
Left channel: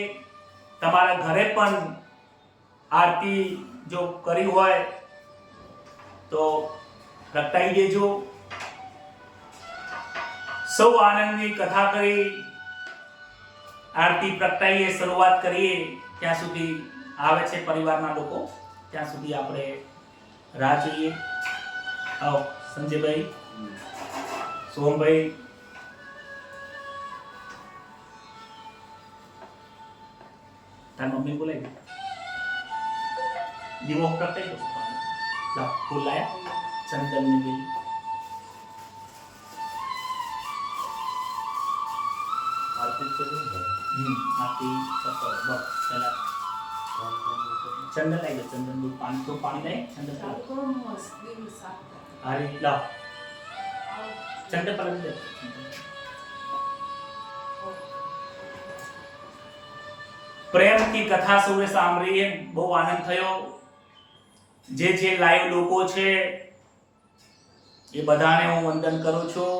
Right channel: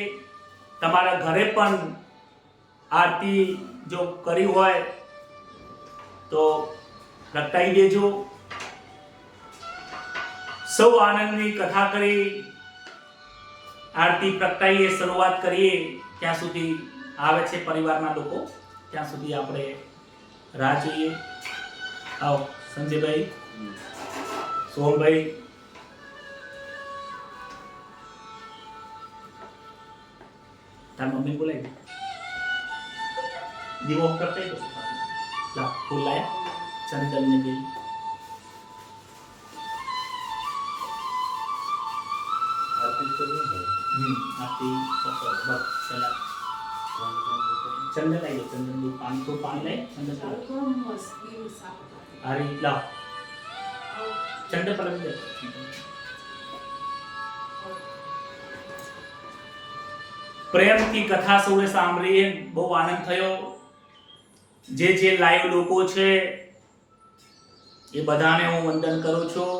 તમારા ઘરે પણ આરતી જો કરી હોય તો પ્રગટાઈ દેજો. સૌ આનંદની કથા કરી, આરતી પ્રગટાઈએ, શરૂઆત કરીએ. ત્યાં સુધી આવે છે પરિવારના લોકો, ત્યાં સુધી આપણે રાહ જોઈએ. આવો સંજયભાઈ, સોમભાઈ, તાર મમ્મી બોલાવી દે. દીવો પ્રગટાઈ દો. લાવ ફૂલ લાયા, ચંદન ને બેલી. આપી શકો બસ પેલા ચંદન લઈ લો, ચંદન દૂધ પાણી તો પાણી લઈ ચંદન અરે લાવ ચંદન પર દે. પ્રેમથી કથા સૌએ સાંભળી, બહુ આનંદ થયો. જે લાઈવ લોકો છે એ બધાને હું વંદન કરું છું.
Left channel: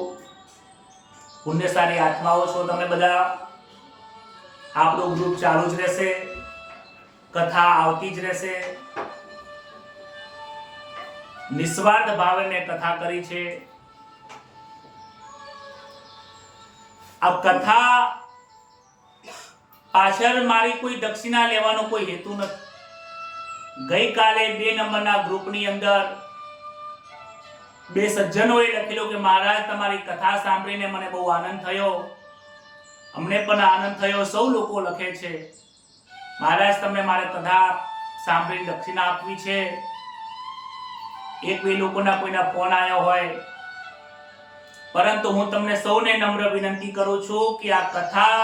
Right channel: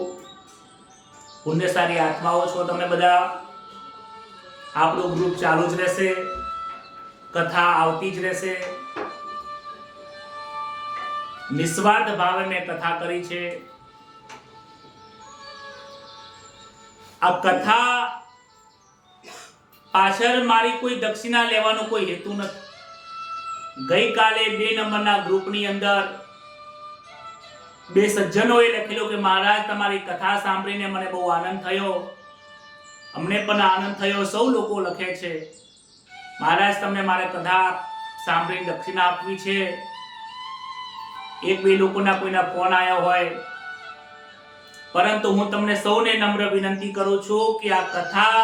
પુણ્યશાળી આત્માઓ છો તમે બધા. આપણું ગ્રુપ ચાલુ જ રહેશે, કથા આવતી જ રહેશે. નિસ્વાર્થ ભાવે મેં કથા કરી છે. આ કથા પાછળ મારી કોઈ દક્ષિણા લેવાનો કોઈ હેતુ નથી. ગઈકાલે 2 નંબરના ગ્રુપની અંદર 2 સજ્જનોએ લખેલું કે મહારાજ તમારી કથા સાંભળીને મને બહુ આનંદ થયો, અમને પણ આનંદ થયો. સૌ લોકો લખે છે મહારાજ તમને મારે કથા સાંભળીને દક્ષિણા આપવી છે. 1-2 લોકોના કોઈના ફોન આવ્યો હોય, પરંતુ હું તમને સૌને નમ્ર વિનંતી કરું છું કે આ કથા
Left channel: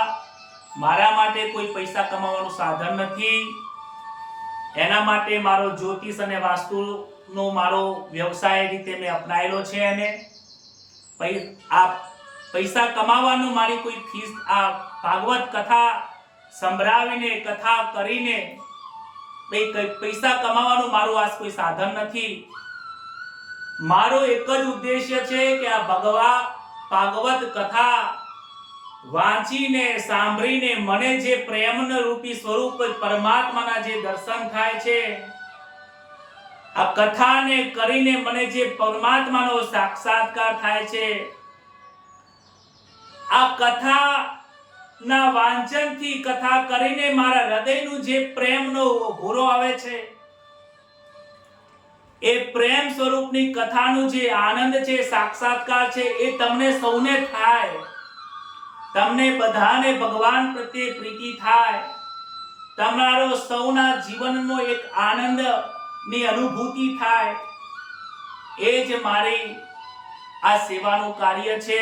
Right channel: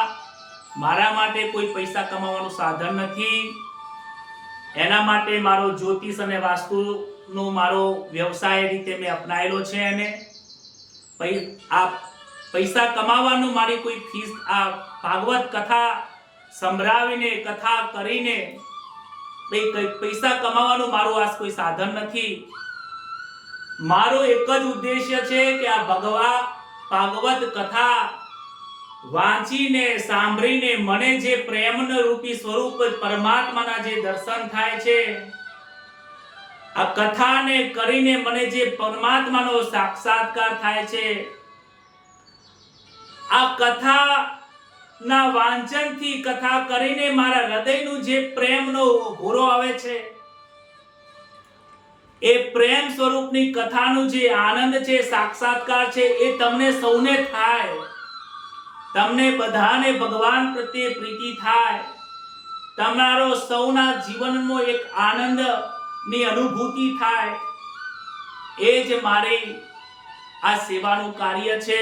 મારા માટે કોઈ પૈસા કમાવાનું સાધન નથી. એના માટે મારો જ્યોતિષ અને વાસ્તુનો મારો વ્યવસાય રીતે મેં અપનાયેલો છે. અને આ પૈસા કમાવાનું મારી કોઈ ફીસ, આ ભાગવત કથા સંભળાવીને કથા કરીને પૈસા કમાવાનું મારું આ કોઈ સાધન નથી. મારો એક જ ઉદ્દેશ્ય છે કે આ ભાગવત કથા વાંચીને સાંભળીને મને જે પ્રેમનો રૂપી સ્વરૂપ પરમાત્માના જે દર્શન થાય છે, આ કથાને કરીને મને જે પરમાત્માનો સાક્ષાત્કાર થાય છે, આ કથાના વાંચનથી કથા કરીને મારા હૃદયનું જે પ્રેમનો ભૂરો આવે છે, એ પ્રેમ સ્વરૂપની કથાનું જે આનંદ છે, સાક્ષાત્કાર છે, એ તમને સૌને થાય. તમને બધાને ભગવાન પ્રત્યે પ્રીતિ થાય. તમારો સૌના જીવનનો એક આનંદની અનુભૂતિ થાય. એ જ મારી આ સેવાનું કાર્ય છે.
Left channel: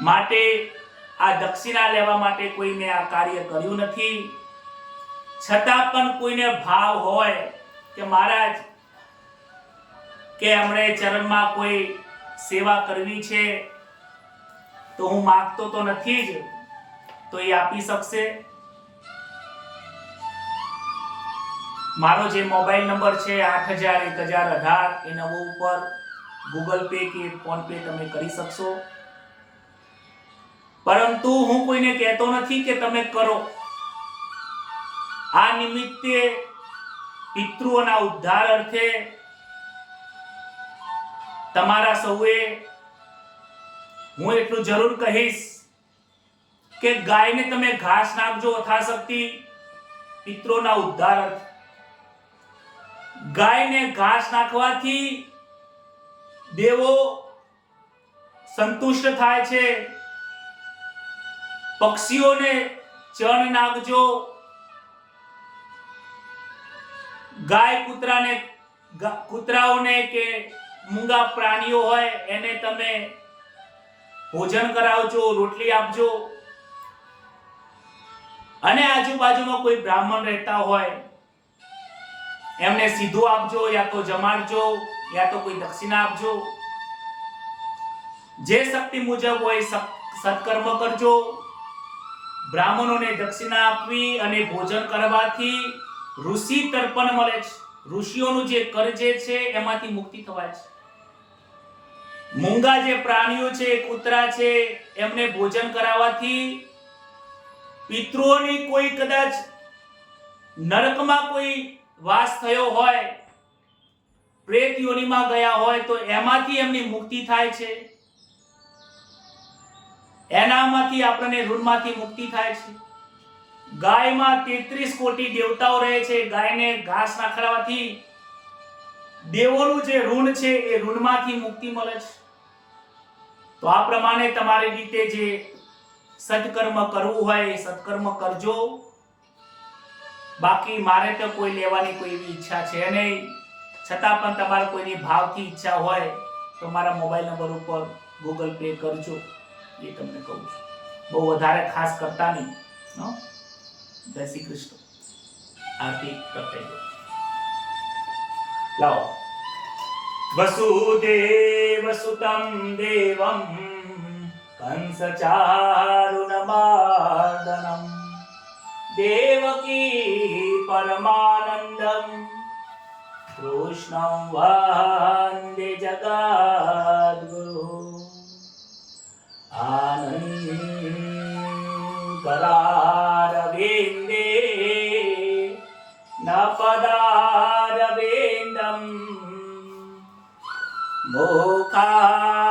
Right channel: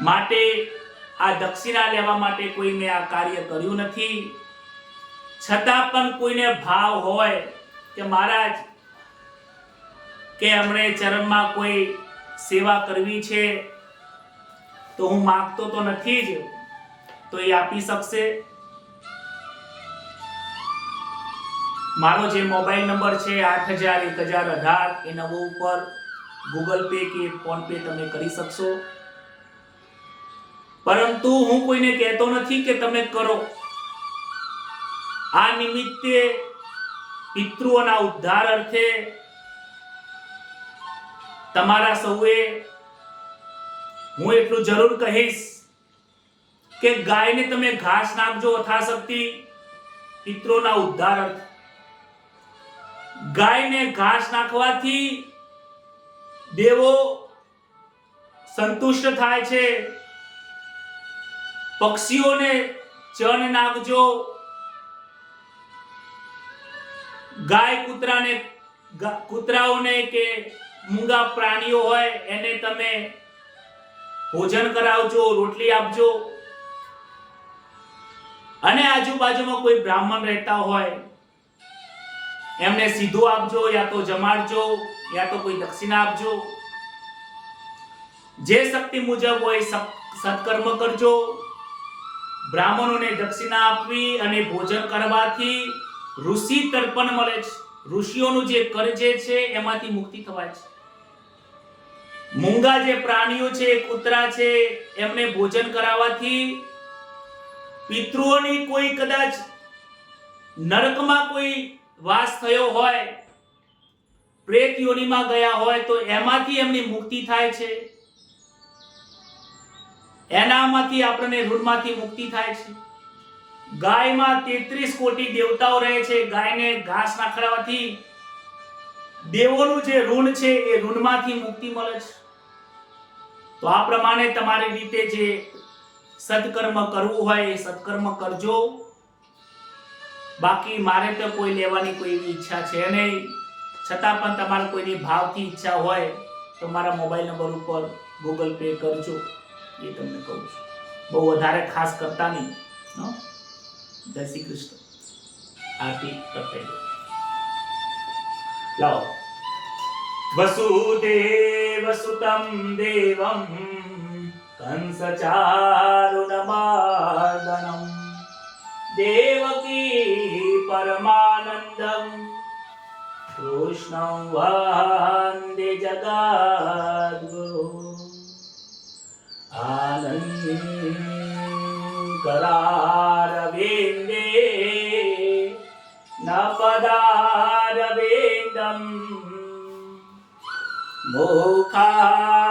માટે આ દક્ષિણા લેવા માટે કોઈ મેં આ કાર્ય કર્યું નથી. છતાં પણ કોઈને ભાવ હોય કે મહારાજ કે અમને ચરણમાં કોઈ સેવા કરવી છે, તો હું માંગતો તો નથી જ, તો એ આપી શકશે. મારો જે મોબાઈલ નંબર છે 80001018 એ નંબર ઉપર ગૂગલ પે કે ફોન પે તમે કરી શકશો. પરંતુ હું કોઈને કહેતો નથી કે તમે કરો. આ નિમિત્તે પિતૃઓના ઉદ્ધાર અર્થે તમારા સૌએ હું એટલું જરૂર કહીશ કે ગાયને તમે ઘાસ નાખજો યથાશક્તિ પિતૃઓના ઉદ્ધાર અર્થે. ગાયને ઘાસ નાખવાથી દેવો સંતુષ્ટ થાય છે. પક્ષીઓને ચણ નાખજો. ગાય કૂતરાઓને કે મૂંગા પ્રાણીઓ હોય એને તમે ભોજન કરાવજો, રોટલી આપજો. અને આજુબાજુમાં કોઈ બ્રાહ્મણ રહેતા હોય એમને સીધું આપજો, યા તો જમાડજો, યા તો કોઈ દક્ષિણા આપજો. જે શક્તિ મુજબ હોય સત્કર્મ કરજો. બ્રાહ્મણોને દક્ષિણા આપવી અને ભોજન કરવાથી ઋષિ તર્પણ મળે છે. ઋષિઓનું જે કર્જ છે એમાંથી મુક્તિ થવાય છે. મૂંગા જે પ્રાણીઓ છે, કૂતરા છે, એમને ભોજન કરાવવાથી પિતૃઓની કોઈ કદાચ નરકમાં કોઈ વાસ થયો હોય, પ્રેત યોનિમાં ગયા હોય, તો એમાંથી એમની મુક્તિ થાય છે. એનામાંથી આપણને ઋણમાંથી મુક્તિ થાય છે. ગાયમાં 33 કોટી દેવતાઓ રહે છે. ગાયને ઘાસ નાખવાથી દેવોનું જે ઋણ છે એ ઋણમાંથી મુક્તિ મળે છે. તો આ પ્રમાણે તમારી રીતે જે સત્કર્મ કરવું હોય એ સત્કર્મ કરજો. બાકી મારે તો કોઈ લેવાની કોઈ એવી ઈચ્છા છે નહીં. છતાં પણ તમારે કોઈની ભાવથી ઈચ્છા હોય તો મારા મોબાઈલ નંબર ઉપર ગૂગલ પે કરજો. એ તમને કહું છું. બહુ વધારે ખાસ કરતા નહીં. જય શ્રી કૃષ્ણ. આરતી કરતે લાવો. વસુદેવ સુતમ દેવમ કંસ ચારુણમાર્દનમ દેવકી પરમાનંદમ કૃષ્ણં વંદે જગદ્ગુરુ આનંદકરારવિંદે નપદારવિંદમ મુખારવિંદે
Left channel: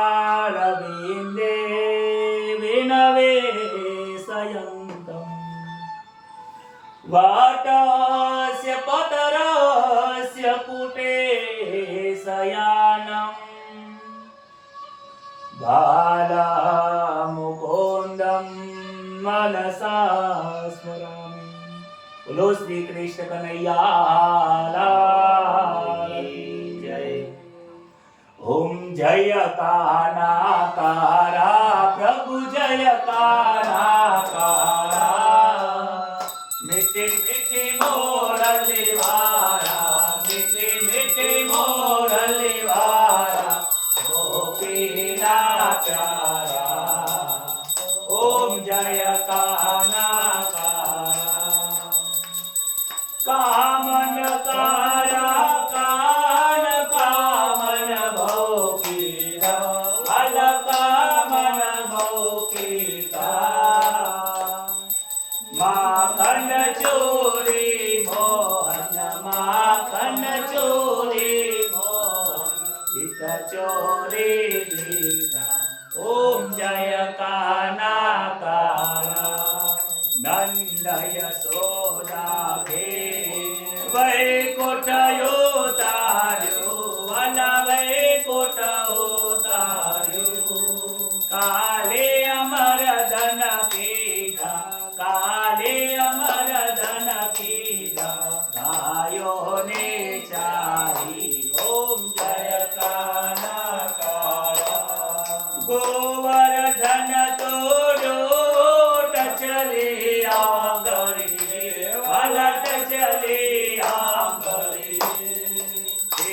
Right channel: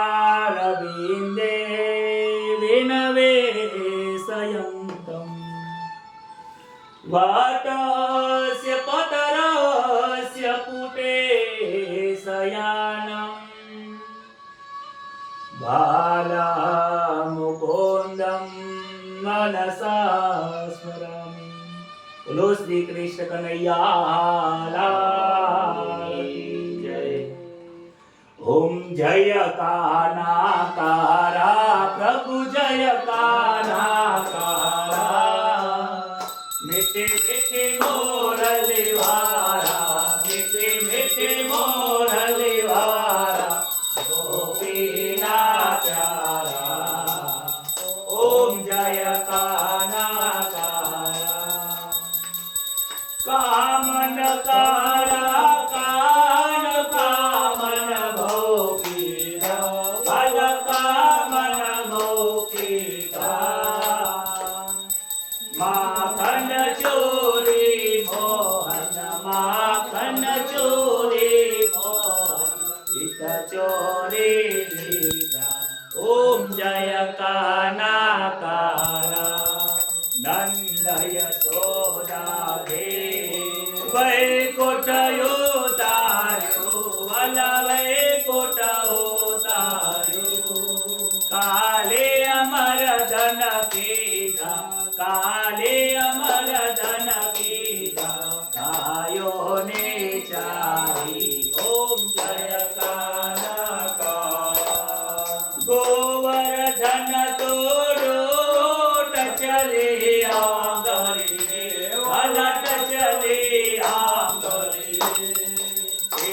વિનવેશયંતમ વટસ્ય પતરસ્ય પુટે શયાનમ બાલામુકોંદમ મનસા સ્મરામિ. બોલો શ્રી કૃષ્ણ કનૈયા લાલ કી જય. ઓમ જય કાનાકારા પ્રભુ જય કાનાકારા મીઠે મીઠે મોરલી વારા મીઠે મીઠે મોરલી વારા ગોપીના પ્યારા. ઓમ જય કાનાકારા કામન કારા કાન કામન ભોગીરા વલ કામન ભોગીરા માખન ચોરી મોહન માખન ચોરી મોહન ચિત ચોરી લીધા. ઓમ જય કાનાકારા નંદ યશોદા ભે વૈકુંઠ ઉતાર્યો વલ વૈકુંઠ ઉતાર્યો. કાલે અમર ધન કીધા કાલે અમર ધન કીધા ગાયો ને ચારી. ઓમ જય કાનાકારા ગોવર્ધન તોડો ટચલે આંગળી વલટ ચલે આંગળી.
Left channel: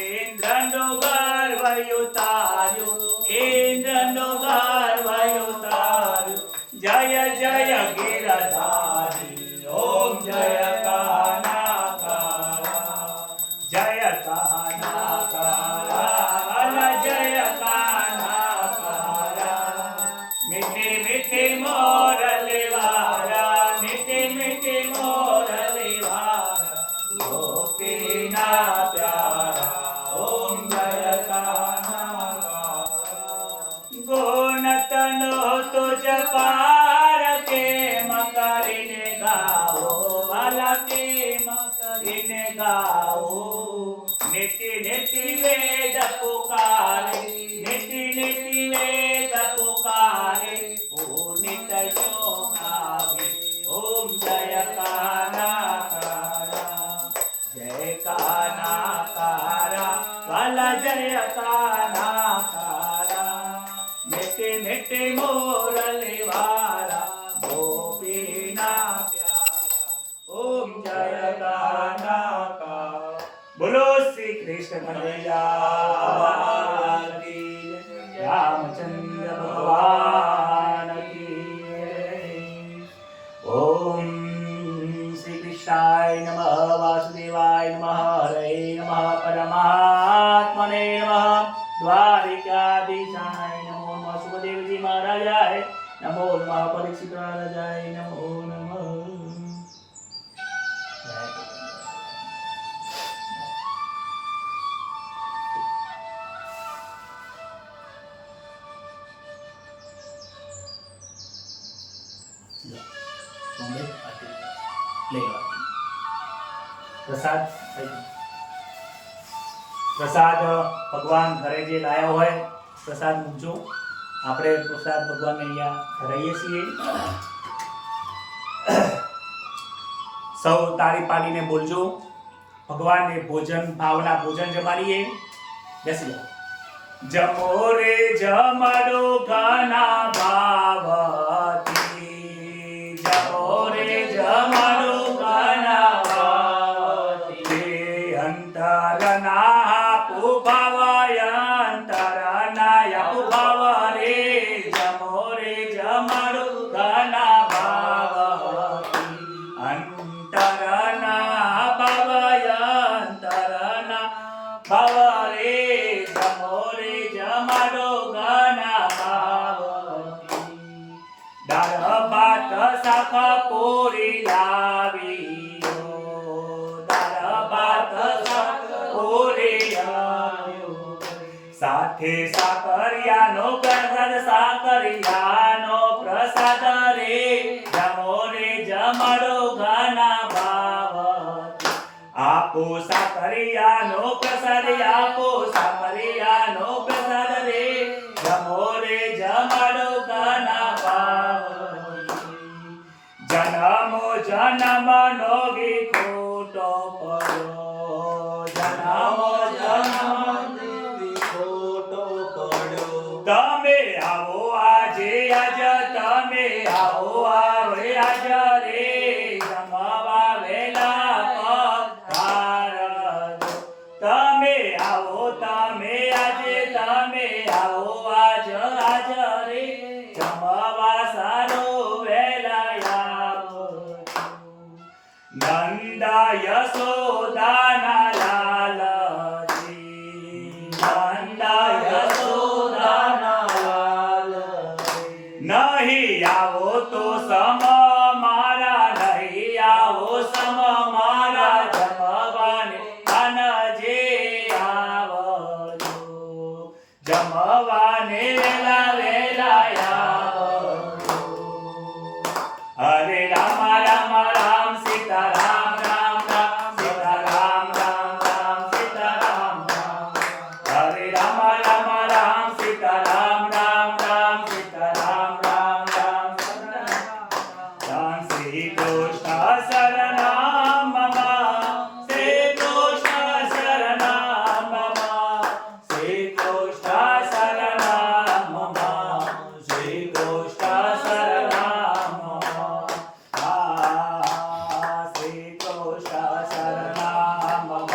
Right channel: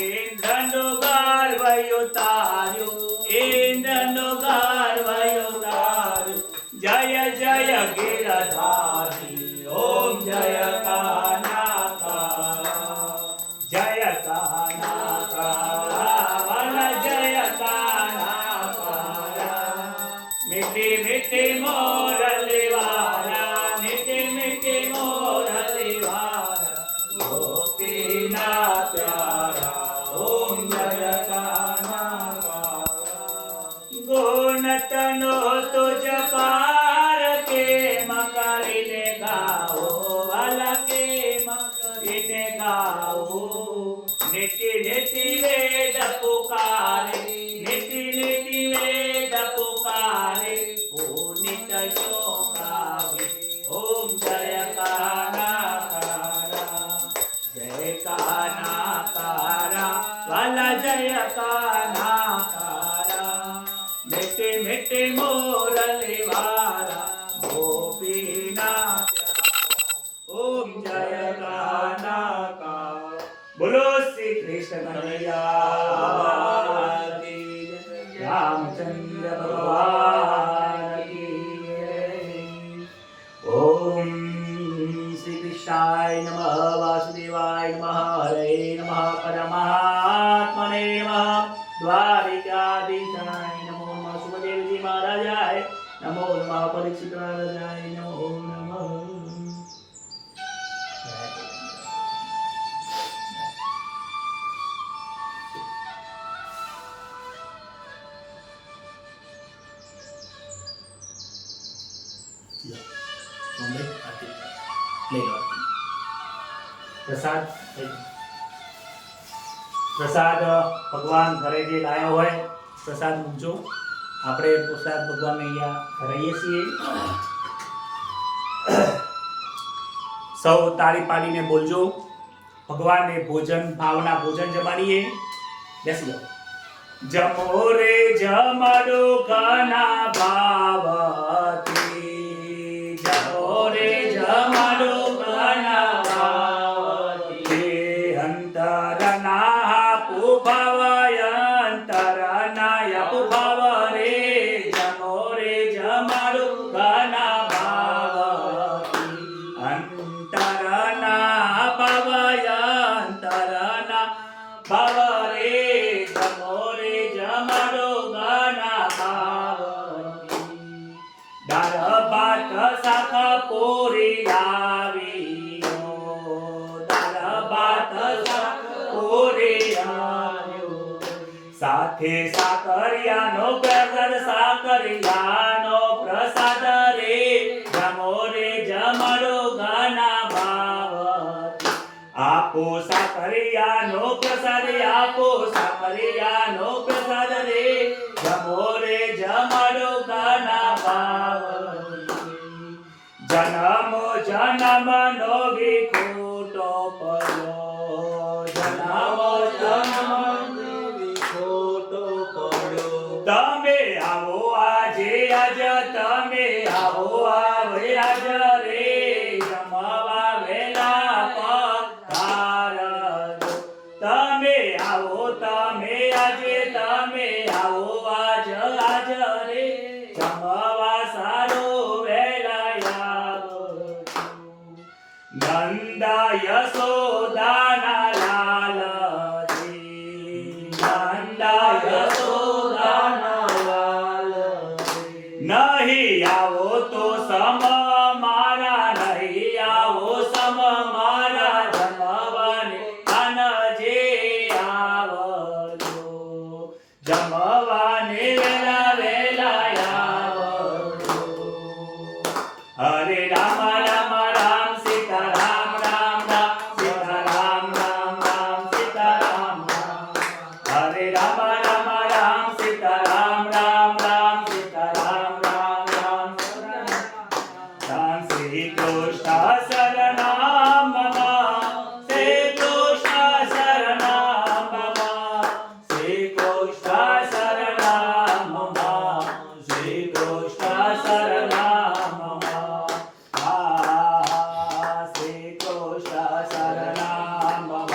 ઇન્દ્રનો ગર્વ ઉતાર્યો ઇન્દ્રનો ગર્વ ઉતાર્યો જય જય ગિરધારી. ઓમ જય કાનાકારા જય કાનાકારા વલ જય કાનાકારા મીઠી મીઠી મોરલી વારા મીઠી મીઠી મોરલી વારા ગોપીના પ્યારા. ઓમ જય કાનાકારા ગુણતનો તુજ પાર કે મકરીને ગાઓ વાલા કે મકરીને ગાઓ. નીતિ નીતિ વેદ પુકારે નીતિ નીતિ વેદ પુકારે પુનિત યોગાવે. ઓમ જય કાનાકારા જય કાનાકારા વલ જય કાનાકારા મીઠે મીઠે મોરલી વારા ગોપીના પ્યારા. ઓમ જય કાનાકારા. બોલો શ્રી કૃષ્ણ કનૈયા કી જય. રામચંદ્ર ભગવાન કી જય. ઓમ શ્રી કૃષ્ણાય નમઃ વાસુદેવાય નમઃ હરે નમઃ પરમાત્મને નમઃ દ્વારિકાધીશાય નમો નમઃ સુખદેવજી મહારાજાય નમો નમઃ પરીક્ષિત મહારાજાય નમો નમઃ. પ્રસાદ પ્રસાદ ભગવાન ઘરે જે લાયા હોય પ્રસાદ મૂકજો. આપણે પ્રસાદ ભગવાનને અહીંયા ધરાઈએ છીએ. સૌ તાળી પાડીને બોલજો. ભગવાનને ભોજન ભાવના ભોજન જમાડીએ. બેસી જાઓ. જમો રે જમાડો ઘના ભાવથી, જમો રે જમાડો ઘના ભાવથી, અંતરના આપુ ભાવાય અંતરના આપુ ભાવ રે, જમો રે જમાડો ઘના ભાવથી, અંતરના ભાવાય અંતરના ભાવ રે, જમો રે જમાડો ઘના ભાવથી, દાળ ભાત શાક પૂરી લાવ્યો, દાળ ભાત શાક પૂરી લાવ્યો, સાથે સાકરિયાનો પ્રસાદ, સાકરિયાનો પ્રસાદ રે, જમો રે જમાડો ઘના ભાવથી, આપો સાકરિયાનો પ્રસાદ, આપો સાકરિયાનો પ્રસાદ રે, જમો રે જમાડો ઘના ભાવથી, જન્મો જન્મનો વિખૂટો પડ્યો, જન્મો જન્મનો વિખૂટો પડ્યો, તમે આવો આજે આજ, તમે આવો આવે આજ રે, જમવા વેલા પધારજો, તમે આવો તમે આજે, તમે આવો આજ આજ રે, જમવા સારો વેલા આવજો, નંદા યશોદાના લાલજી, નંદા યશોદાના લાલજી, નહીં આવો તો સમ મારા, નહીં આવો સમ મારા, જમવાને આનજે આવજો, જમવાને વેલા વેલા આવજો, હરે રામ રામ રામ સીતા રામ રામ રામ, સીતા રામ રામ રામ, સીતા રામ રામ, હરે રામ રામ રામ સીતા રામ રામ રામ, સીતા રામ રામ રામ, રામ શ્રી કૃષ્ણ શરણમ મમ, શ્રી કૃષ્ણ શરણમ મમ, શ્રી કૃષ્ણ શરણમ મમ, શ્રી કૃષ્ણ શરણમ મમ, શ્રી કૃષ્ણ શરણમ મમ,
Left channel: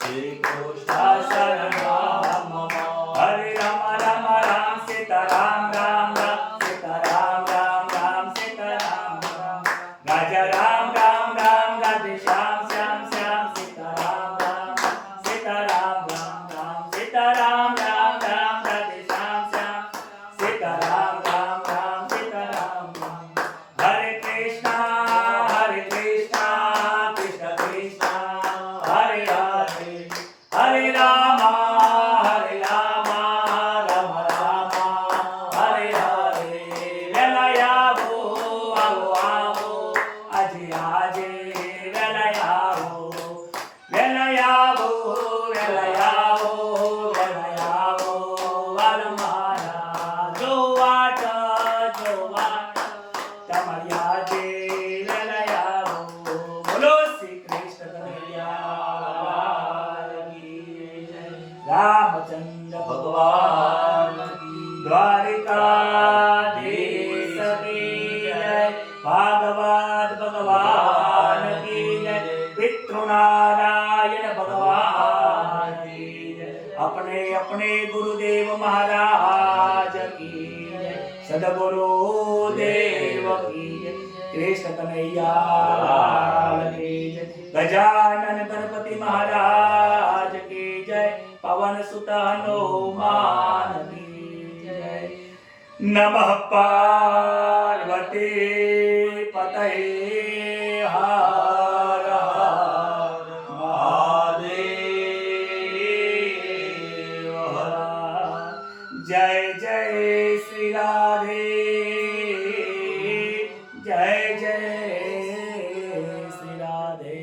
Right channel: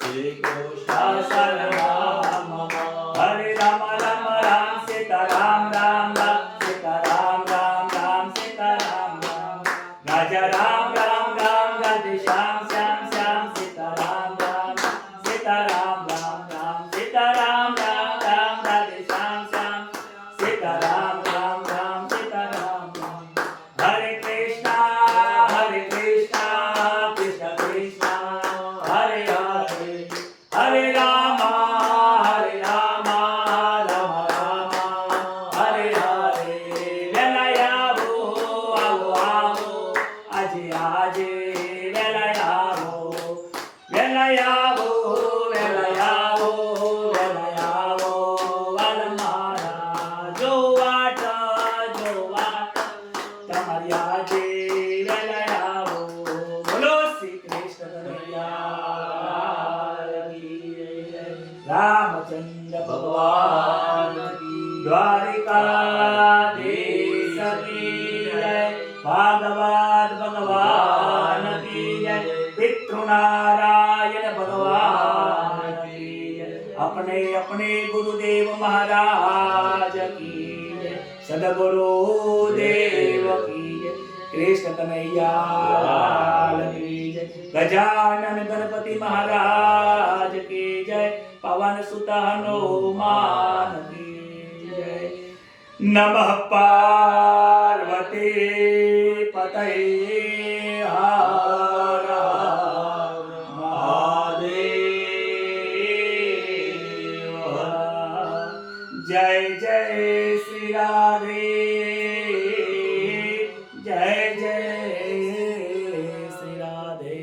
શ્રી કૃષ્ણ શરણમ મમ, હરે રામ રામ રામ સીતા રામ રામ રામ, સીતા રામ રામ રામ, સીતા રામ રામ, રાજા રામ રામ રામ, રાધે શ્યામ શ્યામ શ્યામ, સીતા રામ રામ, સીતા રામ રામ રામ, સીતા રામ રામ રામ, રાધે શ્યામ શ્યામ, સીતા રામ રામ રામ, સીતા રામ રામ, હરે કૃષ્ણ કૃષ્ણ કૃષ્ણ, હરે હરે, હરે રામ રામ રામ રામ, હરે હરે, વેલા આવો આવો આવો, આજે આજે વેલા આવો, વેલા આવો વેલા આવો, વેલા આવો વાલ મારા, જો વાટ તમારી આજે વેલા આવો, બોલો શ્રી કૃષ્ણ કનૈયા કી જય, રામચંદ્ર ભગવાન કી, દ્વારિકાધીશ કી જય, ભાગવત ભગવાન કી જય, पितृनारायण भगवान की जय, अपने अपने गुरुदेव महाराज की जय, सदगुरुदेव की जय, कृष्ण कन्हैया लाल की जय, गजानन गणपति महाराज की जय, पवन सुत हनुमान की जय, नमः पार्वती पतये हर हर महादेव, जय जय श्री राधे, जय जय श्री राधे।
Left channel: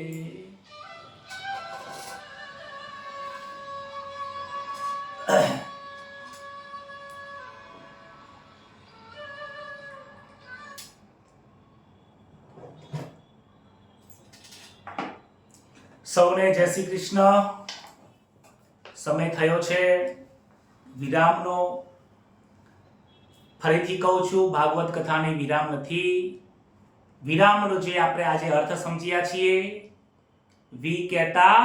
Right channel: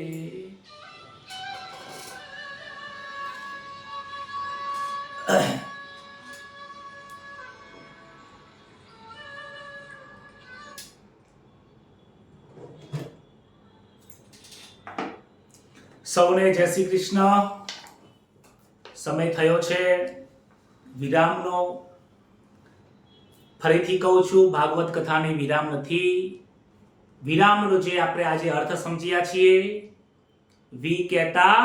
સૌને જય શ્રી કૃષ્ણ। સમય થયો છે વિરામનો ફરીથી કહું છું, ભાગવત કથાની વિરામ નથી. વિરામનો જે આપણે આજે અર્થ સમજ્યા છીએ, વી કહેતા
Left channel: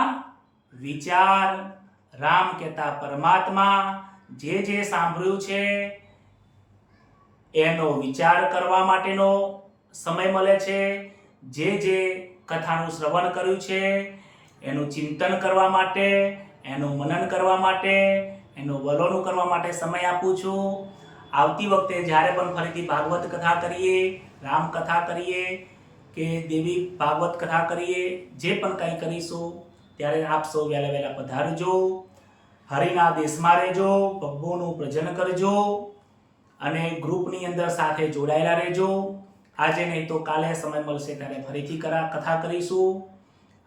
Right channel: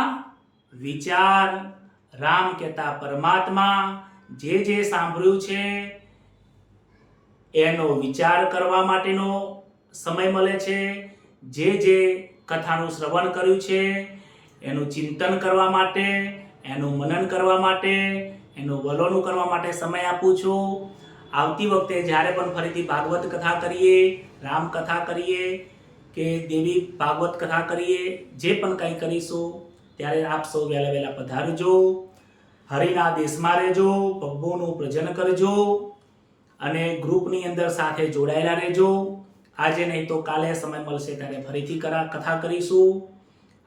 વિચાર, રામ કહેતા પરમાત્મા, જે સાંભળ્યું છે એનો વિચાર કરવા માટેનો સમય મળે છે. જે કથાનું શ્રવણ કર્યું છે એનું ચિંતન કરવા માટે, એનું મનન કરવા માટે, એનું વલોણું કરવા માટે સમય આપું છું. આવતી વખતે જ્યારે પણ ફરીથી ભાગવત કથા કરીએ, રામ કથા કરીએ કે દેવી ભાગવત કથા કરીએ, જે પણ કંઈ કરીશું ત્યારે આપ સૌ વહેલા વહેલા પધારજો, હરિના દેશમાં રહેજો, પ્રભુનું ભજન કરજો અને ગ્રુપની અંદર સાથે જોડાયેલા રહેજો. આજે નહીં તો કાલે સમય મળશે ત્યારે ફરીથી કથા કરીશું.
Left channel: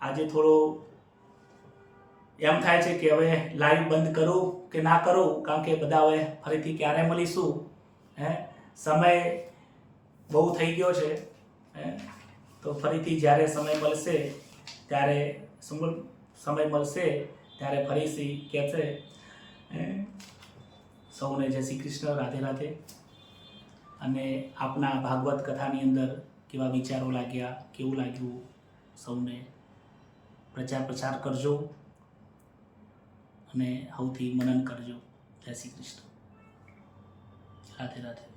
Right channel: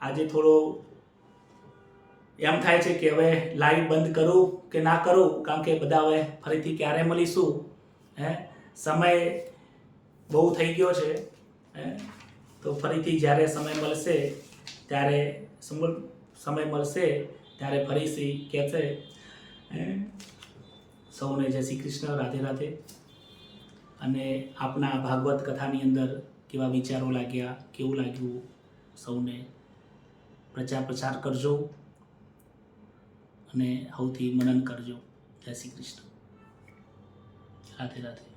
આજે થોડો એમ થાય છે કે હવે લાઈવ બંધ કરું કે ના કરું, કારણ કે બધા હવે ફરીથી ક્યારે મળીશું, સમય બહુ થઈ ગયો છે. તો ફરીથી જ્યારે સમય મળશે ત્યારે ફરીથી કહેશે. સૌને જય શ્રી કૃષ્ણ, રાધે રાધે. અને આપના ભાગવત કથાની અંદર કેવા વિચારો લાગ્યા, કેવું લાગ્યું, સૌને પ્રચાર કરજો અને સૌથી મનન કરજો. જય શ્રી કૃષ્ણ, રાધે રાધે.